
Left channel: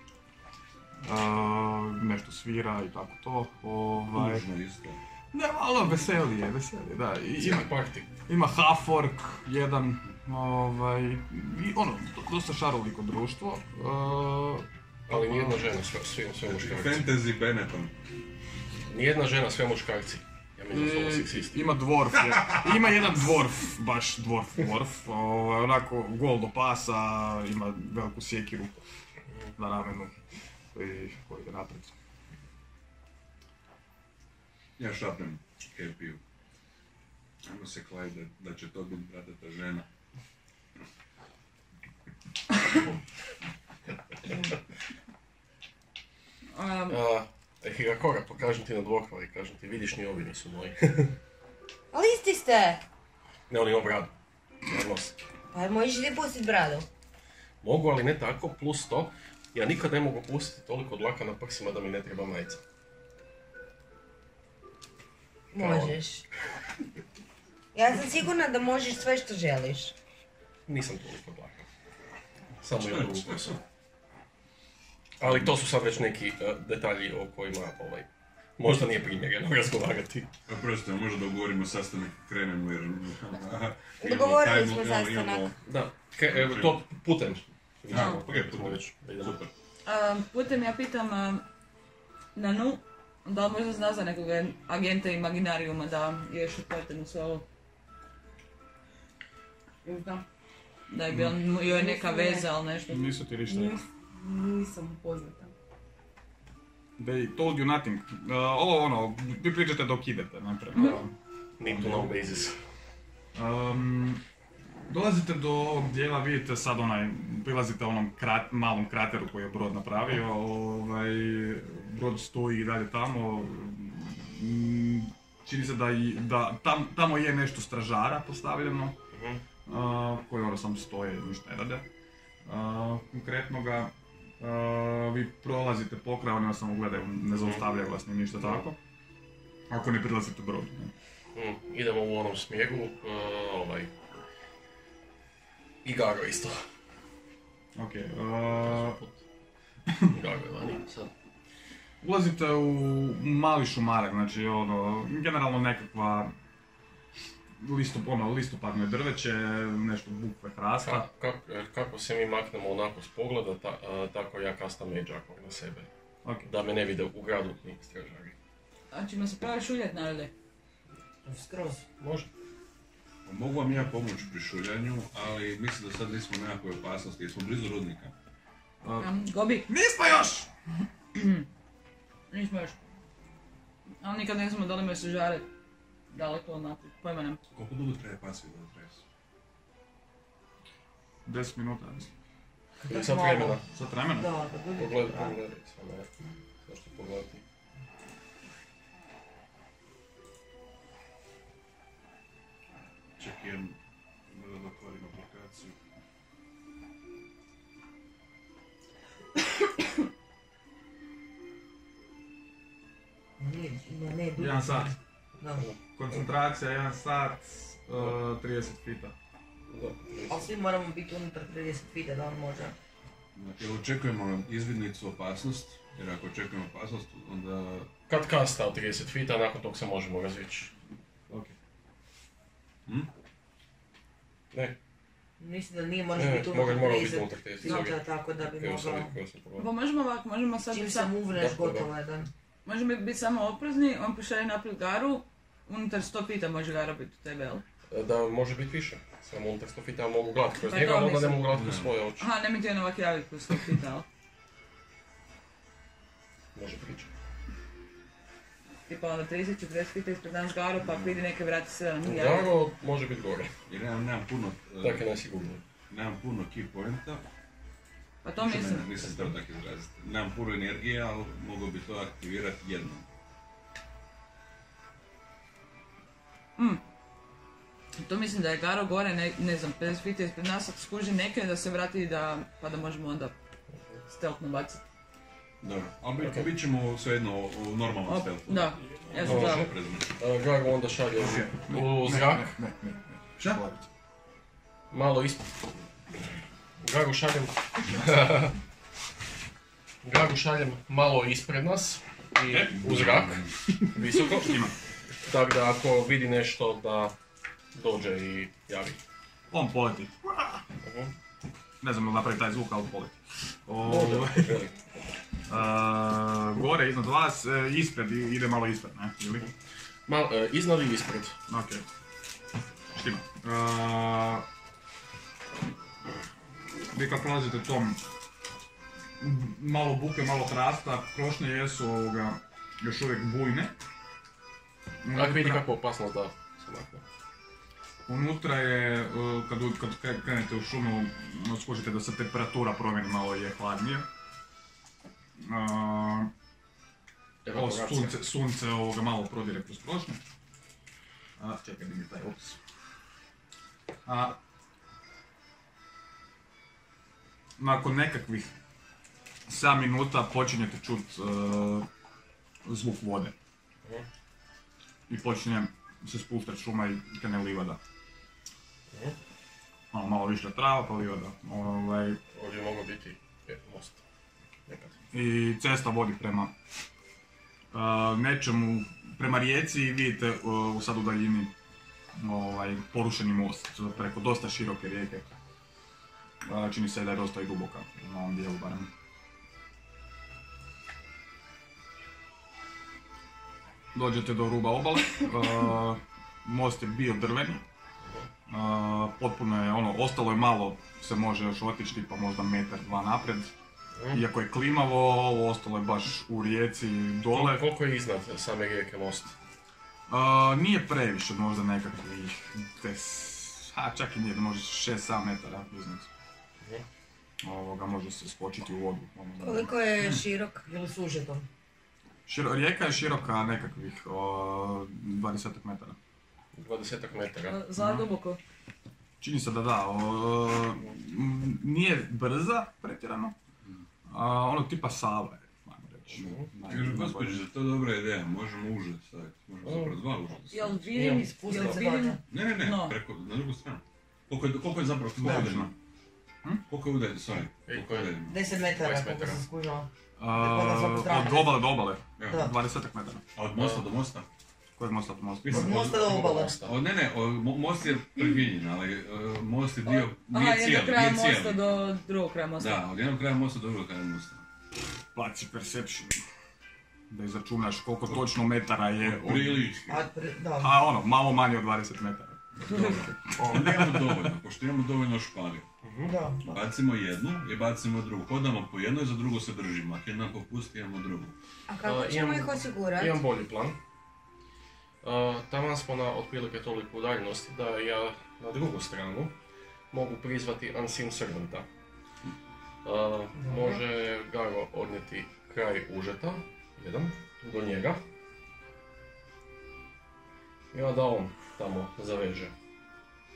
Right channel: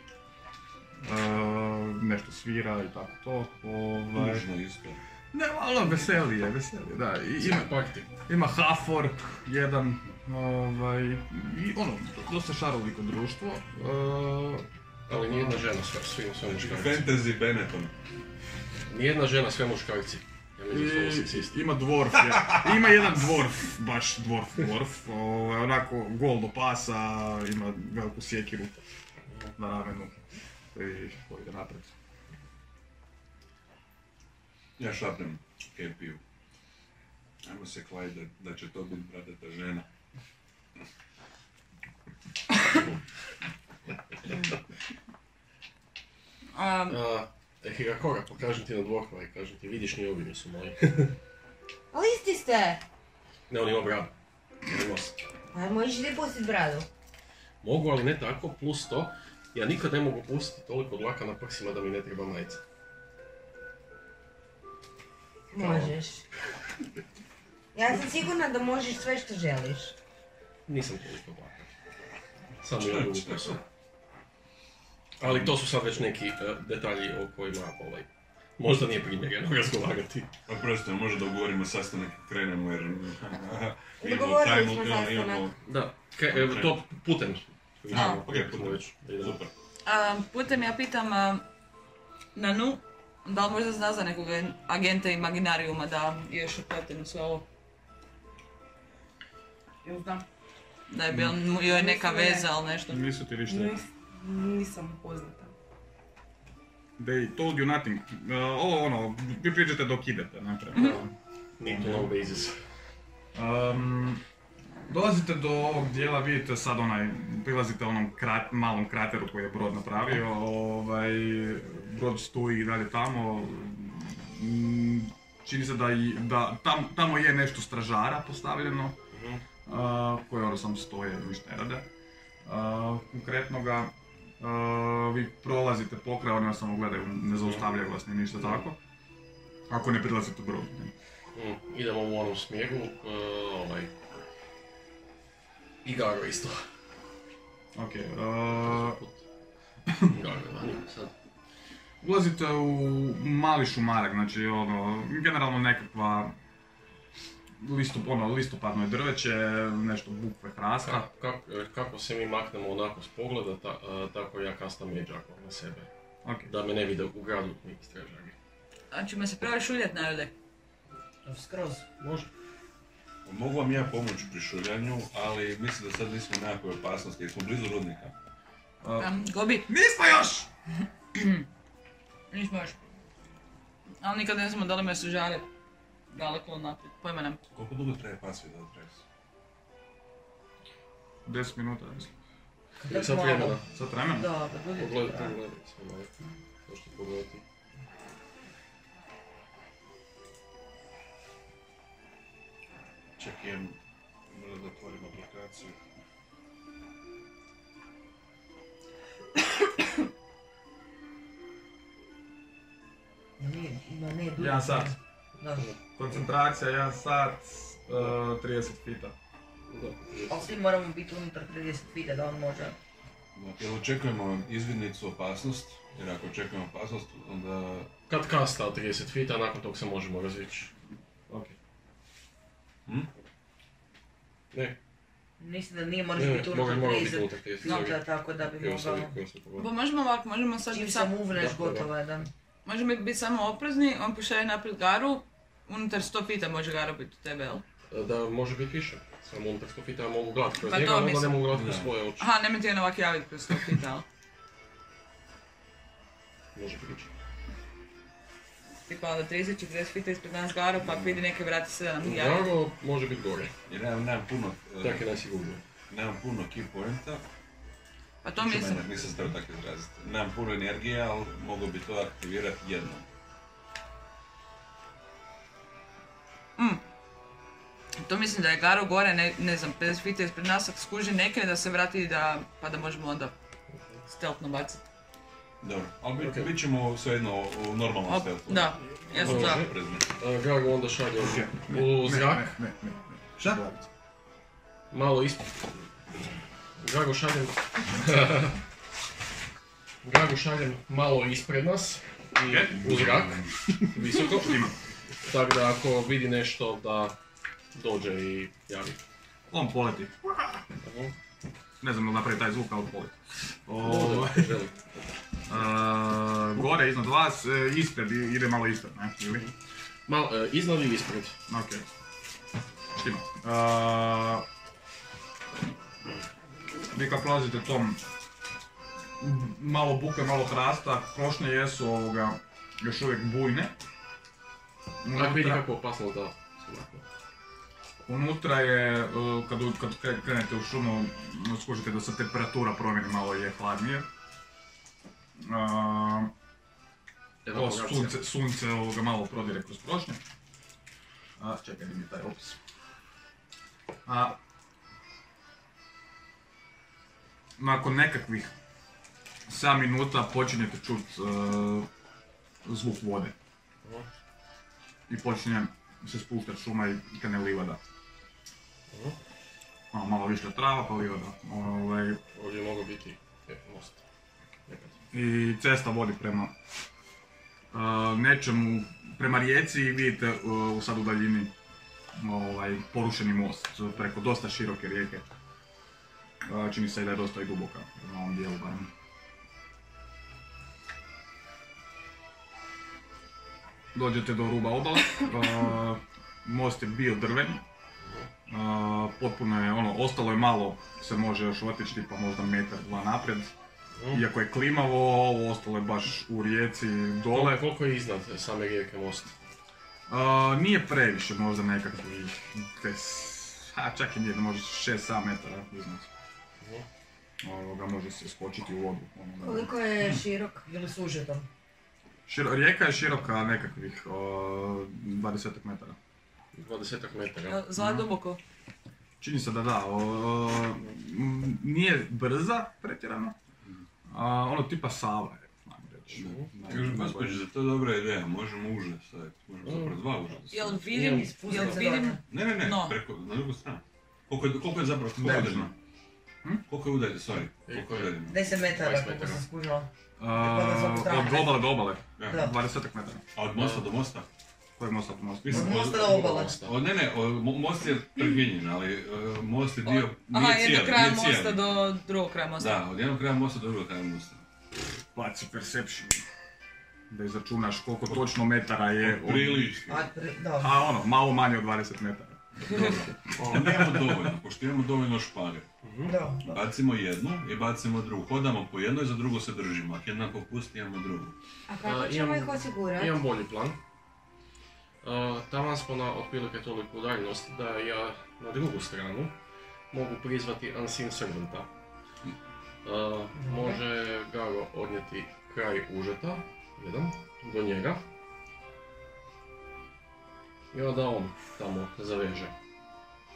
nešto svira i tako to. Tužno isto. Ne, malo veselije, da. Ima half-orc, jedan, i dosta šaroliko društvo. Ali nijedna žena, svi muškarci. Fantasy Benetton. Nijedna žena, sve muškarci. Ima dwarf, ima jedan dwarf, baš dwarf, onako gol do pasa, ima veliku sjekiru na ramenu koji ide napred. Ja šapnem Kepiju. Ajmo se kladiti da će to biti bratata žena. Hirakora, pa kažem ti na dvokvari, kažem ti, vidiš, ni ovi nisu moji. Ali isti ste. Ne, on ima bradu. Pa možeš li pustit bradu? Mogu, ali ne tako, plus to, ja nikad ne mogu pustiti toliko dlaka na prsima da mi ne treba majica. Možeš. Ja sam sigurna da možeš sve što želiš. Nisam toliko dlaka. Samo ja drugu kosu. Ali to su sad već neki detalji o kojima možda nije primjereno razgovarati. Oprosti, može da ugovorimo sastanak i krenemo jer... Dogovorili smo sastanak. Da, to putem. Okej, putem već. Super. Putem ja pitam Nanu, da li možda zna za nekog agenta Imaginariuma da je još upleten u sve ovo? Znam. Da je bil joj neka veza ili nešto? Nisu ti ništa. Nisam poznata. They told you nothing. Ovo ono, vi pričate dok idete, ne treba. Need to know basis. Dolazite do ovog dijela, vidite sad prilazite onom malom krateru koji je brod napravio, brod stoji i dalje tamo. Čini se da tamo je nešto stražara postavljeno, koji ono sam stoje i ništa ne rade. Konkretno ga, vi prolazite pokraj, oni vas samo gledaju, ne zaustavljaju vas ni ništa tako, ako ne prilazite brodu. Idemo u onom smjeru, i Gago isto. Okej. Gago da nije sad. Ulazite u mali šumarak, znači generalno nekakva listopadno je drveće, nešto bukve, hrasta. Kako se mi maknemo onako s pogleda, tako ja kastam međako na sebe. Okay. Da me ne vide u gradu ni stražari. Znači me se pravi šuljat narode? Skroz. Može. Mogu vam ja pomoći pri šuljanju, ali mislim da sad nismo u nekakvoj opasnosti jer smo blizu rudnika. Gobi? Nismo još! Nismo još. Ali nikad ne znamo da li me su žali daleko naprijed, pojma nam. Koliko dugo traje pasvi da tresi? 10 minuta, mislim. Sad vremena. Sad vremena? Da, da bude. Pogledajte. Možete pogledati. Čekaj, možda da otvorim aplikaciju. Ne, bude. 1 sat. Da. Koncentracija 1 sat, 30 fita. Ali svi moramo biti unutar 30 fita da on može. Jel očekujemo izvidnicu opasnost? Jer ako očekujemo opasnost, onda... Kad kasta od 30 fita, nakon tog se možemo razvići. Okej. Ne. Mislim da nije moraš biti unutar 30 fita, tako da bi mogao... Pa možemo ovako, možemo sad... Čim sam uvreš, gotovo je da... Možemo biti samo oprezni, on pošalje naprijed Garu, unutar 100 fita može Gara biti u tebe, jel? Da, može biti više. Samo unutar 100 fita mogu gledati kroz Pa njega, to a onda ne mislim. mogu gledati kroz svoje oči. Aha, nemoj ti on ovak javiti kroz 100 fita, jel? Može pričati. Tipa onda 30-40 fita ispred nas Garu, pa ako vidi neke vrati se da nam ti javi. Gago može biti gore. Jer nemam puno... Tak je najsigurnije. Nemam puno key pointa. Pa to mislim. Nisam se tako izraziti. Nemam puno energije, ali mogu bi to aktivirati jednom. To mislim da je Garo gore, ne znam, 50 fita ispred nas, ako skuži neke da se vrati pa da možemo onda stealthno baciti. Dobro, ali bit ćemo svejedno u normalnom stealthu. Da, ja sam za. Gago onda šalje u zrak. Ne. Šta? Malo ispod. Gago šaljem malo ispred nas i u zrak, visoko. Tako da ako vidi nešto da dođe i javi. On poleti. Ne znam da napravi taj zvuk, ali poleti. Gore iznad vas, ispred, ide malo ispred, ne? Ili? Iznad ili ispred? Okej. Štima. Vi kad prolazite tom malo buke, malo hrasta, krošnje jesu još uvijek bujne. Ako vidi kako opasno da se makne. Unutra je, kad krenete u šumu, skužite da se temperatura promijeni, malo je hladnije. sunce malo prodire kroz prošnje. Čekaj, vidi taj opis. Nakon nekakvih 7 minuta počinjete čut zvuk vode. I počinje se spuštati šuma i krene livada. Malo više trava pa livada. Ovdje mogu biti most. I cesta vodi prema nečemu, prema rijeci i vidite u sad u daljini porušeni most preko dosta široke rijeke. Čini se da je dosta i duboka, u ovom dijelu barem. Dođete do ruba obale, most je bio drven, potpuno je ostalo je malo, se može još otići, pa možda metar, dva naprijed. Iako je klimavo, ovo ostalo je baš u rijeci dole. Koliko je iznad same rijeke most? Nije previše, možda nekakvih čak i nije, može 6-7 metara iznad. Može se skočiti u vodu. Koliko je širok? Ili sužeto? Rijeka je široka nekakvih 20 metara. 20 metara. Za duboko? Čini se da. Nije brza pretjerano. Tipa Sava je, ajmo reći. Gospođe, za to dobra ideja, možemo uže staviti. Možemo zapravo 2 uže. Jel vidim? Ne, na drugu stranu. Koliko je zapravo udaljeno? Koliko je udaljeno, sorry? 10 metara, koliko sam skužila. Od obale do obale, 20 metara. A od mosta do mosta? Kojeg mosta do mosta? Od mosta do obale. Most je prekinjen, ali most je dio, nije cijeli. Od jednog kraja mosta do drugog kraja mosta. Da, od jednog kraja mosta do drugog kraja mosta. Baci perception. Da izračunaš koliko točno metara je. Prilično. Malo manje od 20 metara. Dobro, nemamo dovoljno, pošto imamo dovoljno špage. Bacimo jednu i bacimo drugu. Hodamo po jednoj, za drugu se držimo. Ako jednako pusti, imamo drugu. A kako ćemo ih osigurati? Imam bolji plan. Tamo smo na otprilike toliko udaljenosti da ja na drugu stranu mogu prizvati Unseen Servanta. Može Garo odnijeti kraj užeta, jedan, do njega. I onda on tamo zaveže.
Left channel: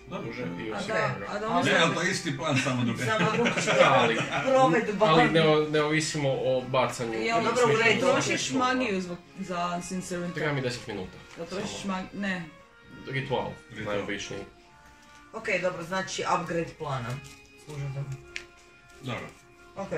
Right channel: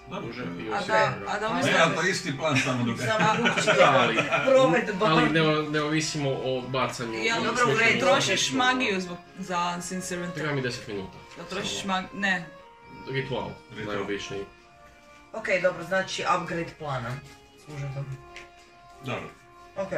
Ne, ali to isti plan, samo drugačije. Ali ne ovisimo o bacanju. Dobro, trošiš magiju za Unseen Servanta? Treba mi 10 minuta. Jel trošiš magiju? Ne. Ritual, najobičniji. Ok, dobro, znači upgrade plana. Dobro. Ok.